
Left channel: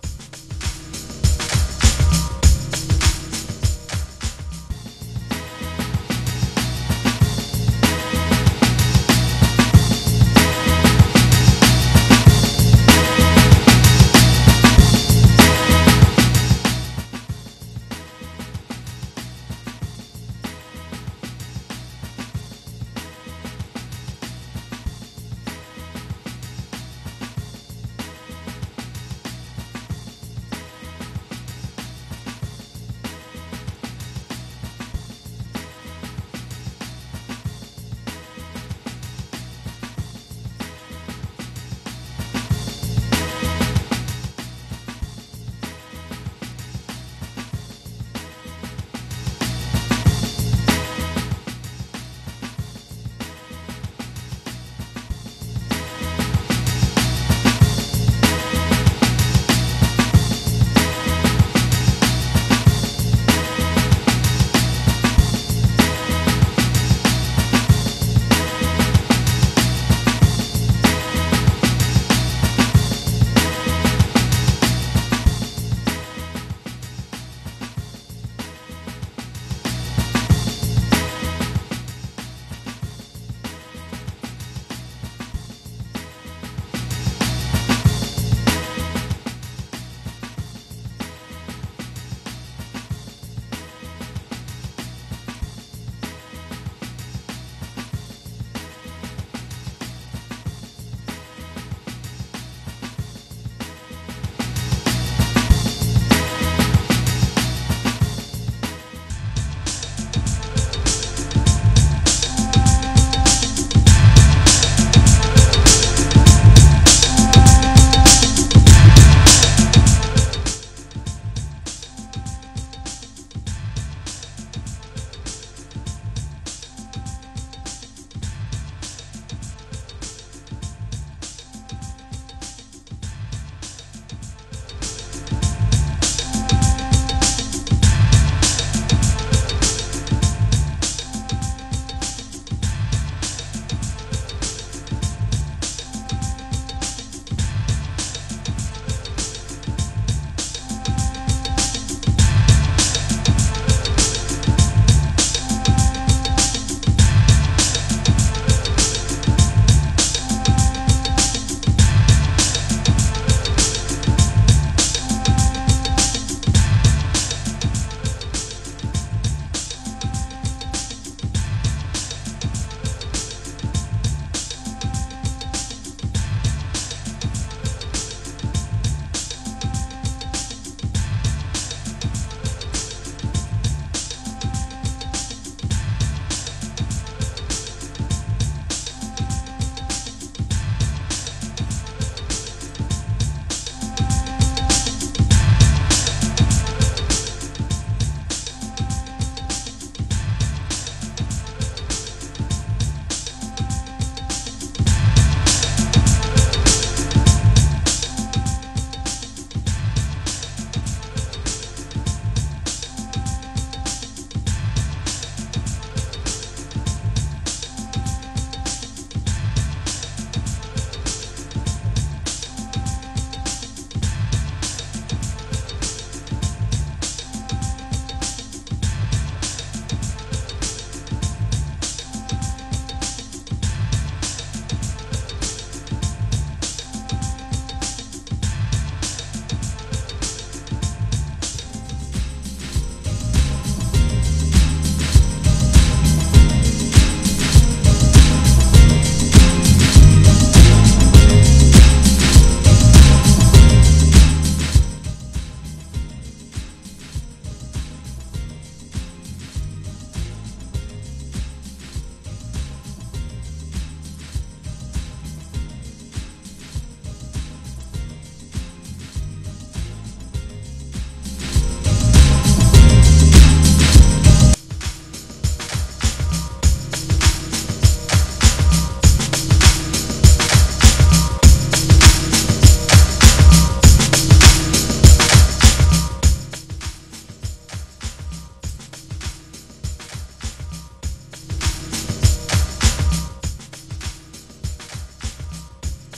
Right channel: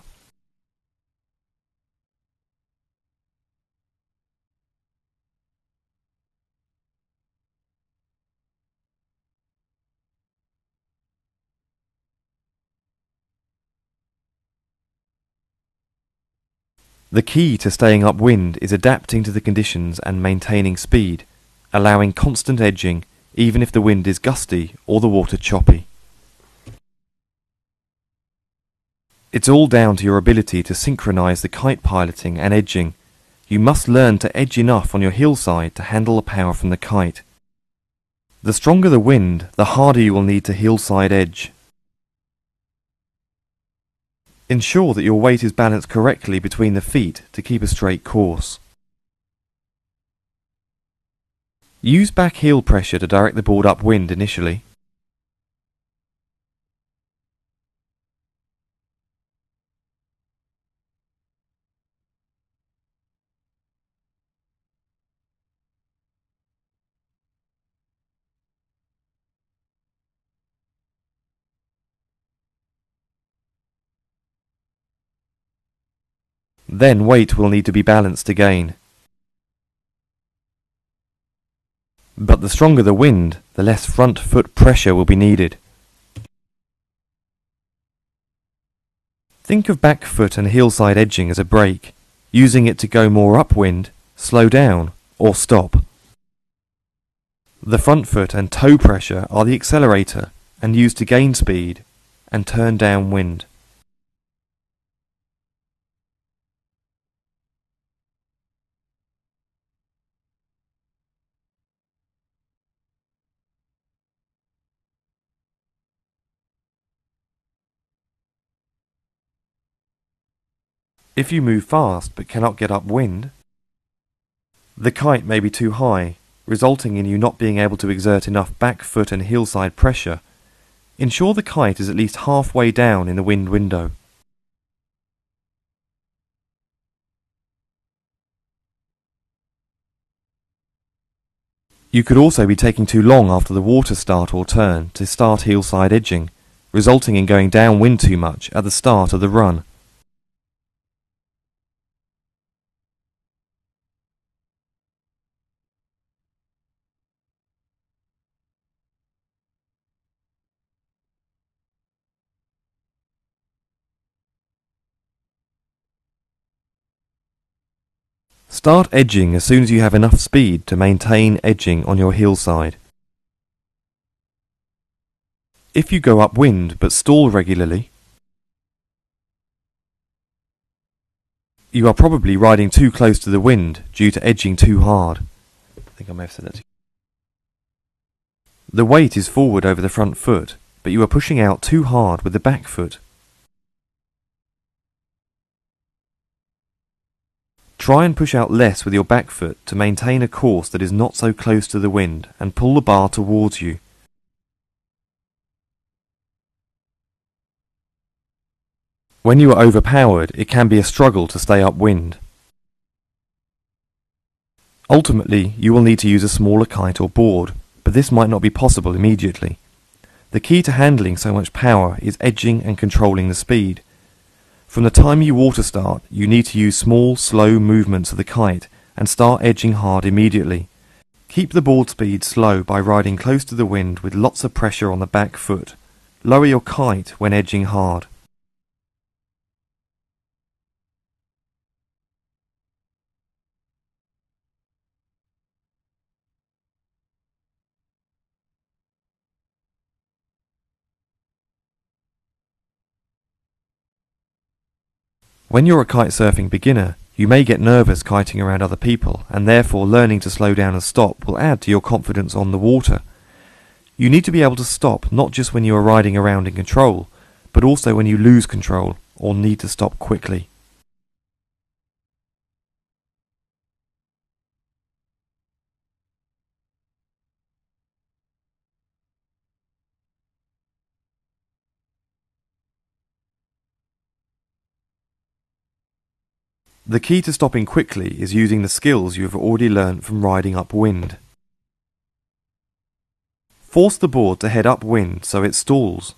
The key to staying upwind is adapting to the conditions and maintaining speed, allowing constant edging even if the wind is gusty or the water choppy. It's all down to your ability to synchronize the kite piloting and edging. You must learn to edge enough on your heel side to handle the power from the kite. The stronger the wind, the harder you will need to heel side edge. Ensure that your weight is balanced correctly between the feet to keep a straight course. Use back heel pressure to direct the board upwind initially. Then weight will need to be balanced again. But the stronger the wind, the less front foot pressure will be needed. Think of back foot and heel side edging as a brake, using it to go more upwind, slow down, or stop. The front foot and toe pressure are the accelerator and used to gain speed and turn downwind. If you move fast but cannot get upwind, The kite may be too high, resulting in you not being able to exert enough back foot and hillside pressure. Ensure the kite is at least halfway down in the wind window. You could also be taking too long after the water start or turn to start hillside edging, resulting in going downwind too much at the start of the run. Start edging as soon as you have enough speed to maintain edging on your hillside. If you go upwind but stall regularly, you are probably riding too close to the wind due to edging too hard. The weight is forward over the front foot, but you are pushing out too hard with the back foot. Try and push out less with your back foot to maintain a course that is not so close to the wind and pull the bar towards you. When you are overpowered, it can be a struggle to stay upwind. Ultimately, you will need to use a smaller kite or board, but this might not be possible immediately. The key to handling so much power is edging and controlling the speed. From the time you water start, you need to use small, slow movements of the kite and start edging hard immediately. Keep the board speed slow by riding close to the wind with lots of pressure on the back foot. Lower your kite when edging hard. When you're a kitesurfing beginner, you may get nervous kiting around other people, and therefore learning to slow down and stop will add to your confidence on the water. You need to be able to stop not just when you are riding around in control, but also when you lose control or need to stop quickly. The key to stopping quickly is using the skills you have already learned from riding upwind. Force the board to head upwind so it stalls.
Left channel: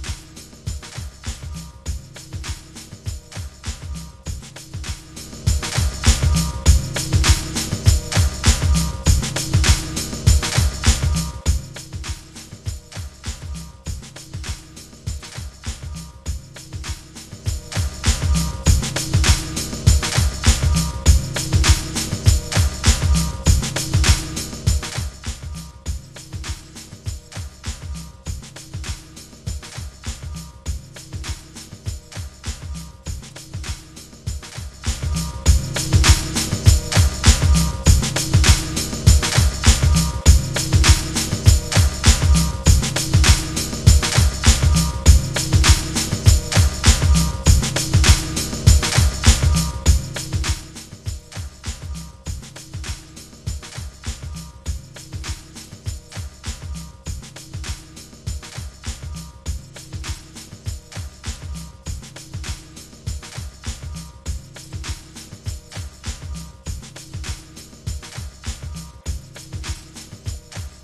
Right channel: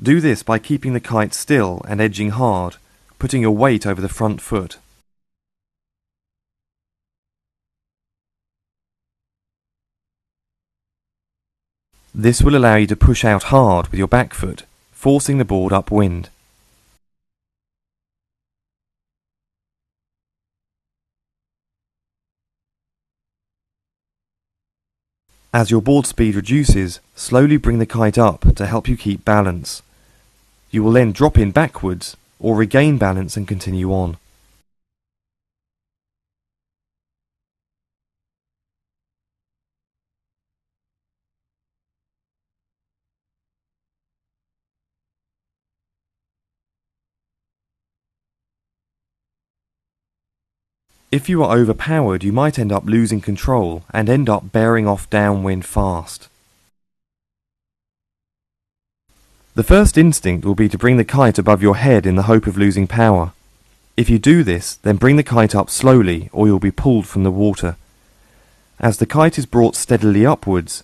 Do this by keeping the kite still and edging hard, putting your weight over the front foot. This will allow you to push out hard with your back foot, forcing the board upwind. As your board speed reduces, slowly bring the kite up to help you keep balance. You will then drop in backwards or regain balance and continue on. If you are overpowered, you might end up losing control and end up bearing off downwind fast. The first instinct will be to bring the kite above your head in the hope of losing power. If you do this, then bring the kite up slowly or you'll be pulled from the water. As the kite is brought steadily upwards,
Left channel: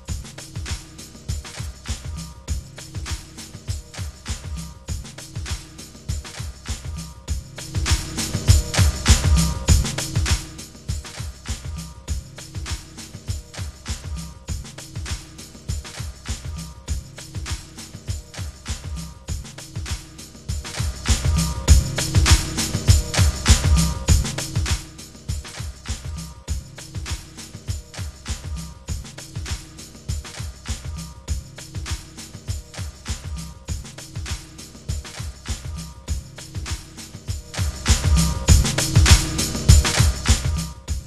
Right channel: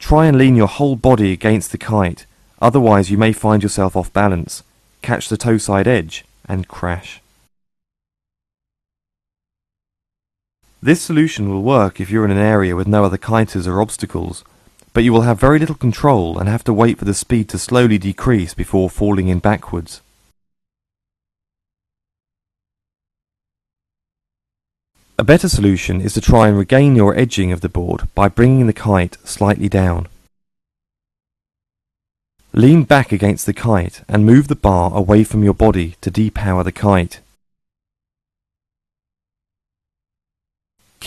try and lean your whole body against the kite, otherwise you may find yourself off balance, catch the toe side edge and crash. This solution will work if you're in an area with no other kiters or obstacles, but you will have very little control and have to wait for the speed to slowly decrease before falling in backwards. A better solution is to try and regain your edging of the board by bringing the kite slightly down. Lean back against the kite and move the bar away from your body to depower the kite.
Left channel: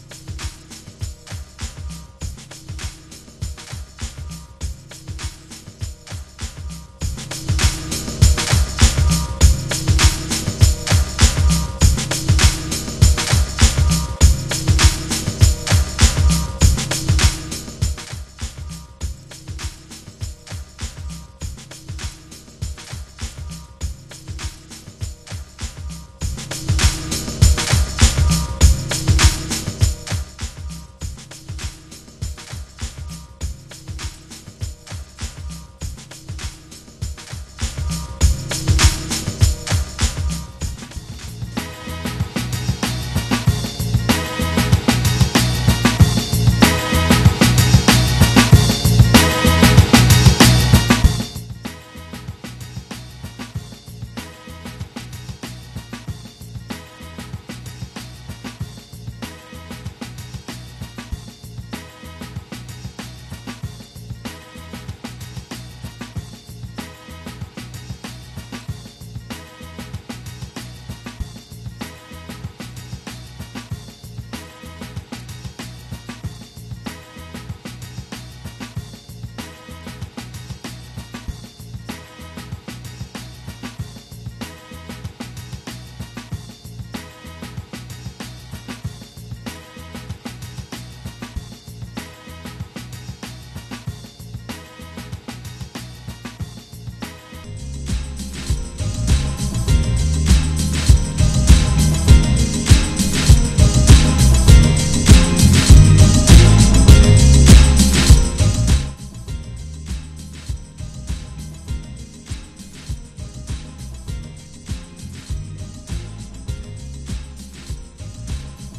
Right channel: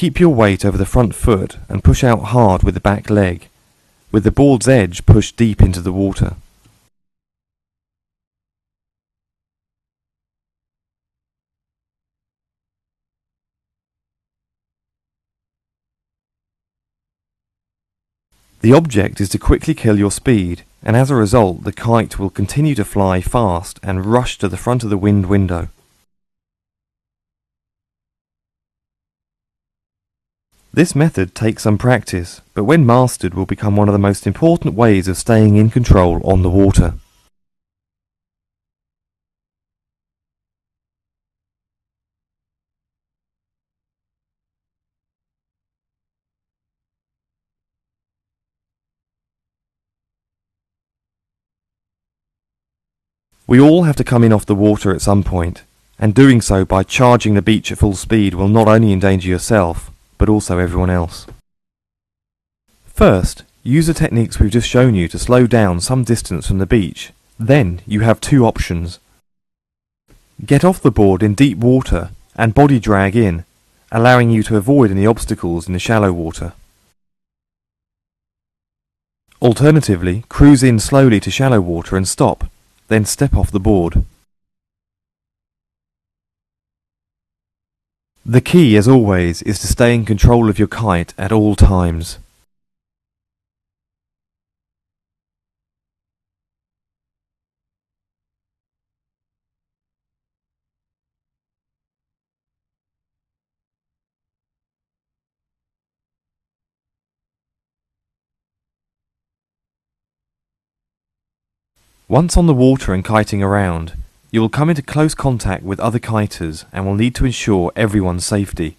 Keep your weight over the front foot and push out hard with the back leg, with the board's edge pushed deep into the water. The object is to quickly kill your speed, and as a result the kite will continue to fly fast and rush to the front of the wind window. This method takes some practice, but when mastered will become one of the most important ways of staying in control on the water. We all have to come in off the water at some point, and doing so by charging the beach at full speed will not only endanger yourself, but also everyone else. First, use the techniques we've just shown you to slow down some distance from the beach. Then you have two options. Get off the board in deep water and body drag in, allowing you to avoid any obstacles in the shallow water. Alternatively, cruise in slowly to shallow water and stop, then step off the board. The key, as always, is to stay in control of your kite at all times. Once on the water and kiting around, you will come into close contact with other kiters and will need to ensure everyone's safety.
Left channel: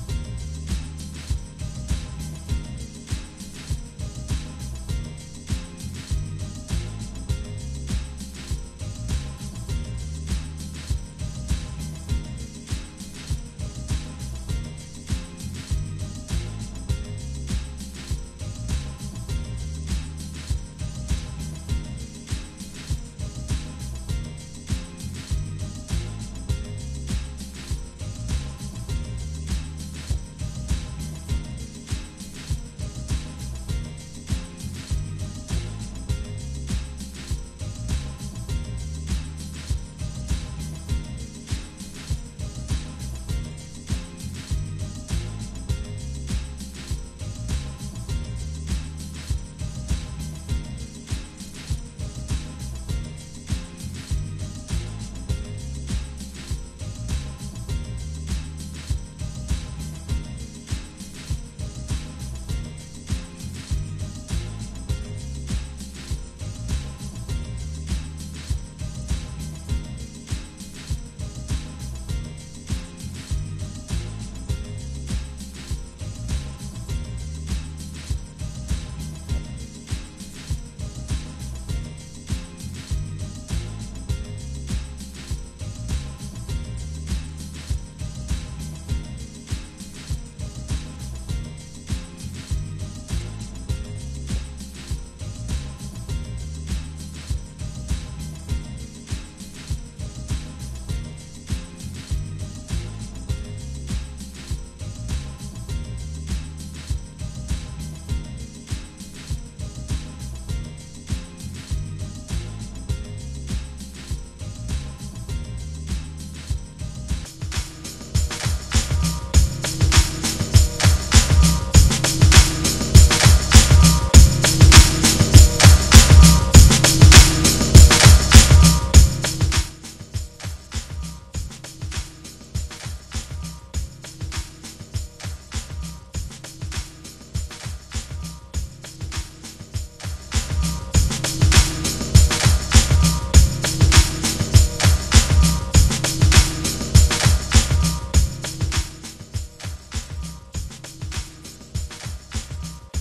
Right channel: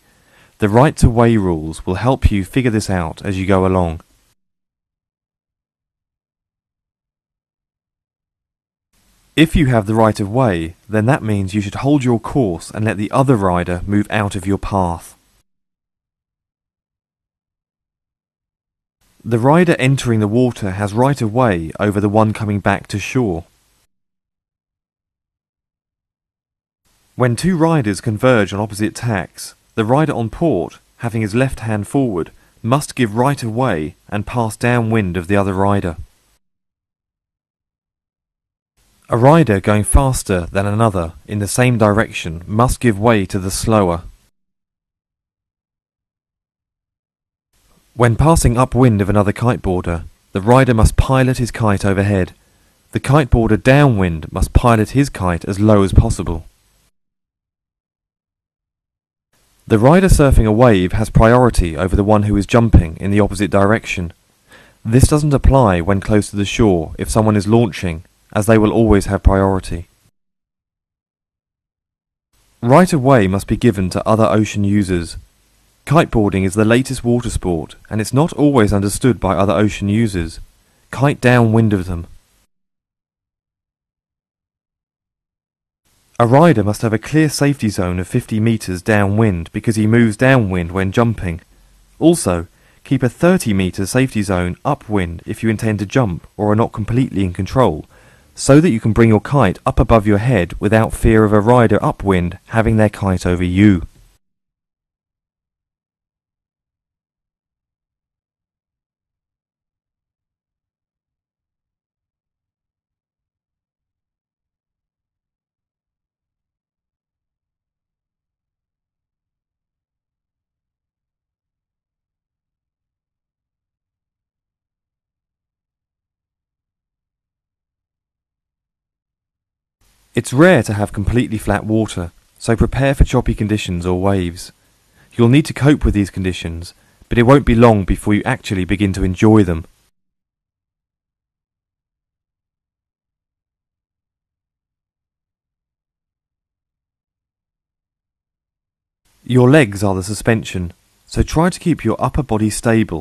The right of way rules will help you figure this out as you go along. If you have the right of way, then that means you should hold your course and let the other rider move out of your path. The rider entering the water has right of way over the one coming back to shore. When two riders converge on opposite tacks, the rider on port, having his left hand forward, must give right of way and pass downwind of the other rider. A rider going faster than another in the same direction must give way to the slower. When passing upwind of another kiteboarder, the rider must pilot his kite overhead. The kiteboarder downwind must pilot his kite as low as possible. The rider surfing a wave has priority over the one who is jumping in the opposite direction. This doesn't apply when close to the shore if someone is launching, as they will always have priority. Right of way must be given to other ocean users. Kiteboarding is the latest water sport, and it's not always understood by other ocean users. Kite downwind of them. A rider must have a clear safety zone of 50 meters downwind because he moves downwind when jumping. Also, keep a 30 meter safety zone upwind if you intend to jump or are not completely in control, so that you can bring your kite up above your head without fear of a rider upwind having their kite over you. It's rare to have completely flat water, so prepare for choppy conditions or waves. You'll need to cope with these conditions, but it won't be long before you actually begin to enjoy them. Your legs are the suspension, so try to keep your upper body stable,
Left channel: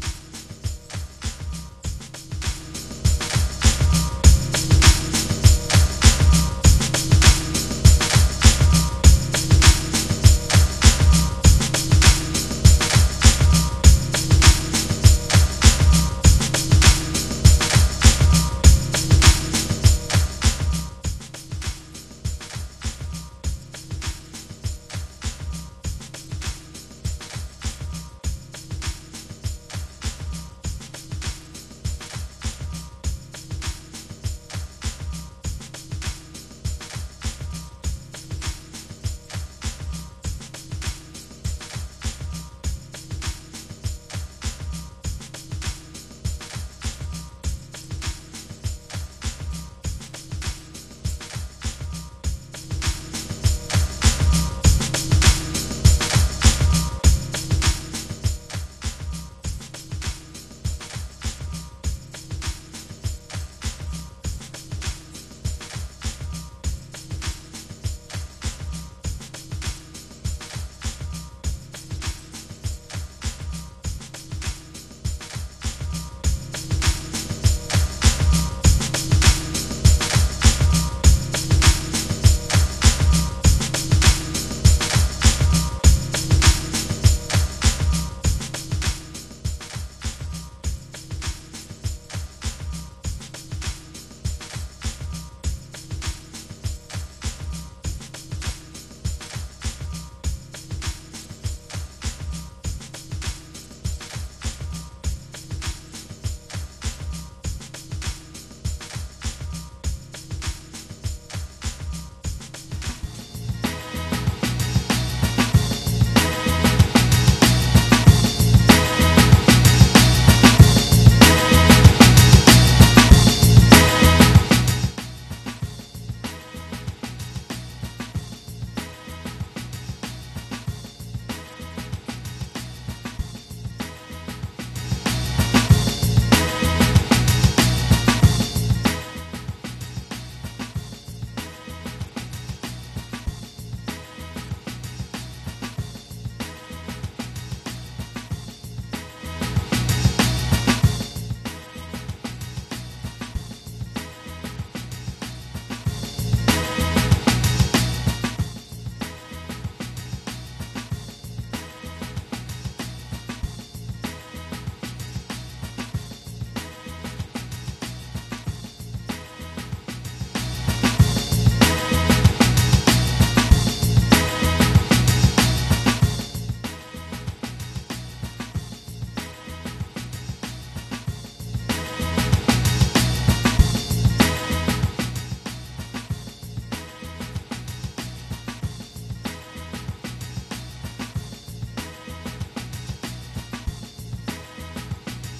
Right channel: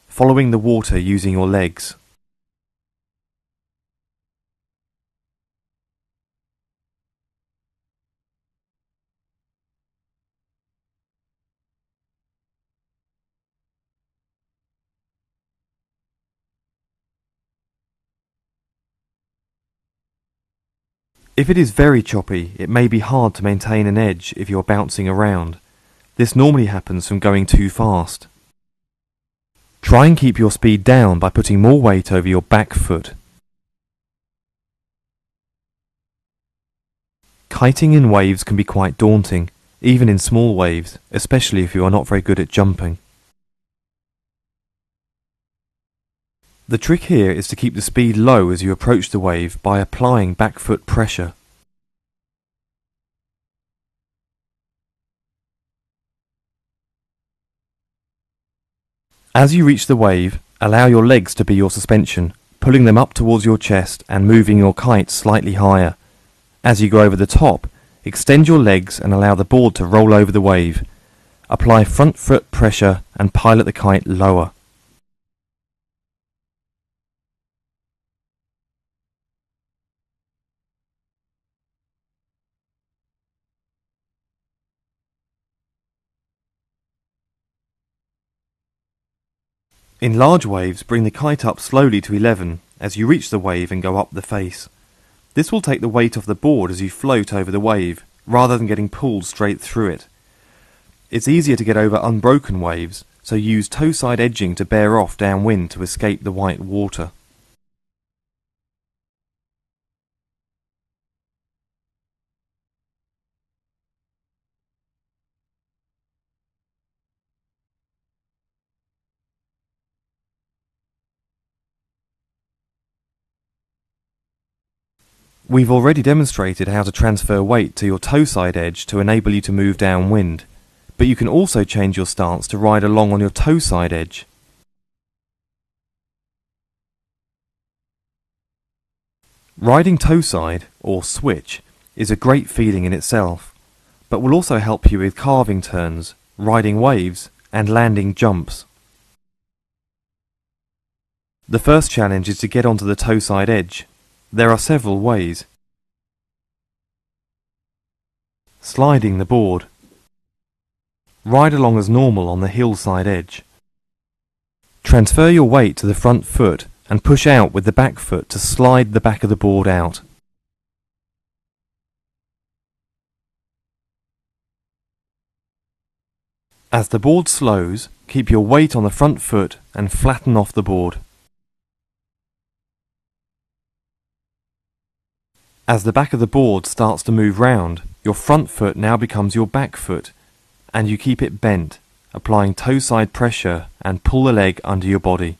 following the water using your legs. If it is very choppy, it may be hard to maintain an edge if you're bouncing around. This normally happens from going too fast. Try and keep your speed down by putting more weight over your back foot. Kiting in waves can be quite daunting, even in small waves, especially if you are not very good at jumping. The trick here is to keep the speed low as you approach the wave by applying back foot pressure. As you reach the wave, allow your legs to be your suspension, pulling them up towards your chest and moving your kite slightly higher. As you go over the top, extend your legs and allow the board to roll over the wave. Apply front foot pressure and pilot the kite lower. In large waves, bring the kite up slowly to 11 as you reach the wave and go up the face. This will take the weight off the board as you float over the wave, rather than getting pulled straight through it. It's easier to get over unbroken waves, so use toe side edging to bear off downwind to escape the white water. We've already demonstrated how to transfer weight to your toe side edge to enable you to move downwind, but you can also change your stance to ride along on your toe side edge. Riding toe side, or switch, is a great feeling in itself, but will also help you with carving turns, riding waves, and landing jumps. The first challenge is to get onto the toe side edge. There are several ways. Sliding the board. Ride along as normal on the hillside edge. Transfer your weight to the front foot and push out with the back foot to slide the back of the board out. As the board slows, keep your weight on the front foot and flatten off the board. As the back of the board starts to move round, your front foot now becomes your back foot, and you keep it bent, applying toe side pressure and pull the leg under your body.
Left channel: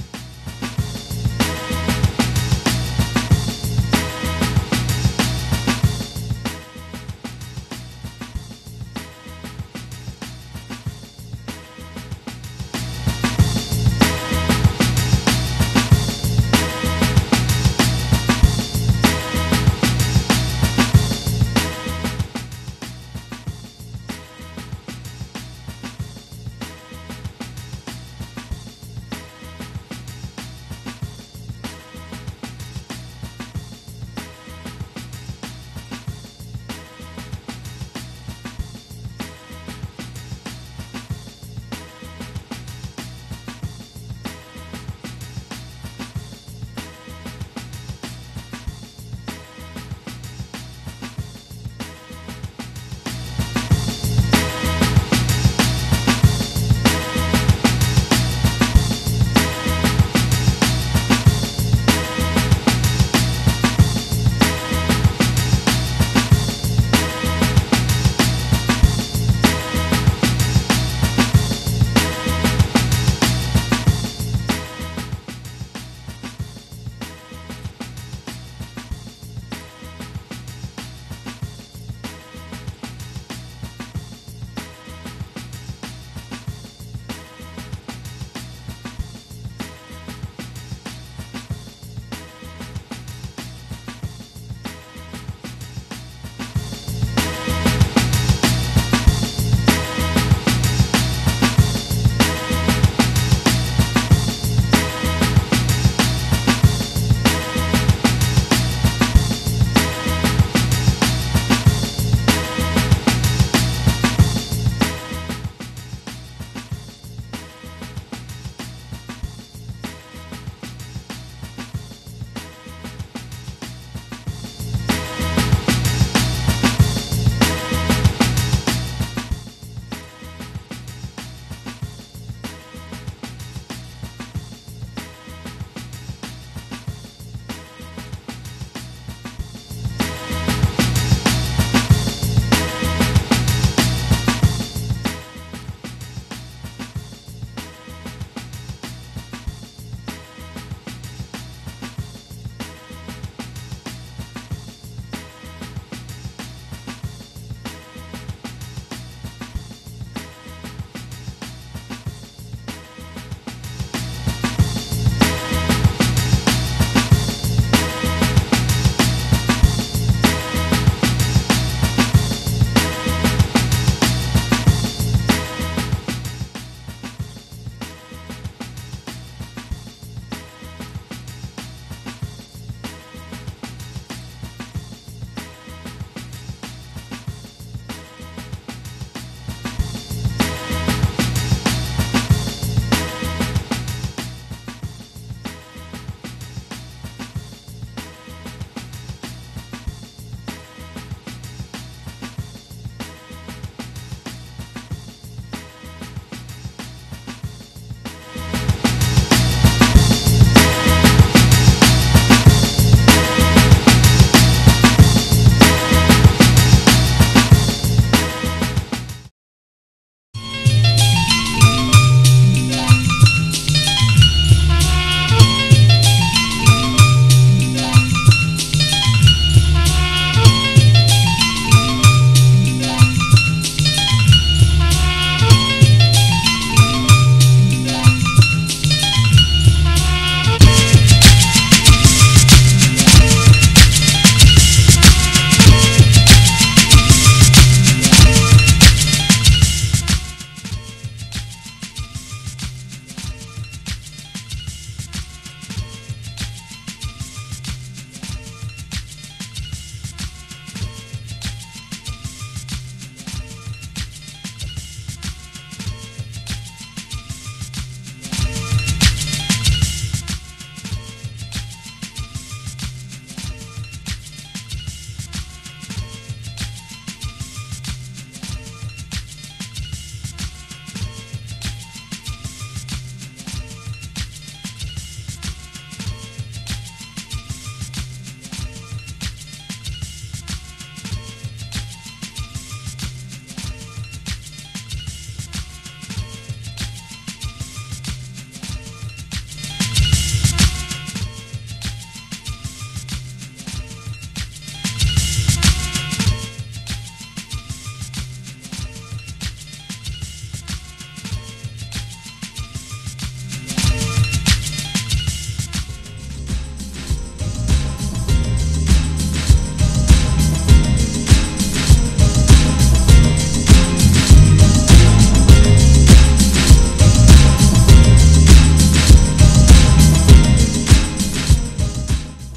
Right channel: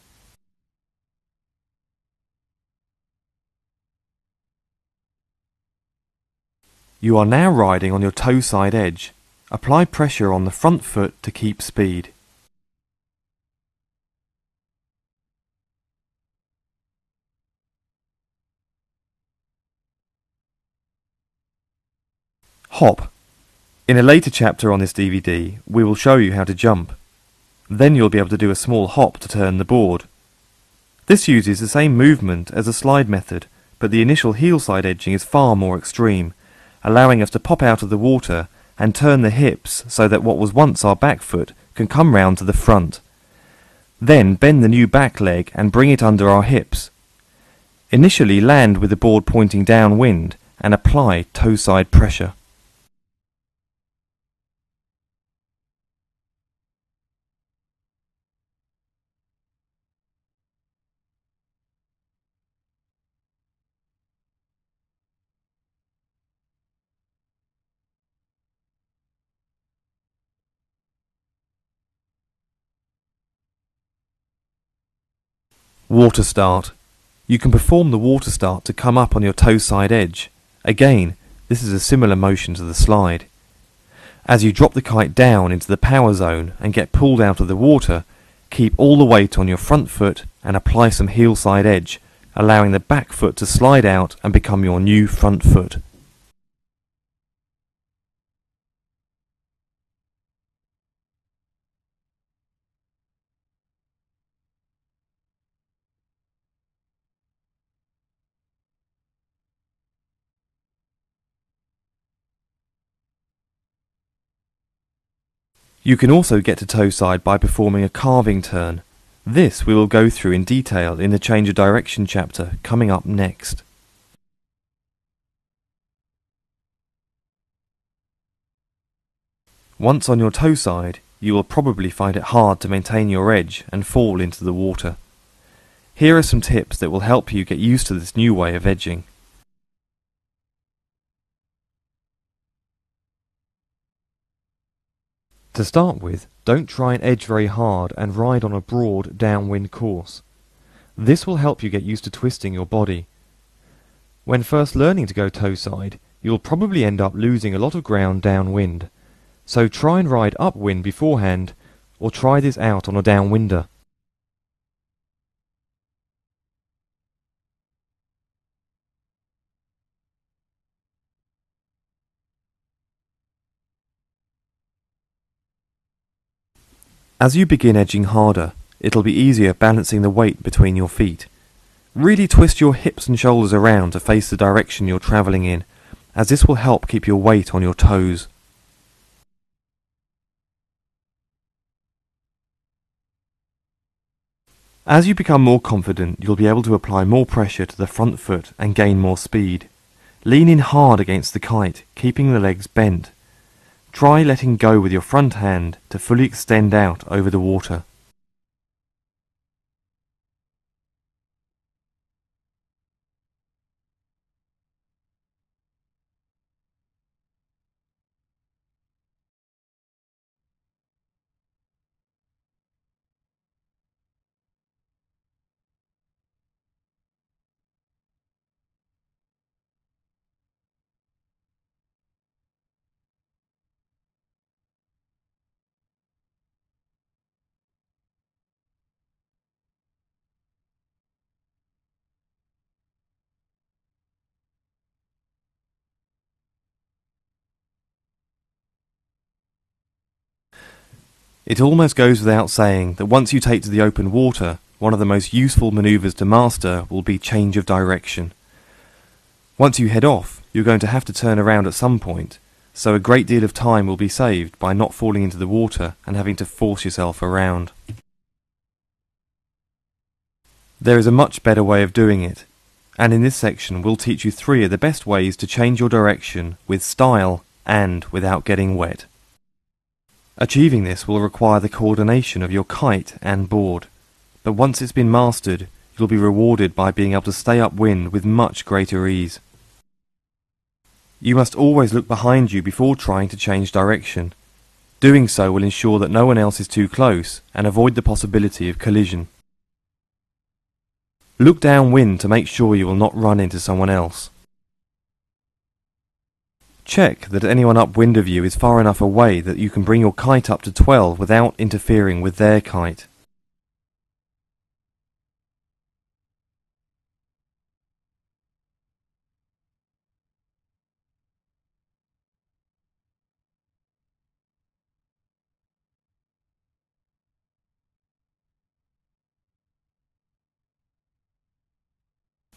You are now riding on your toe side edge. Apply pressure on the front foot to keep speed. Hop. In a later chapter on this DVD, we will show you how to jump. Then you'll be able to do a small hop to turn the board. This uses the same movement as the slide method, but the initial heel side edging is far more extreme, allowing us to pop out of the water and turn the hips so that what was once our back foot can come round to the front. Then bend the new back leg and bring it under our hips. Initially land with the board pointing downwind and apply toe side pressure. Water start. You can perform the water start to come up on your toe side edge. Again, this is a similar motion to the slide. As you drop the kite down into the power zone and get pulled out of the water, keep all the weight on your front foot and apply some heel side edge, allowing the back foot to slide out and become your new front foot. You can also get to toe side by performing a carving turn. This we will go through in detail in the change of direction chapter coming up next. Once on your toe side, you will probably find it hard to maintain your edge and fall into the water. Here are some tips that will help you get used to this new way of edging. To start with, don't try and edge very hard and ride on a broad downwind course. This will help you get used to twisting your body. When first learning to go toe side, you'll probably end up losing a lot of ground downwind. So try and ride upwind beforehand, or try this out on a downwinder. As you begin edging harder, it'll be easier balancing the weight between your feet. Really twist your hips and shoulders around to face the direction you're travelling in, as this will help keep your weight on your toes. As you become more confident, you'll be able to apply more pressure to the front foot and gain more speed. Lean in hard against the kite, keeping the legs bent. Try letting go with your front hand to fully extend out over the water. It almost goes without saying that once you take to the open water, one of the most useful manoeuvres to master will be change of direction. Once you head off, you're going to have to turn around at some point, so a great deal of time will be saved by not falling into the water and having to force yourself around. There is a much better way of doing it, and in this section we'll teach you 3 of the best ways to change your direction with style and without getting wet. Achieving this will require the coordination of your kite and board, but once it's been mastered, you'll be rewarded by being able to stay upwind with much greater ease. You must always look behind you before trying to change direction. Doing so will ensure that no one else is too close and avoid the possibility of collision. Look downwind to make sure you will not run into someone else. Check that anyone upwind of you is far enough away that you can bring your kite up to 12 without interfering with their kite.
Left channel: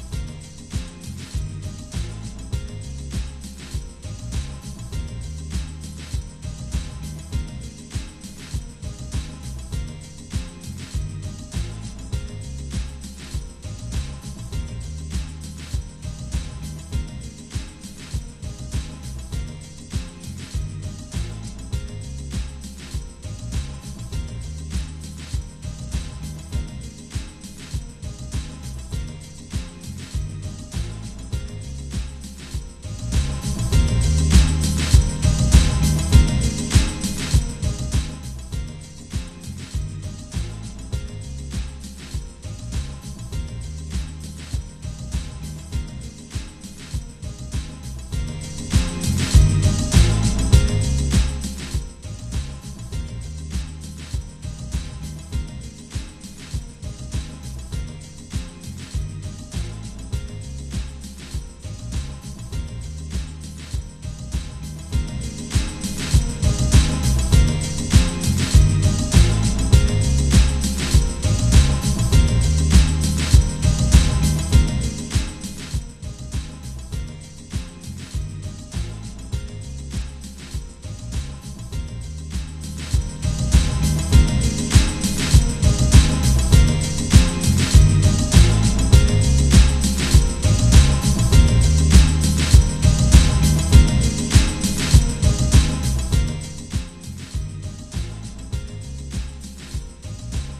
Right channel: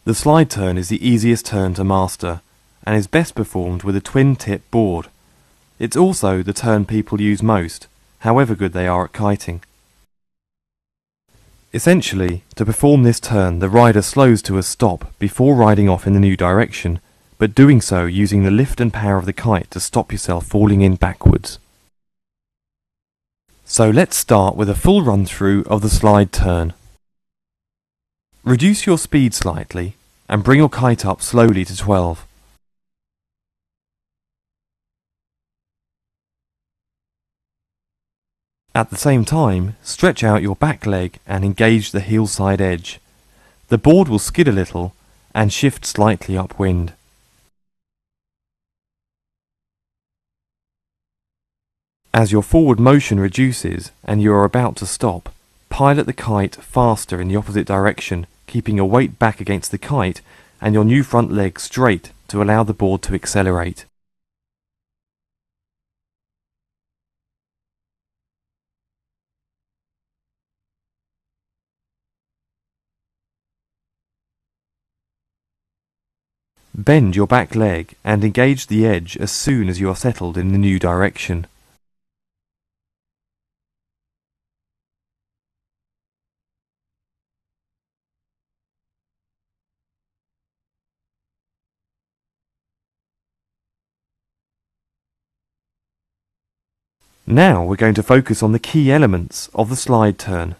The slide turn is the easiest turn to master, and is best performed with a twin-tip board. It's also the turn people use most, however good they are at kiting. Essentially, to perform this turn, the rider slows to a stop before riding off in the new direction, but doing so using the lift and power of the kite to stop yourself falling in backwards. So let's start with a full run-through of the slide turn. Reduce your speed slightly and bring your kite up slowly to 12. At the same time, stretch out your back leg and engage the heel side edge. The board will skid a little and shift slightly upwind. As your forward motion reduces and you are about to stop, pilot the kite faster in the opposite direction, keeping your weight back against the kite and your new front leg straight to allow the board to accelerate. Bend your back leg and engage the edge as soon as you are settled in the new direction. Now we're going to focus on the key elements of the slide turn.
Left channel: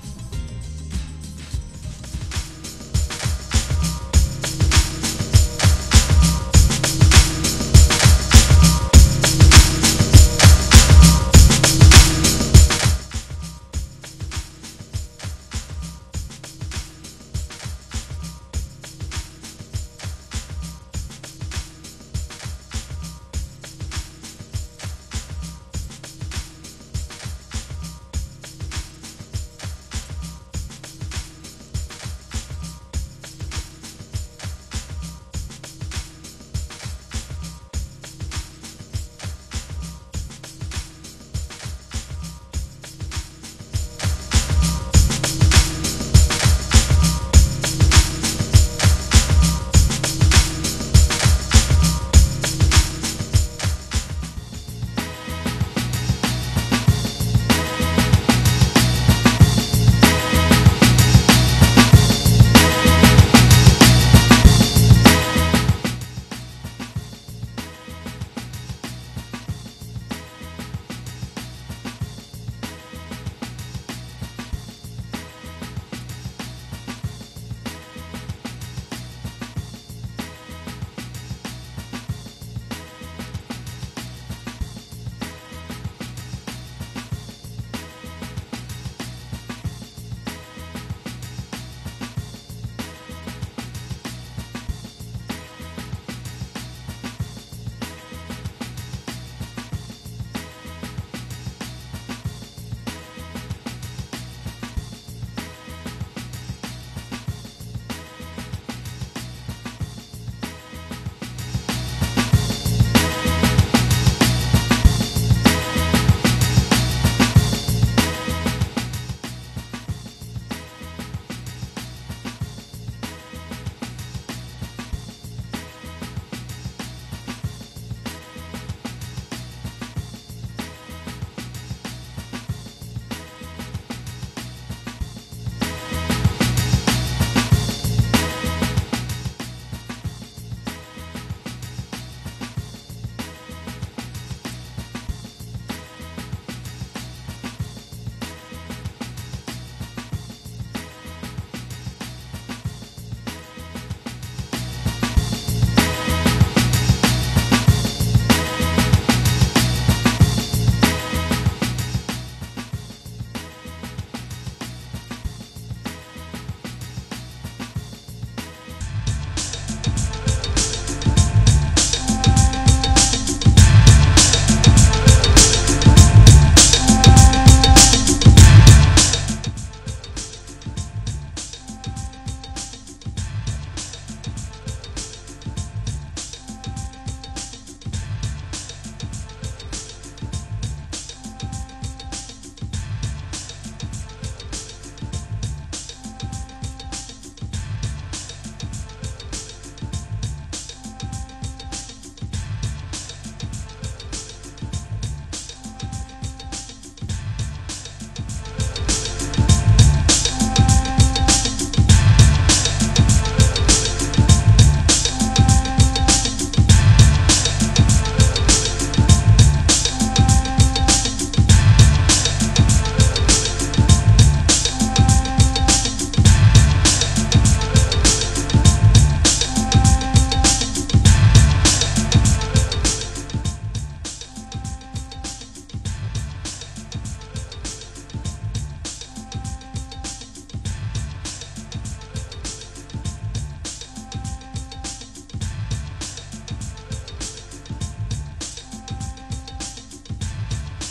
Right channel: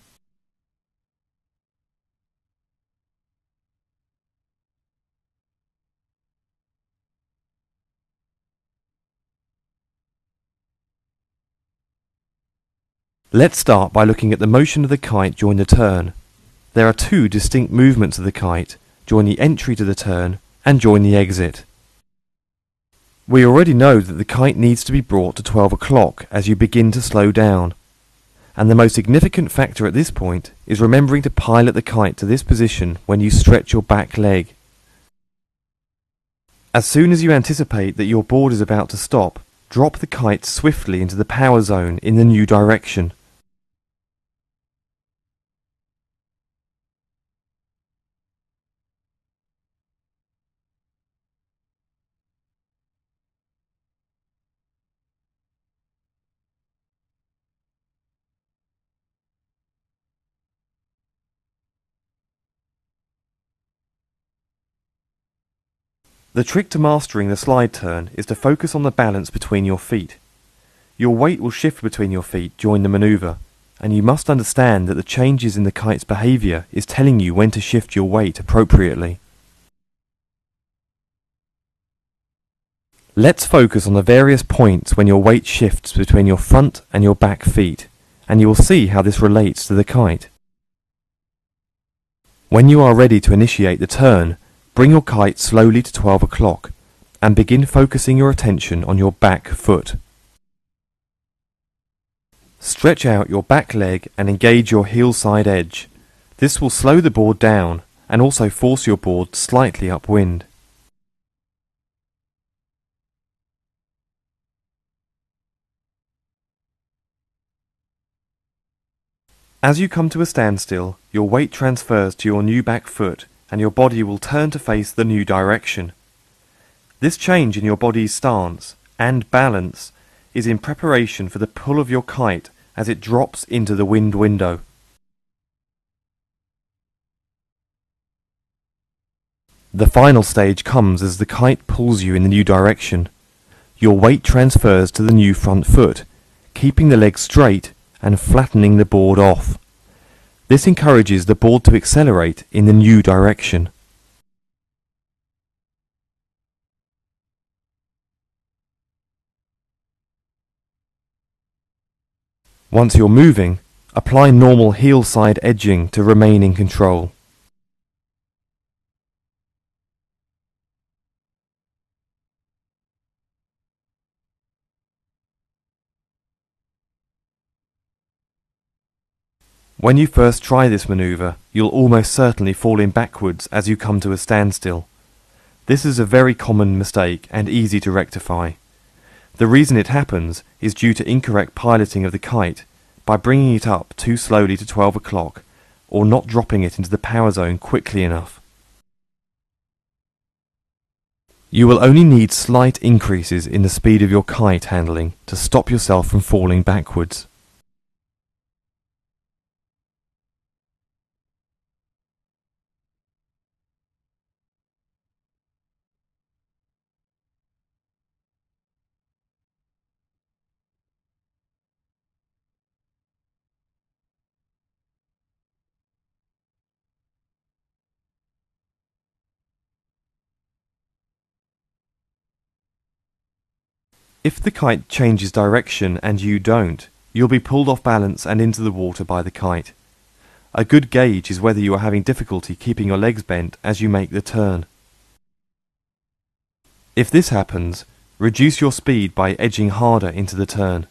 Let's start by looking at the motion of the kite during the turn. There are two distinct movements of the kite: join the entry to the turn and join the exit. We already know that the kite needs to be brought to 12 o'clock as you begin to slow down, and the most significant factor at this point is remembering to pilot the kite to this position when you stretch your back leg. As soon as you anticipate that your board is about to stop, drop the kite swiftly into the power zone in the new direction. The trick to mastering the slide turn is to focus on the balance between your feet. Your weight will shift between your feet during the manoeuvre, and you must understand that the changes in the kite's behaviour is telling you when to shift your weight appropriately. Let's focus on the various points when your weight shifts between your front and your back feet, and you will see how this relates to the kite. When you are ready to initiate the turn, bring your kite slowly to 12 o'clock and begin focusing your attention on your back foot. Stretch out your back leg and engage your heel side edge. This will slow the board down and also force your board slightly upwind. As you come to a standstill, your weight transfers to your new back foot and your body will turn to face the new direction. This change in your body's stance and balance is in preparation for the pull of your kite as it drops into the wind window. The final stage comes as the kite pulls you in the new direction. Your weight transfers to the new front foot, keeping the leg straight and flattening the board off. This encourages the board to accelerate in the new direction. Once you're moving, apply normal heel side edging to remain in control. When you first try this manoeuvre, you'll almost certainly fall in backwards as you come to a standstill. This is a very common mistake and easy to rectify. The reason it happens is due to incorrect piloting of the kite by bringing it up too slowly to 12 o'clock or not dropping it into the power zone quickly enough. You will only need slight increases in the speed of your kite handling to stop yourself from falling backwards. If the kite changes direction and you don't, you'll be pulled off balance and into the water by the kite. A good gauge is whether you are having difficulty keeping your legs bent as you make the turn. If this happens, reduce your speed by edging harder into the turn.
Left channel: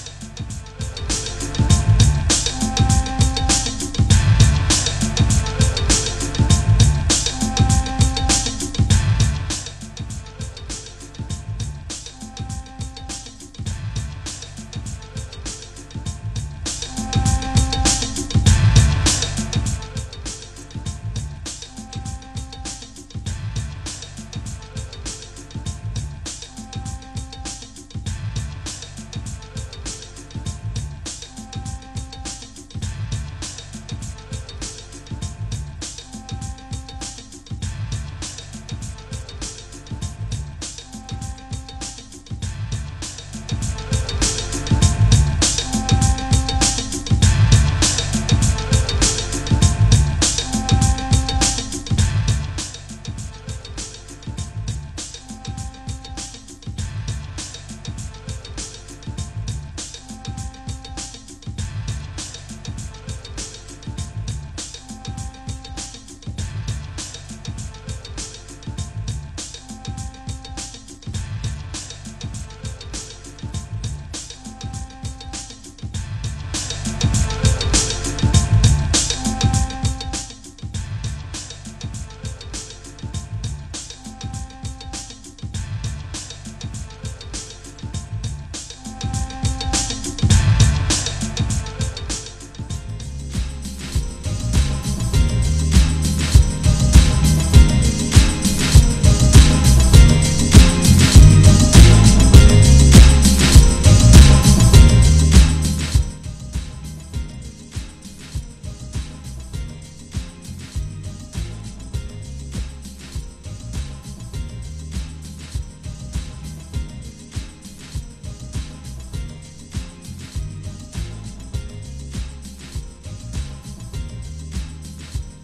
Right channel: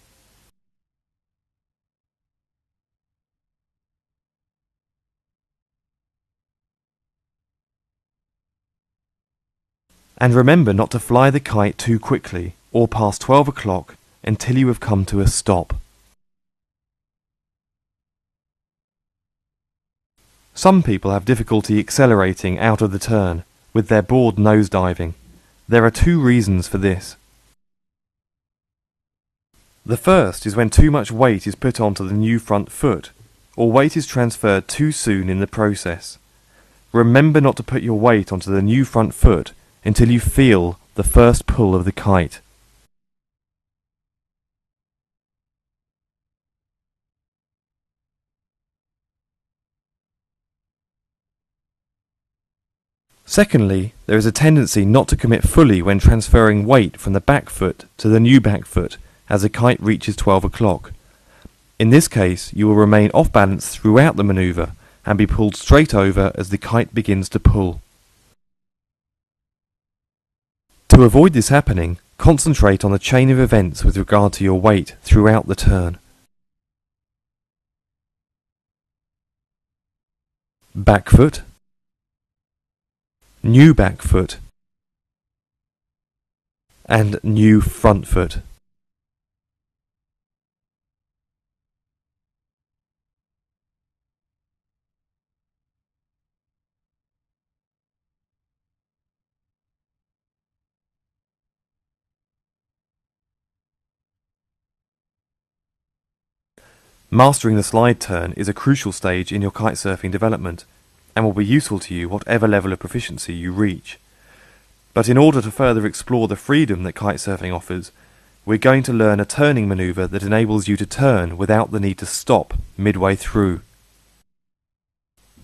And remember not to fly the kite too quickly or past 12 o'clock until you have come to a stop. Some people have difficulty accelerating out of the turn with their board nosediving. There are two reasons for this. The first is when too much weight is put onto the new front foot, or weight is transferred too soon in the process. Remember not to put your weight onto the new front foot until you feel the first pull of the kite. Secondly, there is a tendency not to commit fully when transferring weight from the back foot to the new back foot as the kite reaches 12 o'clock. In this case, you will remain off balance throughout the manoeuvre and be pulled straight over as the kite begins to pull. To avoid this happening, concentrate on the chain of events with regard to your weight throughout the turn. Back foot, new back foot, and new front foot. Mastering the slide turn is a crucial stage in your kitesurfing development and will be useful to you whatever level of proficiency you reach. But in order to further explore the freedom that kitesurfing offers, we're going to learn a turning manoeuvre that enables you to turn without the need to stop midway through.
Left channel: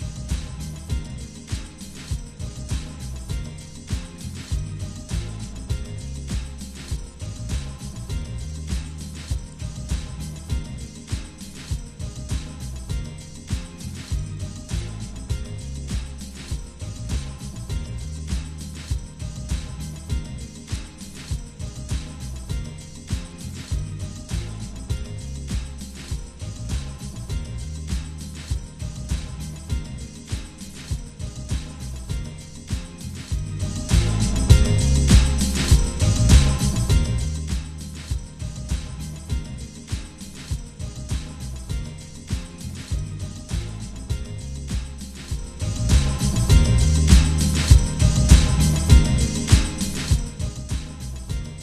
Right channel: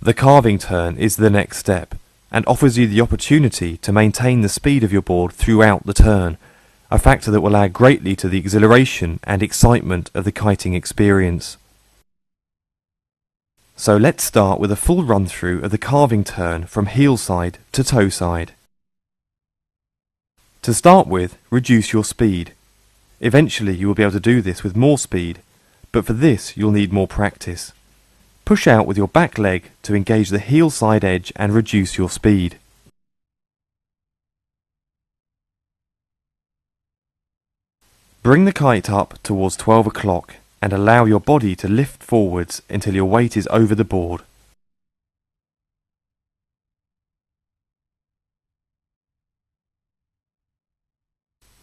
The carving turn is the next step and offers you the opportunity to maintain the speed of your board throughout the turn, a factor that will add greatly to the exhilaration and excitement of the kiting experience. So let's start with a full run through of the carving turn from heel side to toe side. To start with, reduce your speed. Eventually you will be able to do this with more speed, but for this you'll need more practice. Push out with your back leg to engage the heel side edge and reduce your speed. Bring the kite up towards 12 o'clock and allow your body to lift forwards until your weight is over the board.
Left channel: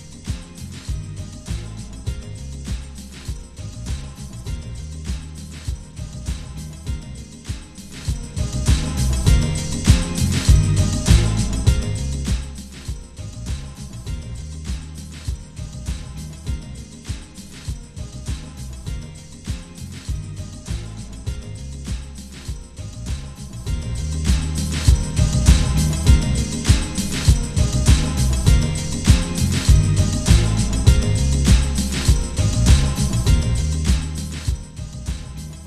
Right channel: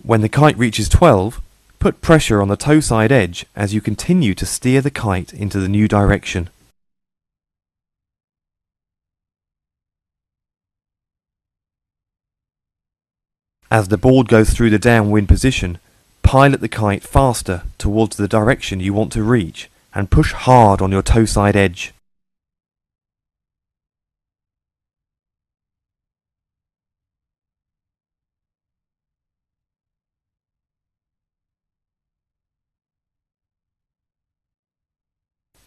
When the kite reaches 12, put pressure on the toe side edge as you continue to steer the kite into the new direction. As the board goes through the downwind position, pilot the kite faster towards the direction you want to reach and push hard on your toe side edge.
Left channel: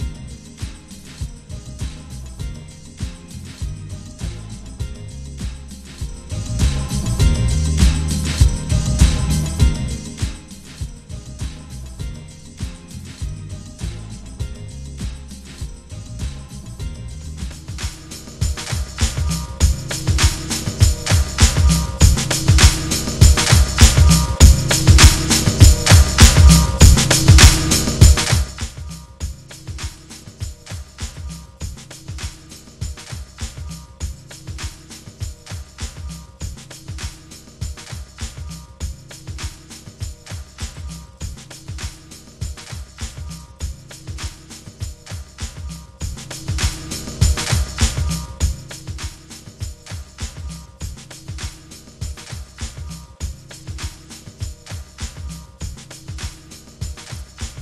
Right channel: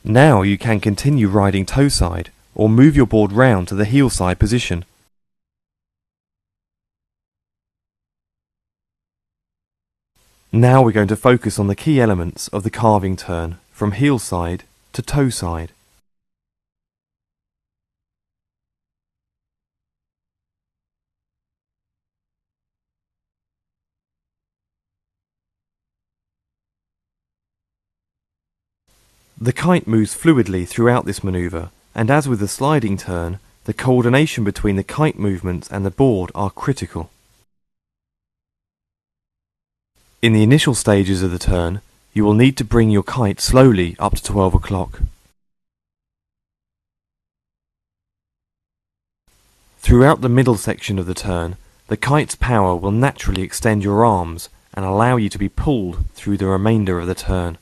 Now you can continue riding toe side or move your board round to the heel side position. Now we're going to focus on the key elements of the carving turn from heel side to toe side. The kite moves fluidly throughout this manoeuvre, and as with the sliding turn, the coordination between the kite movements and the board are critical. In the initial stages of the turn, you will need to bring your kite slowly up to 12 o'clock. Throughout the middle section of the turn, the kite's power will naturally extend your arms and allow you to be pulled through the remainder of the turn.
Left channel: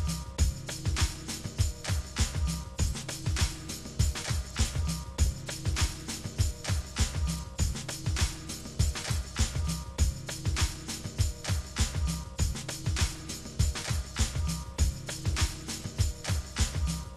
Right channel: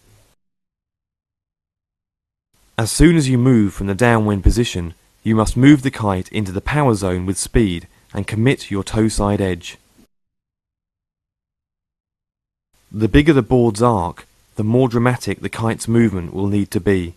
As soon as you move from the downwind position, you must move the kite into the power zone with speed and commit your toe side edge. The bigger the board's arc, the more dramatic the kite's movement will need to be.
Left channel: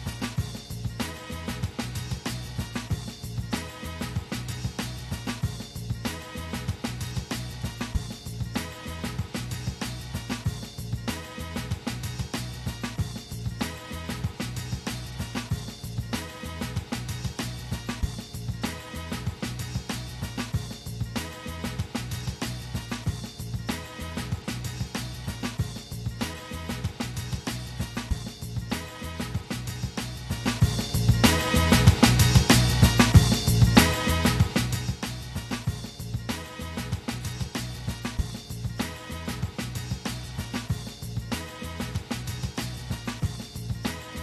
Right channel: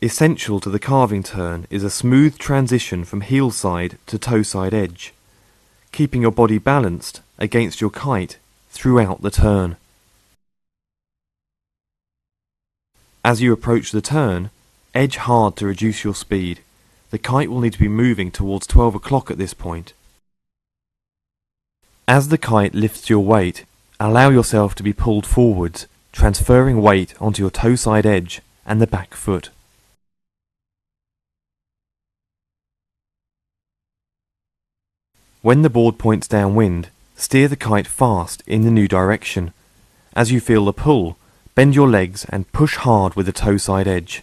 Essential to the carving turn is a smooth transition from heel side to toe side edge, keeping your body balanced against your kite throughout the turn. As you approach the turn, edge hard to reduce your speed. The kite will need to be moving towards 12 o'clock at this point. As the kite lifts your weight, allow yourself to be pulled forwards, transferring weight onto your toe side edge and the back foot. When the board points downwind, steer the kite fast in the new direction. As you feel the pull, bend your legs and push hard with the toe side edge.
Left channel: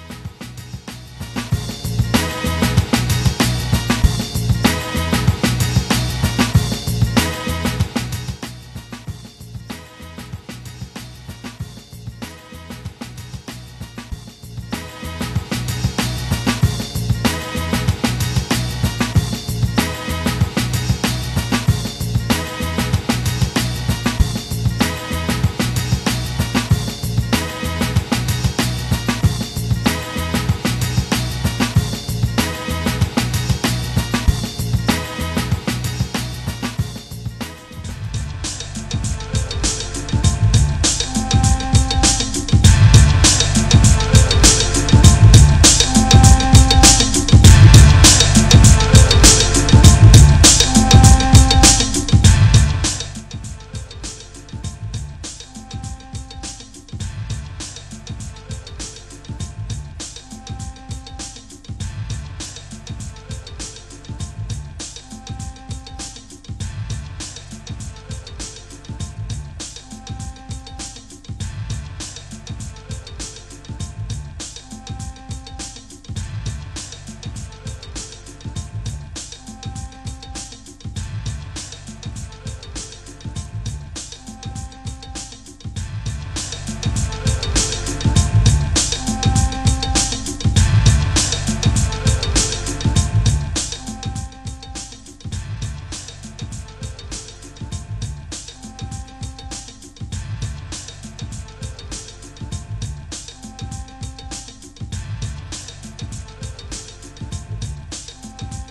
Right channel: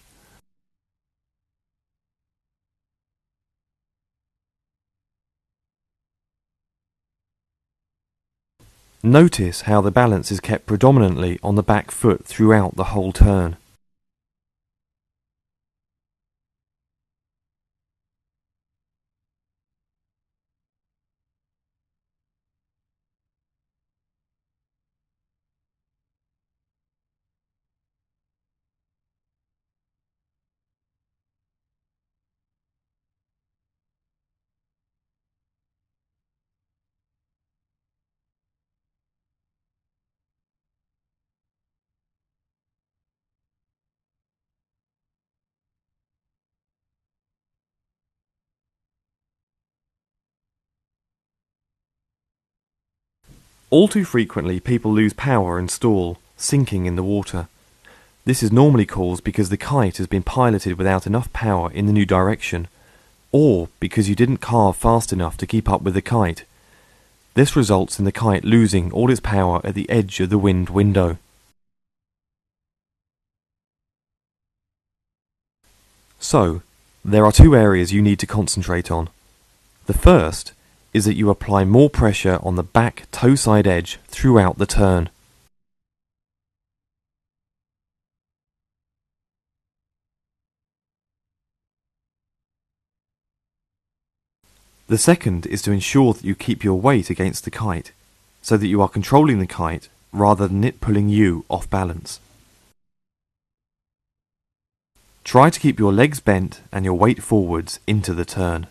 Notice how the balance is kept predominantly on the back foot throughout the whole turn. All too frequently, people lose power and stall, sinking in the water. This is normally caused because the kite has been piloted without enough power in the new direction, or because you didn't carve fast enough to keep up with the kite. This results in the kite losing all its power at the edge of the wind window. So, there are two areas you need to concentrate on. The first is that you apply more pressure on the back toe side edge throughout the turn. The second is to ensure that you keep your weight against the kite, so that you are controlling the kite rather than it pulling you off balance. Try to keep your legs bent and your weight forwards into the turn.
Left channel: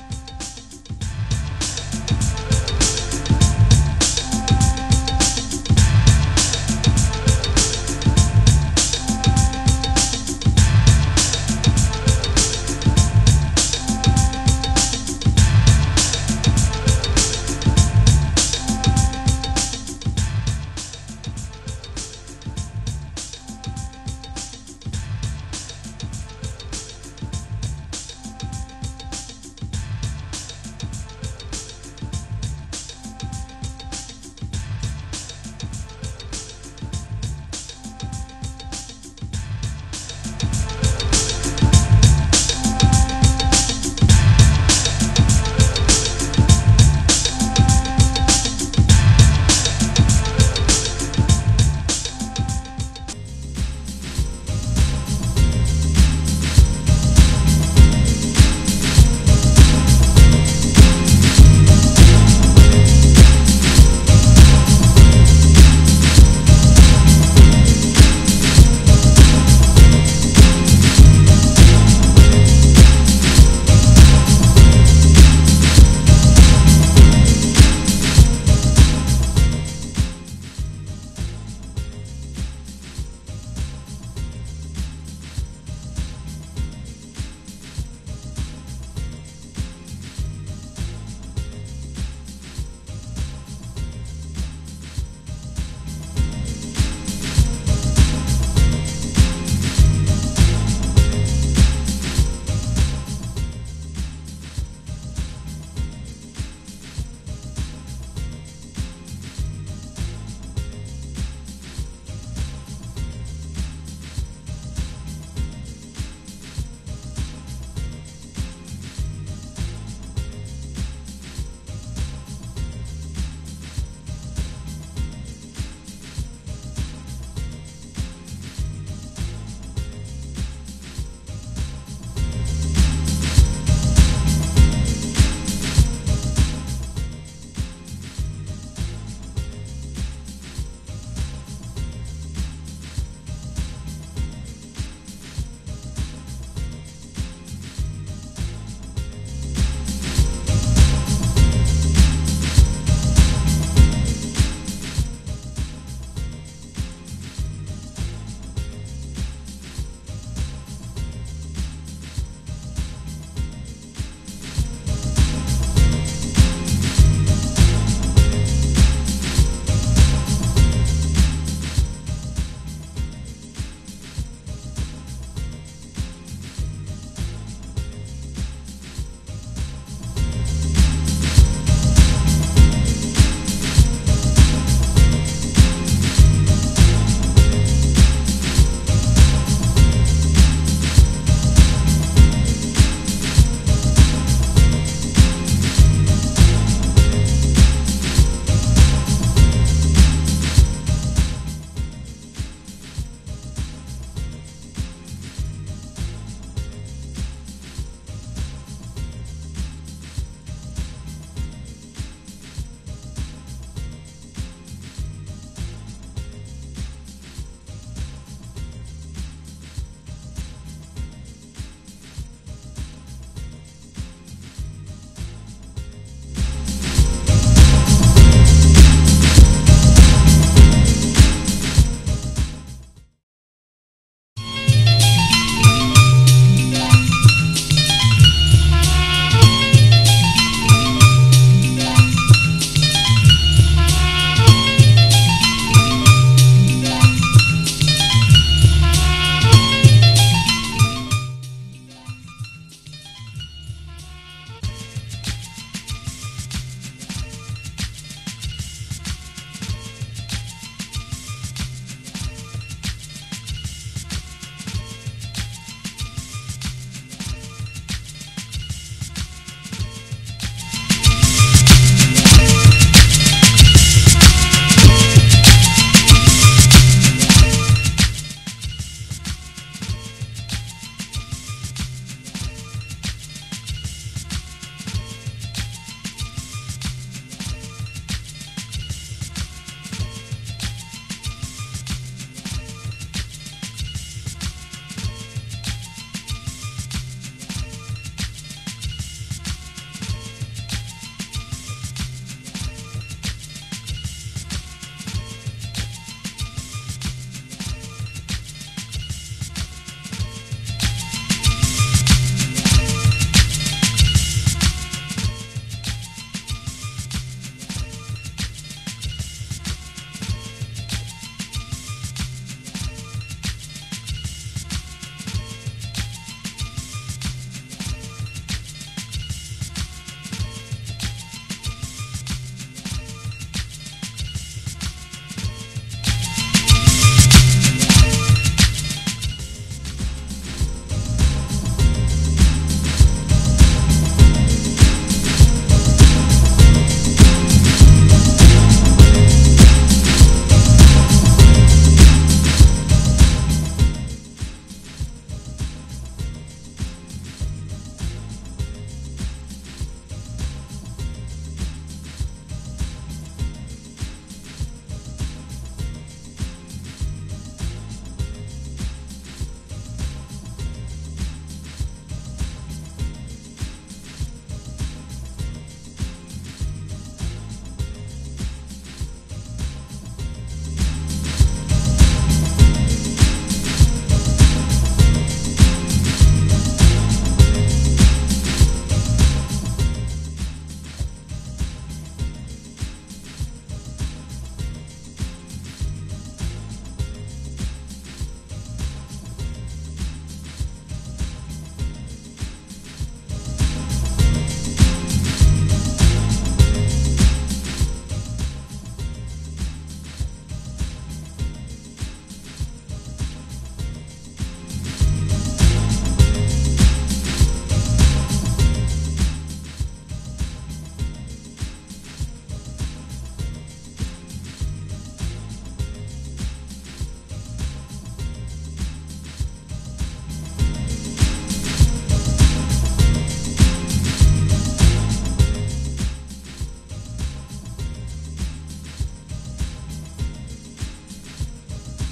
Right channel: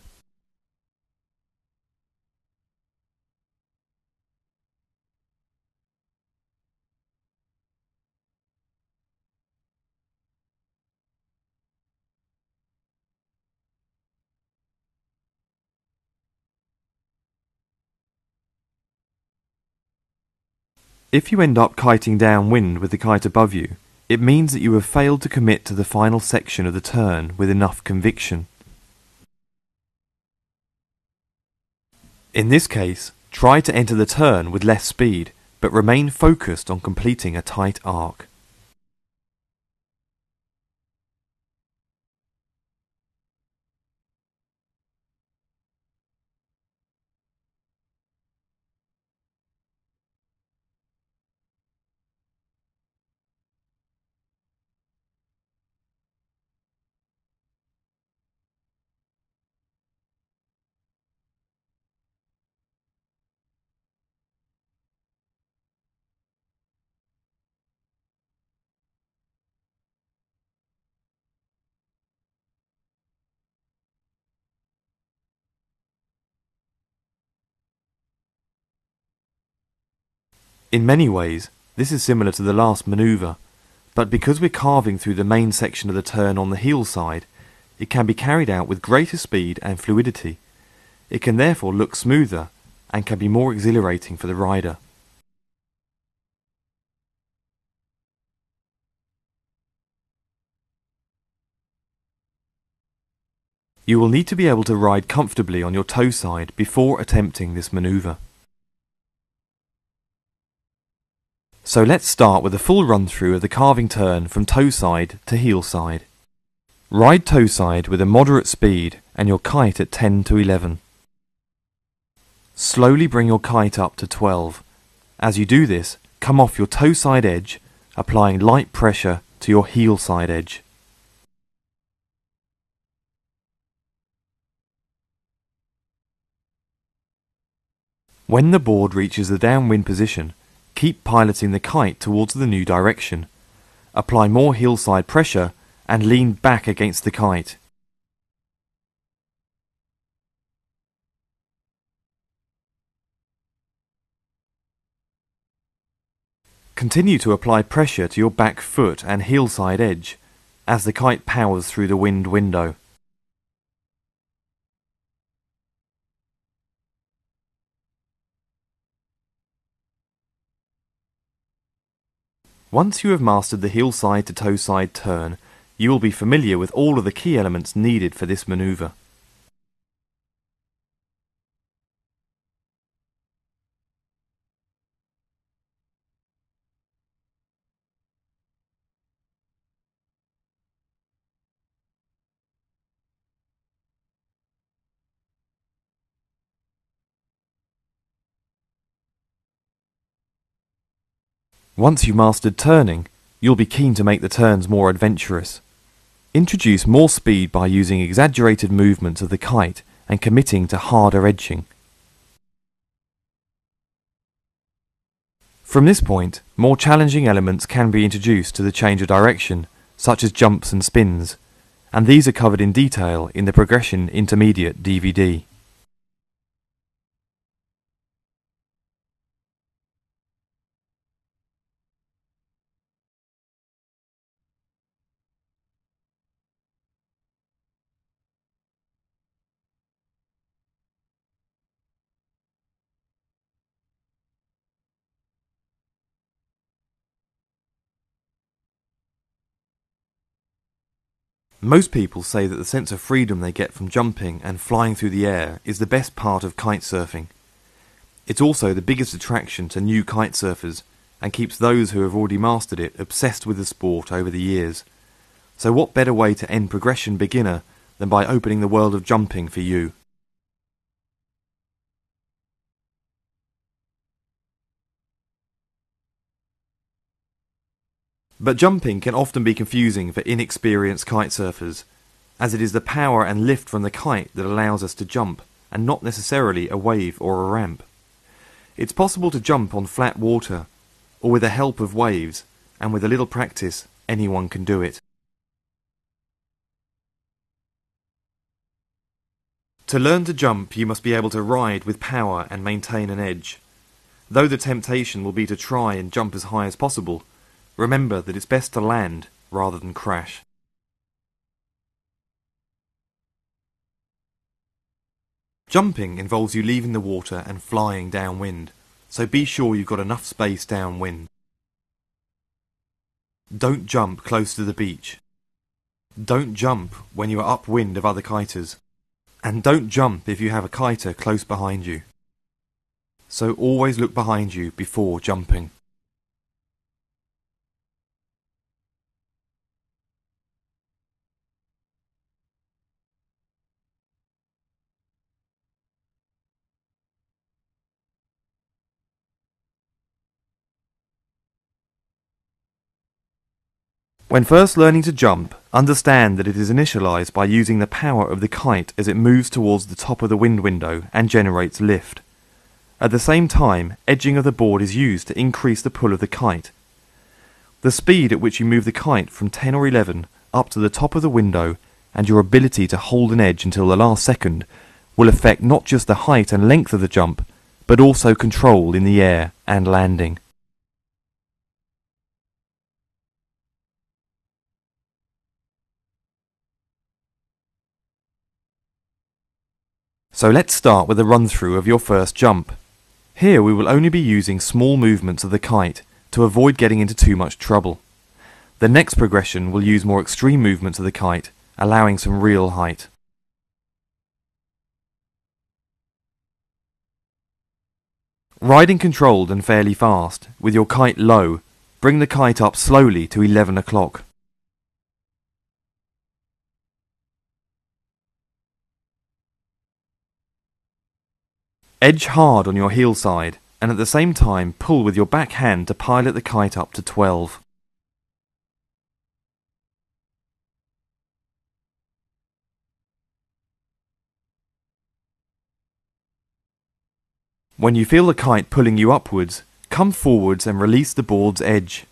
If you end up kiting downwind with the kite above you, it means that you have failed to commit to the final section of the turn with enough conviction. In this case, try to enter the turn with less speed, but remain focused on completing a tight arc. In many ways, this is similar to the last manoeuvre, but because we're carving through the main section of the turn on the heel side, it can be carried out with greater speed and fluidity. It can therefore look smoother and can be more exhilarating for the rider. You will need to be able to ride comfortably on your toe side before attempting this manoeuvre. So let's start with a full run through of the carving turn from toe side to heel side. Ride toe side with a moderate speed and your kite at 10 to 11. Slowly bring your kite up to 12. As you do this, come off your toe side edge, applying light pressure to your heel side edge. When the board reaches the downwind position, keep piloting the kite towards the new direction. Apply more heel side pressure and lean back against the kite. Continue to apply pressure to your back foot and heel side edge as the kite powers through the wind window. Once you have mastered the heel side to toe side turn, you will be familiar with all of the key elements needed for this manoeuvre. Once you've mastered turning, you'll be keen to make the turns more adventurous. Introduce more speed by using exaggerated movements of the kite and committing to harder edging. From this point, more challenging elements can be introduced to the change of direction, such as jumps and spins, and these are covered in detail in the Progression Intermediate DVD. Most people say that the sense of freedom they get from jumping and flying through the air is the best part of kite surfing. It's also the biggest attraction to new kite surfers and keeps those who have already mastered it obsessed with the sport over the years. So what better way to end progression beginner than by opening the world of jumping for you? But jumping can often be confusing for inexperienced kite surfers, as it is the power and lift from the kite that allows us to jump, and not necessarily a wave or a ramp. It's possible to jump on flat water, or with the help of waves, and with a little practice, anyone can do it. To learn to jump, you must be able to ride with power and maintain an edge. Though the temptation will be to try and jump as high as possible, remember that it's best to land rather than crash. Jumping involves you leaving the water and flying downwind, so be sure you've got enough space downwind. Don't jump close to the beach. Don't jump when you are upwind of other kiters. And don't jump if you have a kiter close behind you. So always look behind you before jumping. When first learning to jump, understand that it is initialized by using the power of the kite as it moves towards the top of the wind window and generates lift. At the same time, edging of the board is used to increase the pull of the kite. The speed at which you move the kite from 10 or 11 up to the top of the window and your ability to hold an edge until the last second will affect not just the height and length of the jump, but also control in the air and landing. So let's start with a run-through of your first jump. Here we will only be using small movements of the kite to avoid getting into too much trouble. The next progression will use more extreme movements of the kite, allowing some real height. Riding controlled and fairly fast, with your kite low, bring the kite up slowly to 11 o'clock. Edge hard on your heel side, and at the same time pull with your back hand to pilot the kite up to 12. When you feel the kite pulling you upwards, come forwards and release the board's edge.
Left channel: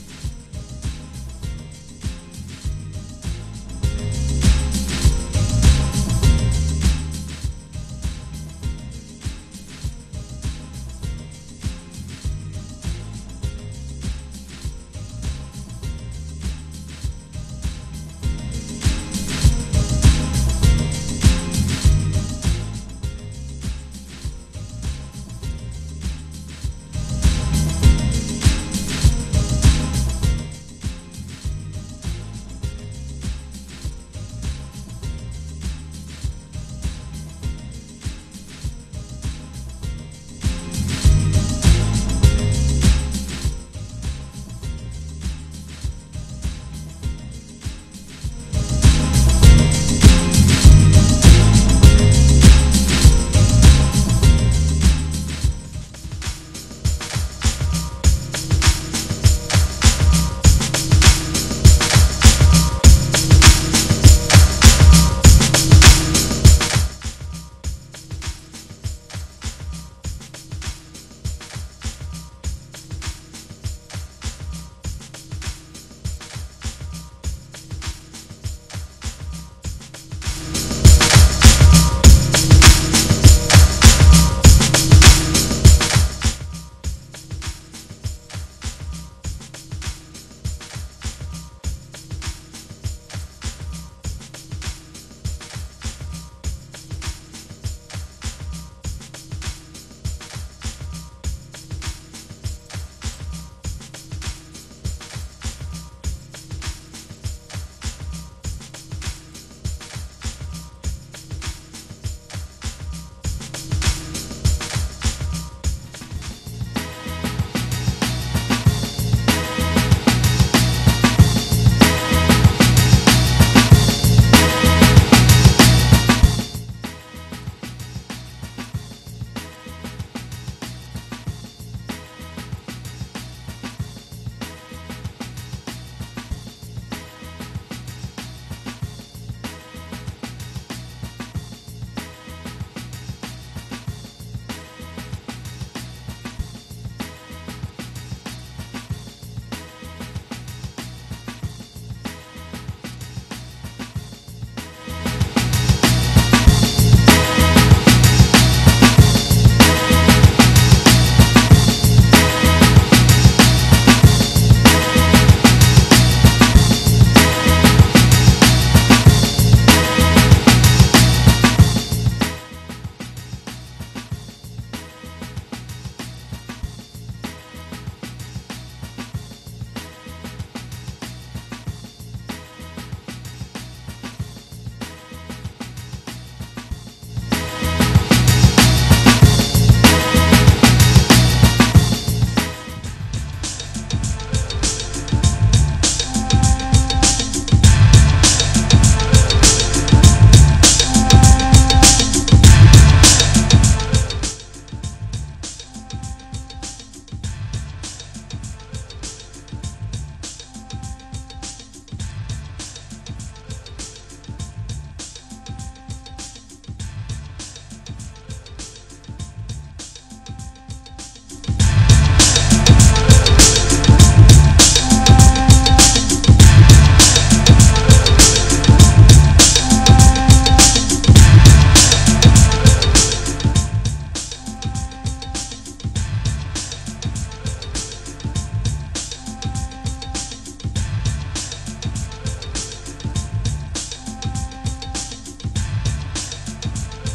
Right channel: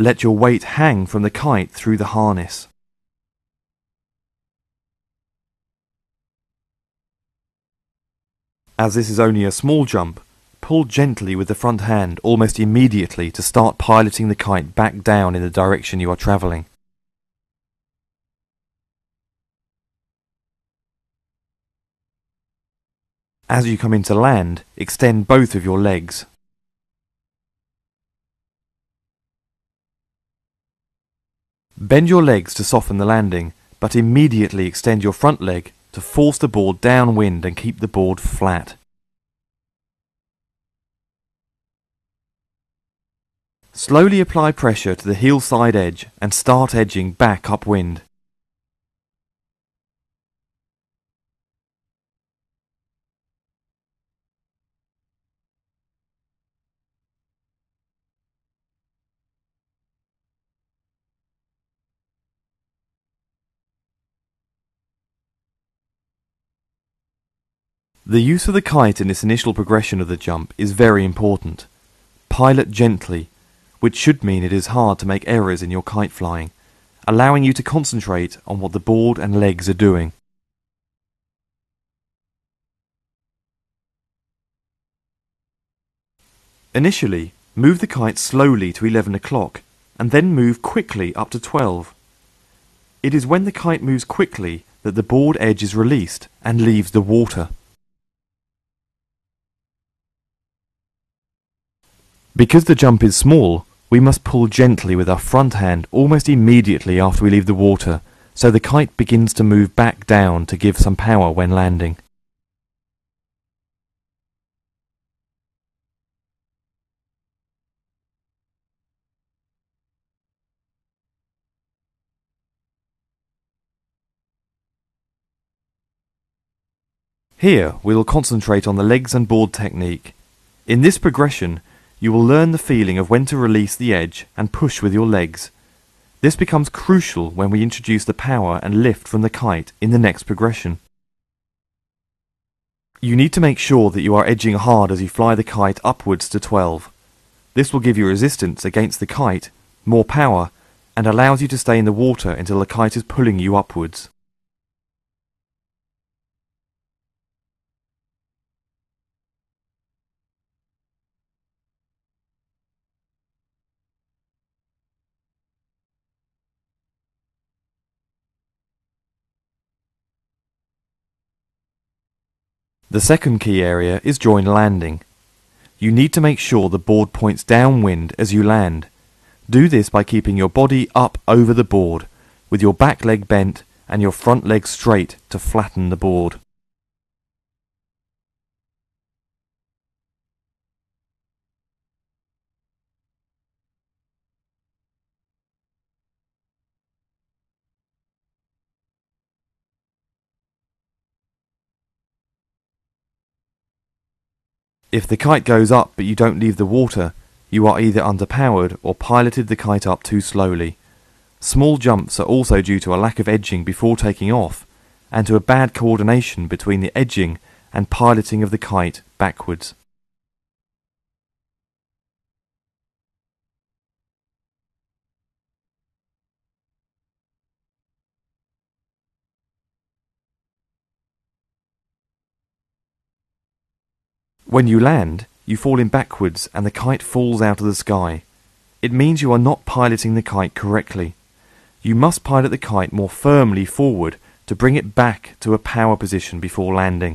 Let your weight hang from the kite through the harness. As this is only a small jump, pull gently with the front hand almost immediately to start piloting the kite back down in the direction you are travelling. As you come into land, extend both of your legs. Bend your legs to soften the landing, but immediately extend your front leg to force the board downwind and keep the board flat. Slowly apply pressure to the heel side edge and start edging back upwind. The use of the kite in this initial progression of the jump is very important. Pilot gently, which should mean it is hard to make errors in your kite flying, allowing you to concentrate on what the board and legs are doing. Initially, move the kite slowly to 11 o'clock and then move quickly up to 12. It is when the kite moves quickly that the board edge is released and leaves the water. Because the jump is small, we must pull gently with our front hand almost immediately after we leave the water, so the kite begins to move back down to give some power when landing. Here, we will concentrate on the legs and board technique. In this progression, you will learn the feeling of when to release the edge and push with your legs. This becomes crucial when we introduce the power and lift from the kite in the next progression. You need to make sure that you are edging hard as you fly the kite upwards to 12. This will give you resistance against the kite, more power, and allows you to stay in the water until the kite is pulling you upwards. The second key area is join landing. You need to make sure the board points downwind as you land. Do this by keeping your body up over the board, with your back leg bent and your front leg straight to flatten the board. If the kite goes up but you don't leave the water, you are either underpowered or piloted the kite up too slowly. Small jumps are also due to a lack of edging before taking off, and to a bad coordination between the edging and piloting of the kite backwards. When you land, you fall in backwards and the kite falls out of the sky. It means you are not piloting the kite correctly. You must pilot the kite more firmly forward to bring it back to a power position before landing.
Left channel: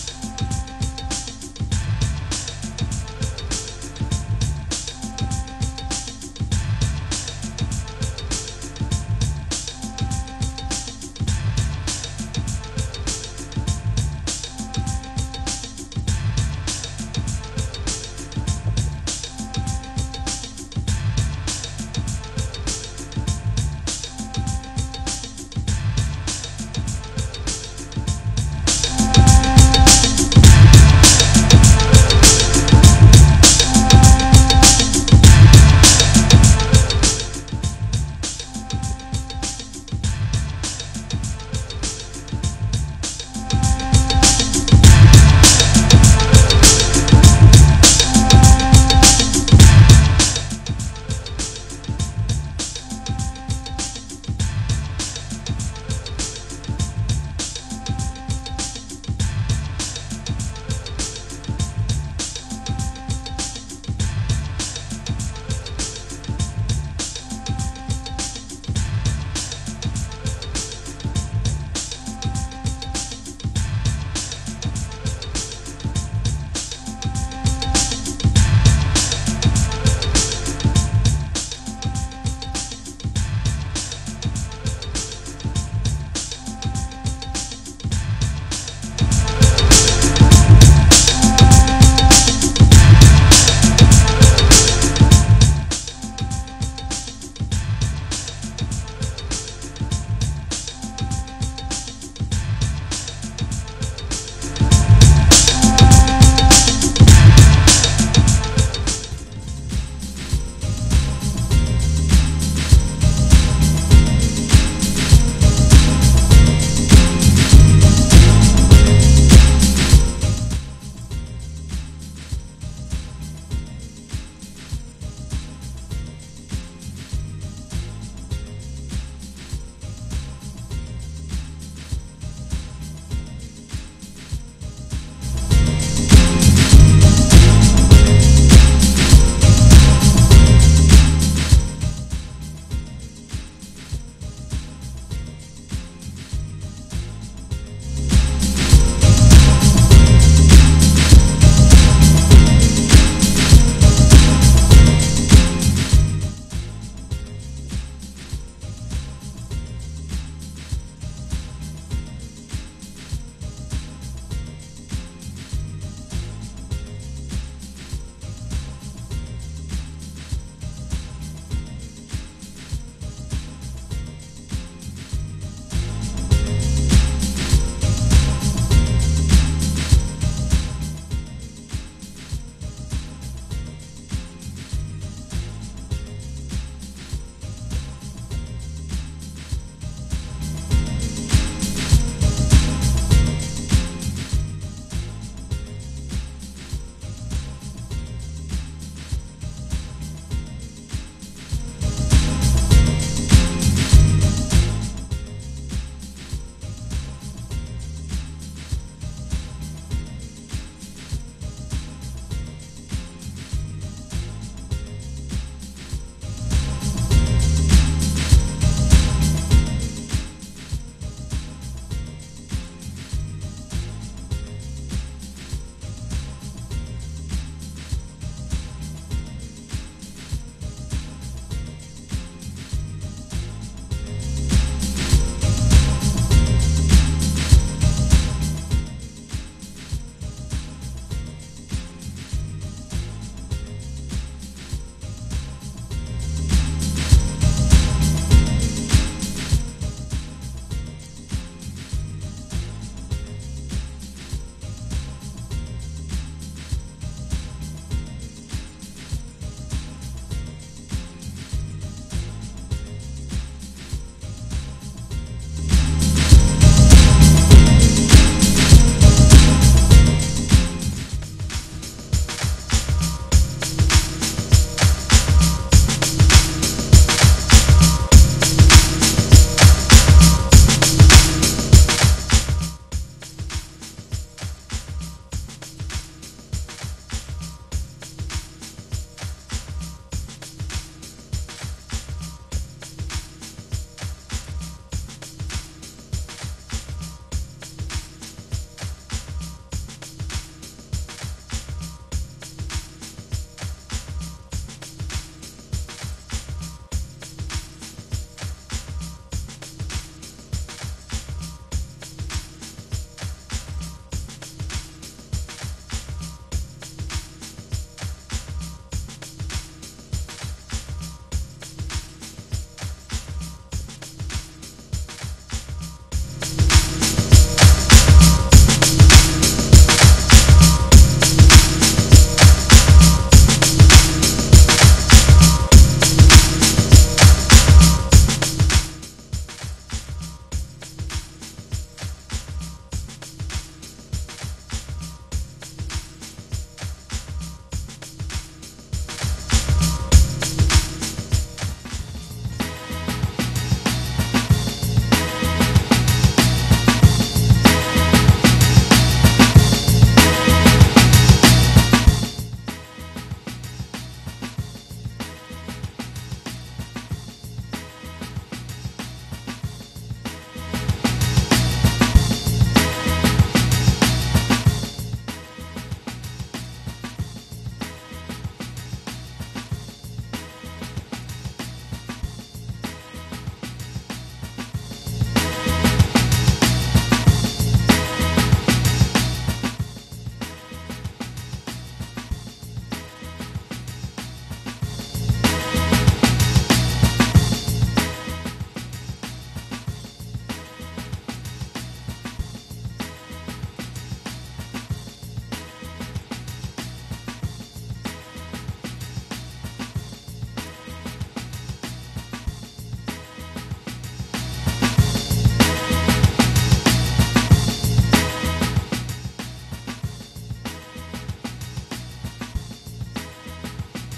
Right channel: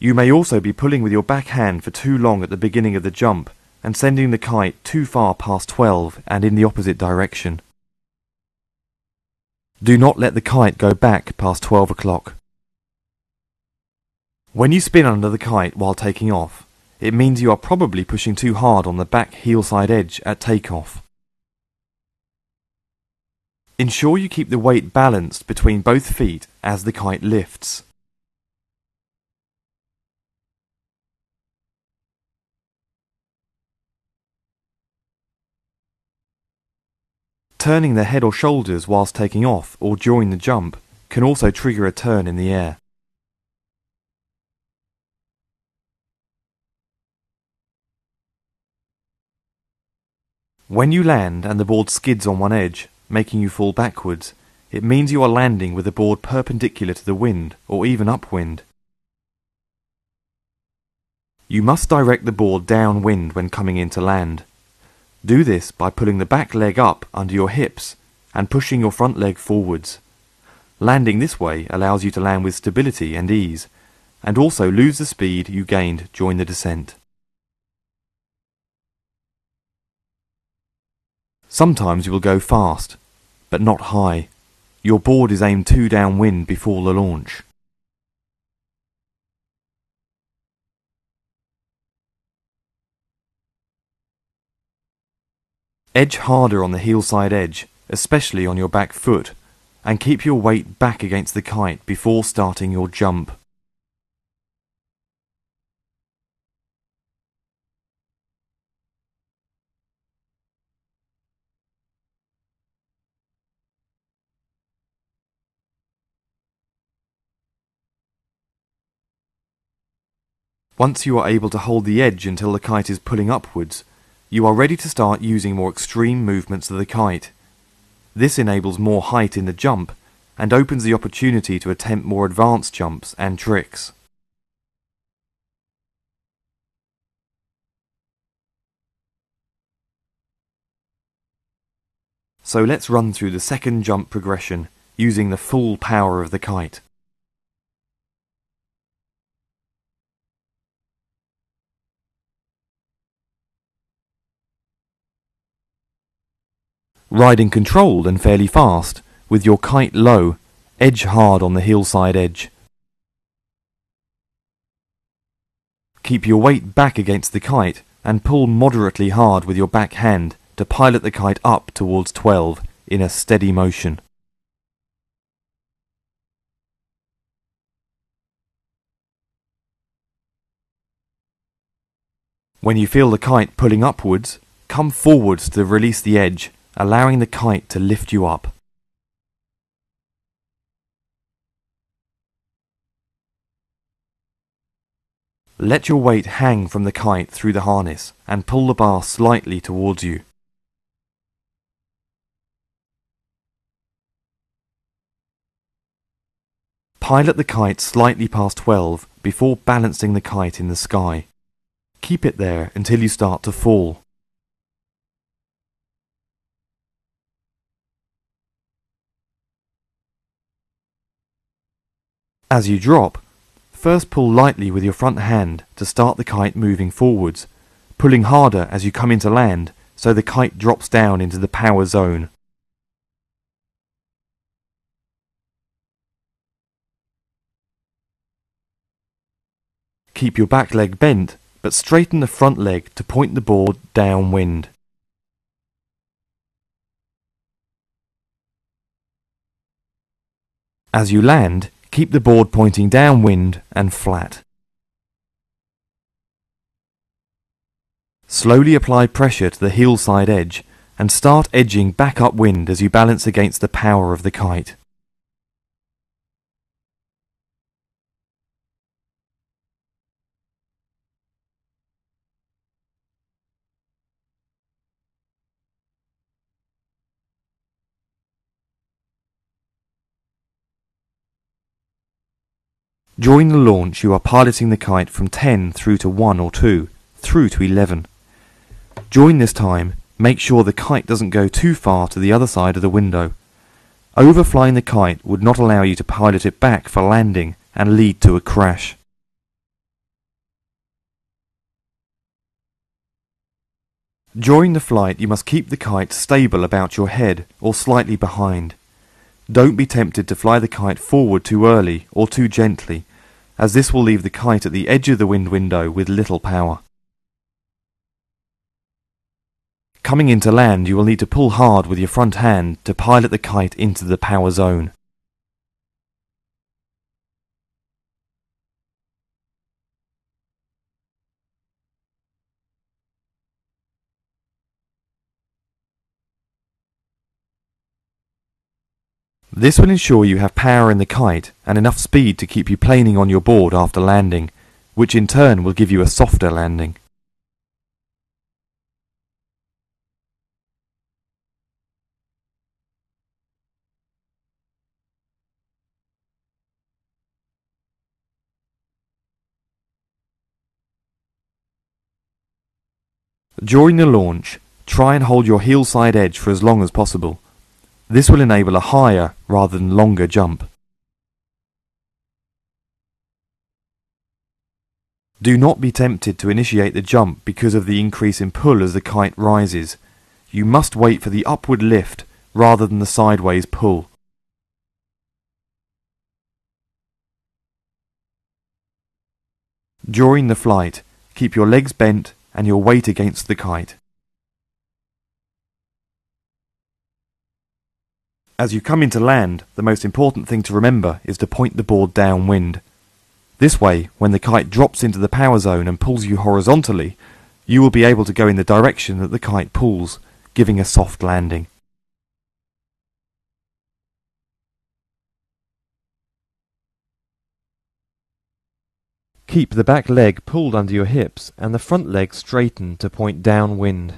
You may also be pulling with your back hand for too long at the beginning of the jump and sending the kite too far past 12 and in the opposite direction. Do not let the kite go back past 12 o'clock. When you spin under the kite while taking off, it means you are probably pushing too hard on the back heel side edge at takeoff. Ensure you keep the weight balanced between both feet as the kite lifts. Turning the head or shoulders whilst taking off or during the jump can also trigger a turn in the air. When you land and the board skids on one edge, making you fall backwards, it means you are landing with the board perpendicular to the wind or even upwind. You must direct the board downwind when coming in to land. Do this by pulling the back leg up under your hips and pushing your front leg forwards. Landing this way allows you to land with stability and ease, and also lose the speed you gained during the descent. Sometimes you will go fast, but not high. Your board is aimed too downwind before the launch. Edge harder on the heel side edge, especially on your back foot, and keep your weight back against the kite before starting your jump. Once you are able to hold the edge until the kite is pulling upwards, you are ready to start using more extreme movements of the kite. This enables more height in the jump and opens the opportunity to attempt more advanced jumps and tricks. So let's run through the second jump progression using the full power of the kite. Riding controlled and fairly fast, with your kite low, edge hard on the hillside edge. Keep your weight back against the kite and pull moderately hard with your back hand to pilot the kite up towards 12 in a steady motion. When you feel the kite pulling upwards, come forwards to release the edge, allowing the kite to lift you up. Let your weight hang from the kite through the harness and pull the bar slightly towards you. Pilot the kite slightly past 12 before balancing the kite in the sky. Keep it there until you start to fall. As you drop, first pull lightly with your front hand to start the kite moving forwards, pulling harder as you come into land so the kite drops down into the power zone. Keep your back leg bent, but straighten the front leg to point the board downwind. As you land, keep the board pointing downwind and flat. Slowly apply pressure to the hillside edge and start edging back upwind as you balance against the power of the kite. During the launch, you are piloting the kite from 10 through to 1 or 2, through to 11. During this time, make sure the kite doesn't go too far to the other side of the window. Overflying the kite would not allow you to pilot it back for landing and lead to a crash. During the flight, you must keep the kite stable about your head or slightly behind. Don't be tempted to fly the kite forward too early or too gently, as this will leave the kite at the edge of the wind window with little power. Coming into land, you will need to pull hard with your front hand to pilot the kite into the power zone. This will ensure you have power in the kite and enough speed to keep you planing on your board after landing, which in turn will give you a softer landing. During the launch, try and hold your hillside edge for as long as possible. This will enable a higher rather than longer jump. Do not be tempted to initiate the jump because of the increase in pull as the kite rises. You must wait for the upward lift rather than the sideways pull. During the flight, keep your legs bent and your weight against the kite. As you come into land, the most important thing to remember is to point the board downwind. This way, when the kite drops into the power zone and pulls you horizontally, you will be able to go in the direction that the kite pulls, giving a soft landing. Keep the back leg pulled under your hips and the front leg straightened to point downwind.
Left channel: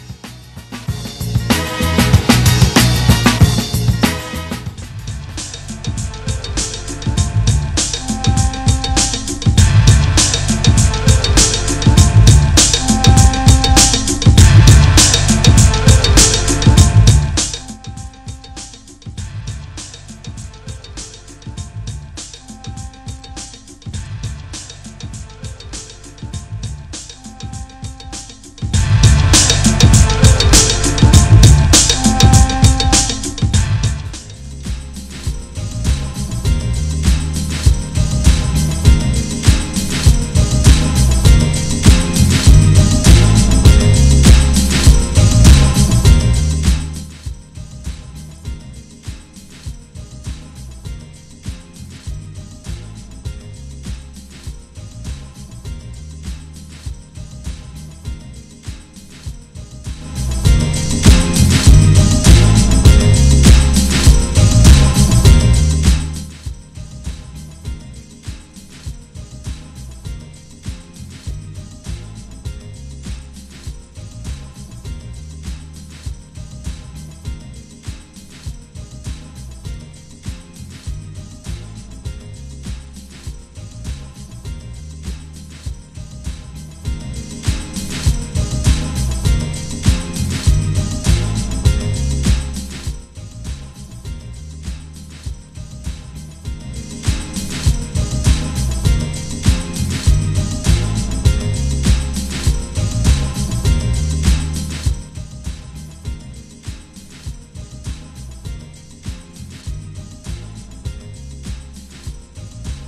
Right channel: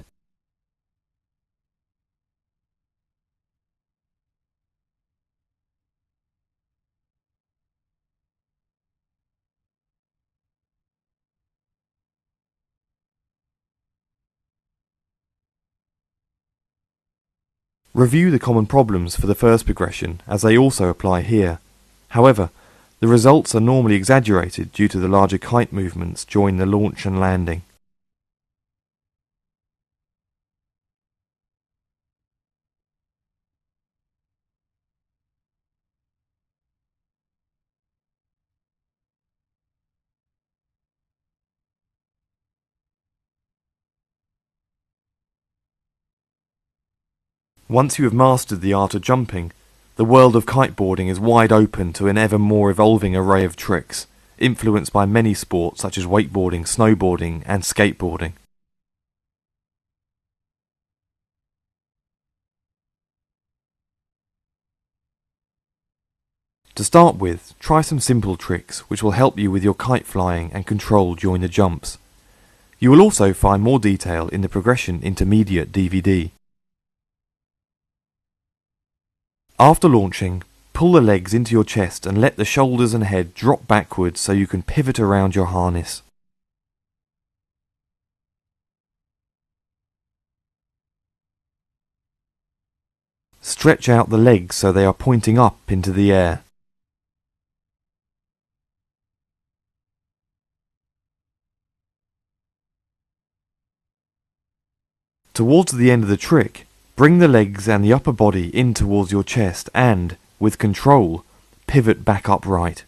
Review the common problems for the first progression, as they also apply here. However, the results are normally exaggerated due to the larger kite movements during the launch and landing. Once you have mastered the art of jumping, the world of kiteboarding is wide open to an ever more evolving array of tricks, influenced by many sports such as wakeboarding, snowboarding and skateboarding. To start with, try some simple tricks which will help you with your kite flying and control during the jumps. You will also find more detail in the Progression Intermediate DVD. After launching, pull the legs into your chest and let the shoulders and head drop backwards so you can pivot around your harness. Stretch out the legs so they are pointing up into the air. Towards the end of the trick, bring the legs and the upper body in towards your chest and, with control, pivot back upright.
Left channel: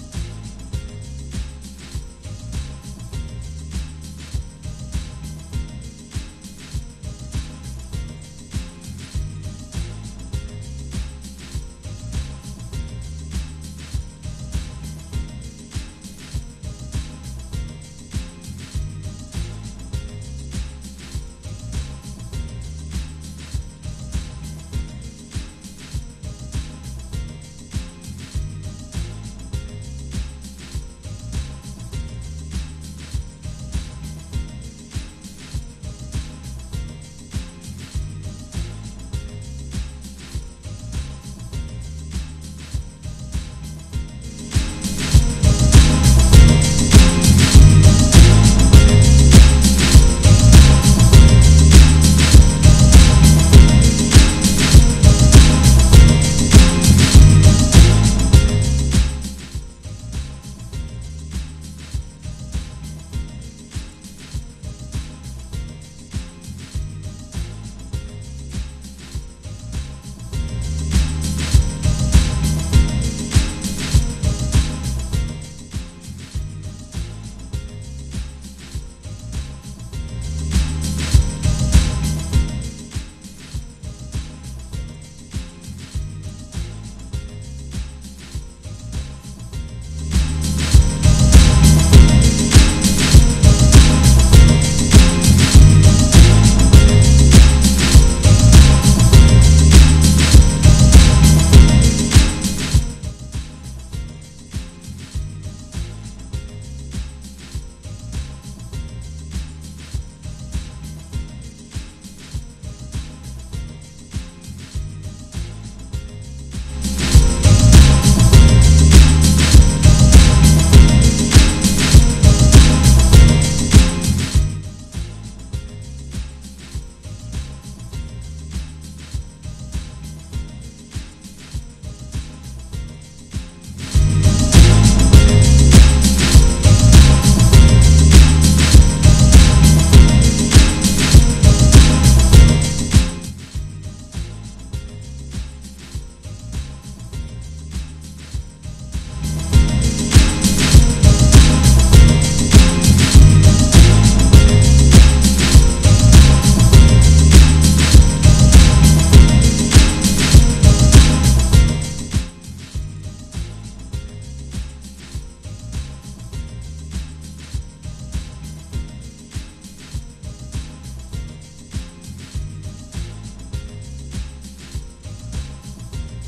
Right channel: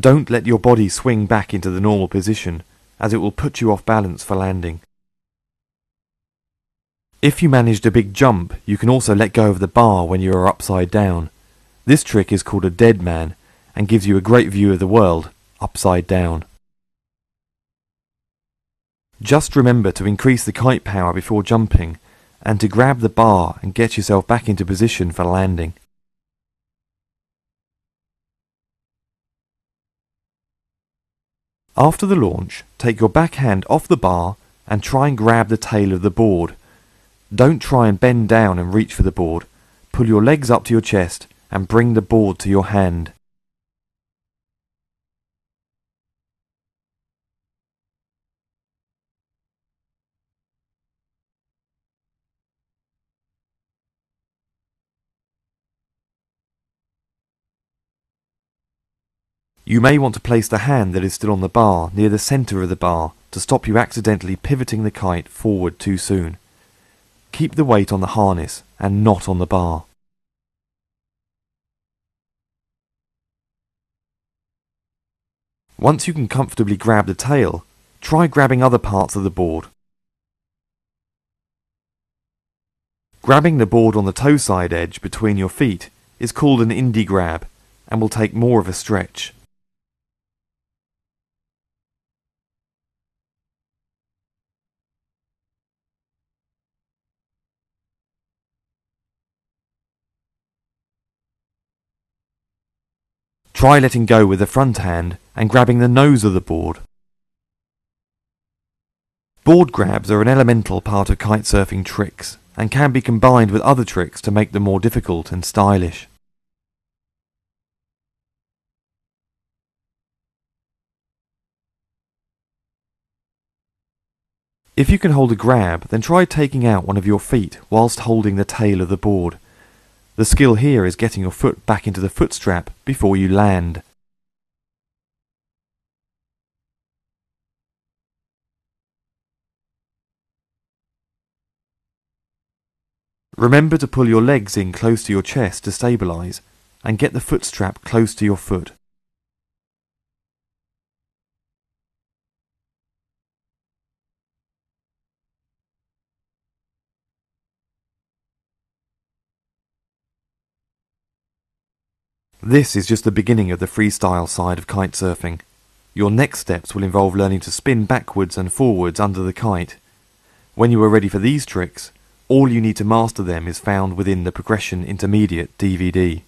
Don't let your body swing back into the normal position, as it will put you off balance for landing. If you managed a big jump, you can also let go of the bar when you are upside down. This trick is called a dead man and gives you a great view of the world, upside down. Just remember to increase the kite power before jumping and to grab the bar and get yourself back into position for landing. After the launch, take your backhand off the bar and try and grab the tail of the board. Don't try and bend down and reach for the board. Pull your legs up to your chest and bring the board to your hand. You may want to place the hand that is still on the bar near the centre of the bar to stop you accidentally pivoting the kite forward too soon. Keep the weight on the harness and not on the bar. Once you can comfortably grab the tail, try grabbing other parts of the board. Grabbing the board on the toe side edge between your feet is called an indie grab and will take more of a stretch. Try letting go with the front hand and grabbing the nose of the board. Board grabs are an elemental part of kitesurfing tricks and can be combined with other tricks to make them more difficult and stylish. If you can hold a grab, then try taking out one of your feet whilst holding the tail of the board. The skill here is getting your foot back into the foot strap before you land. Remember to pull your legs in close to your chest to stabilise and get the foot strap close to your foot. This is just the beginning of the freestyle side of kitesurfing. Your next steps will involve learning to spin backwards and forwards under the kite. When you are ready for these tricks, all you need to master them is found within the Progression Intermediate DVD.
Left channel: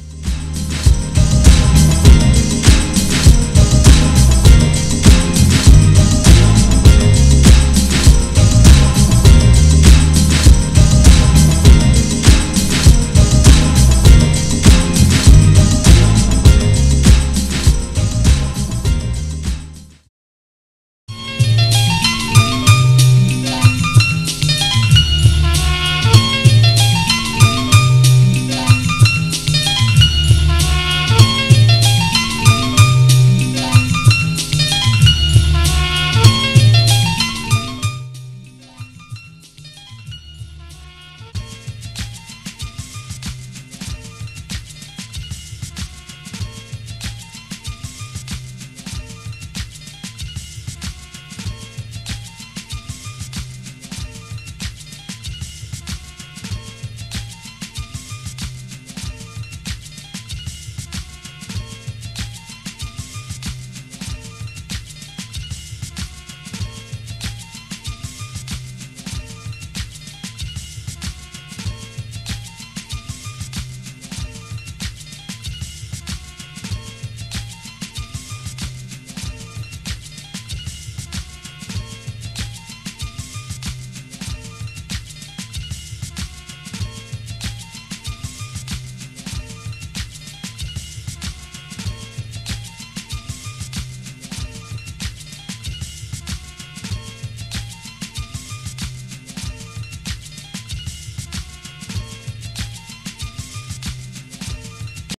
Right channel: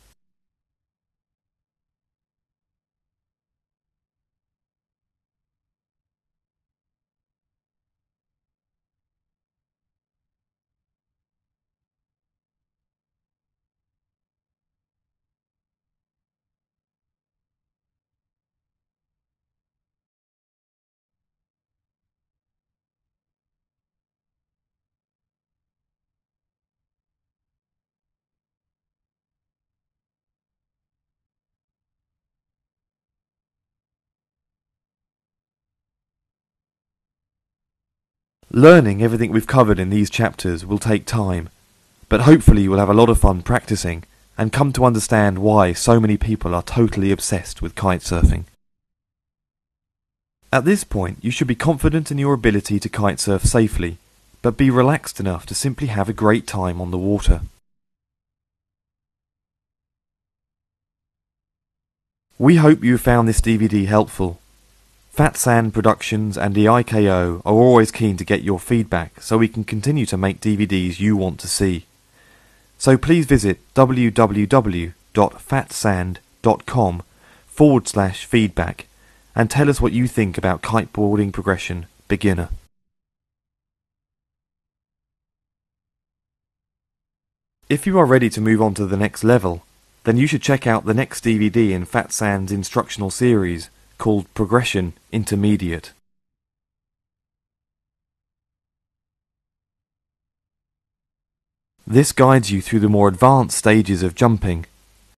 Learning everything we've covered in these chapters will take time, but hopefully you'll have a lot of fun practicing and come to understand why so many people are totally obsessed with kitesurfing. At this point, you should be confident in your ability to kitesurf safely, but be relaxed enough to simply have a great time on the water. We hope you found this DVD helpful. Fat Sand Productions and the IKO are always keen to get your feedback so we can continue to make DVDs you want to see. So please visit www.fatsand.com/feedback and tell us what you think about kiteboarding progression beginner. If you are ready to move on to the next level, then you should check out the next DVD in Fat Sand's instructional series called Progression Intermediate. This guides you through the more advanced stages of jumping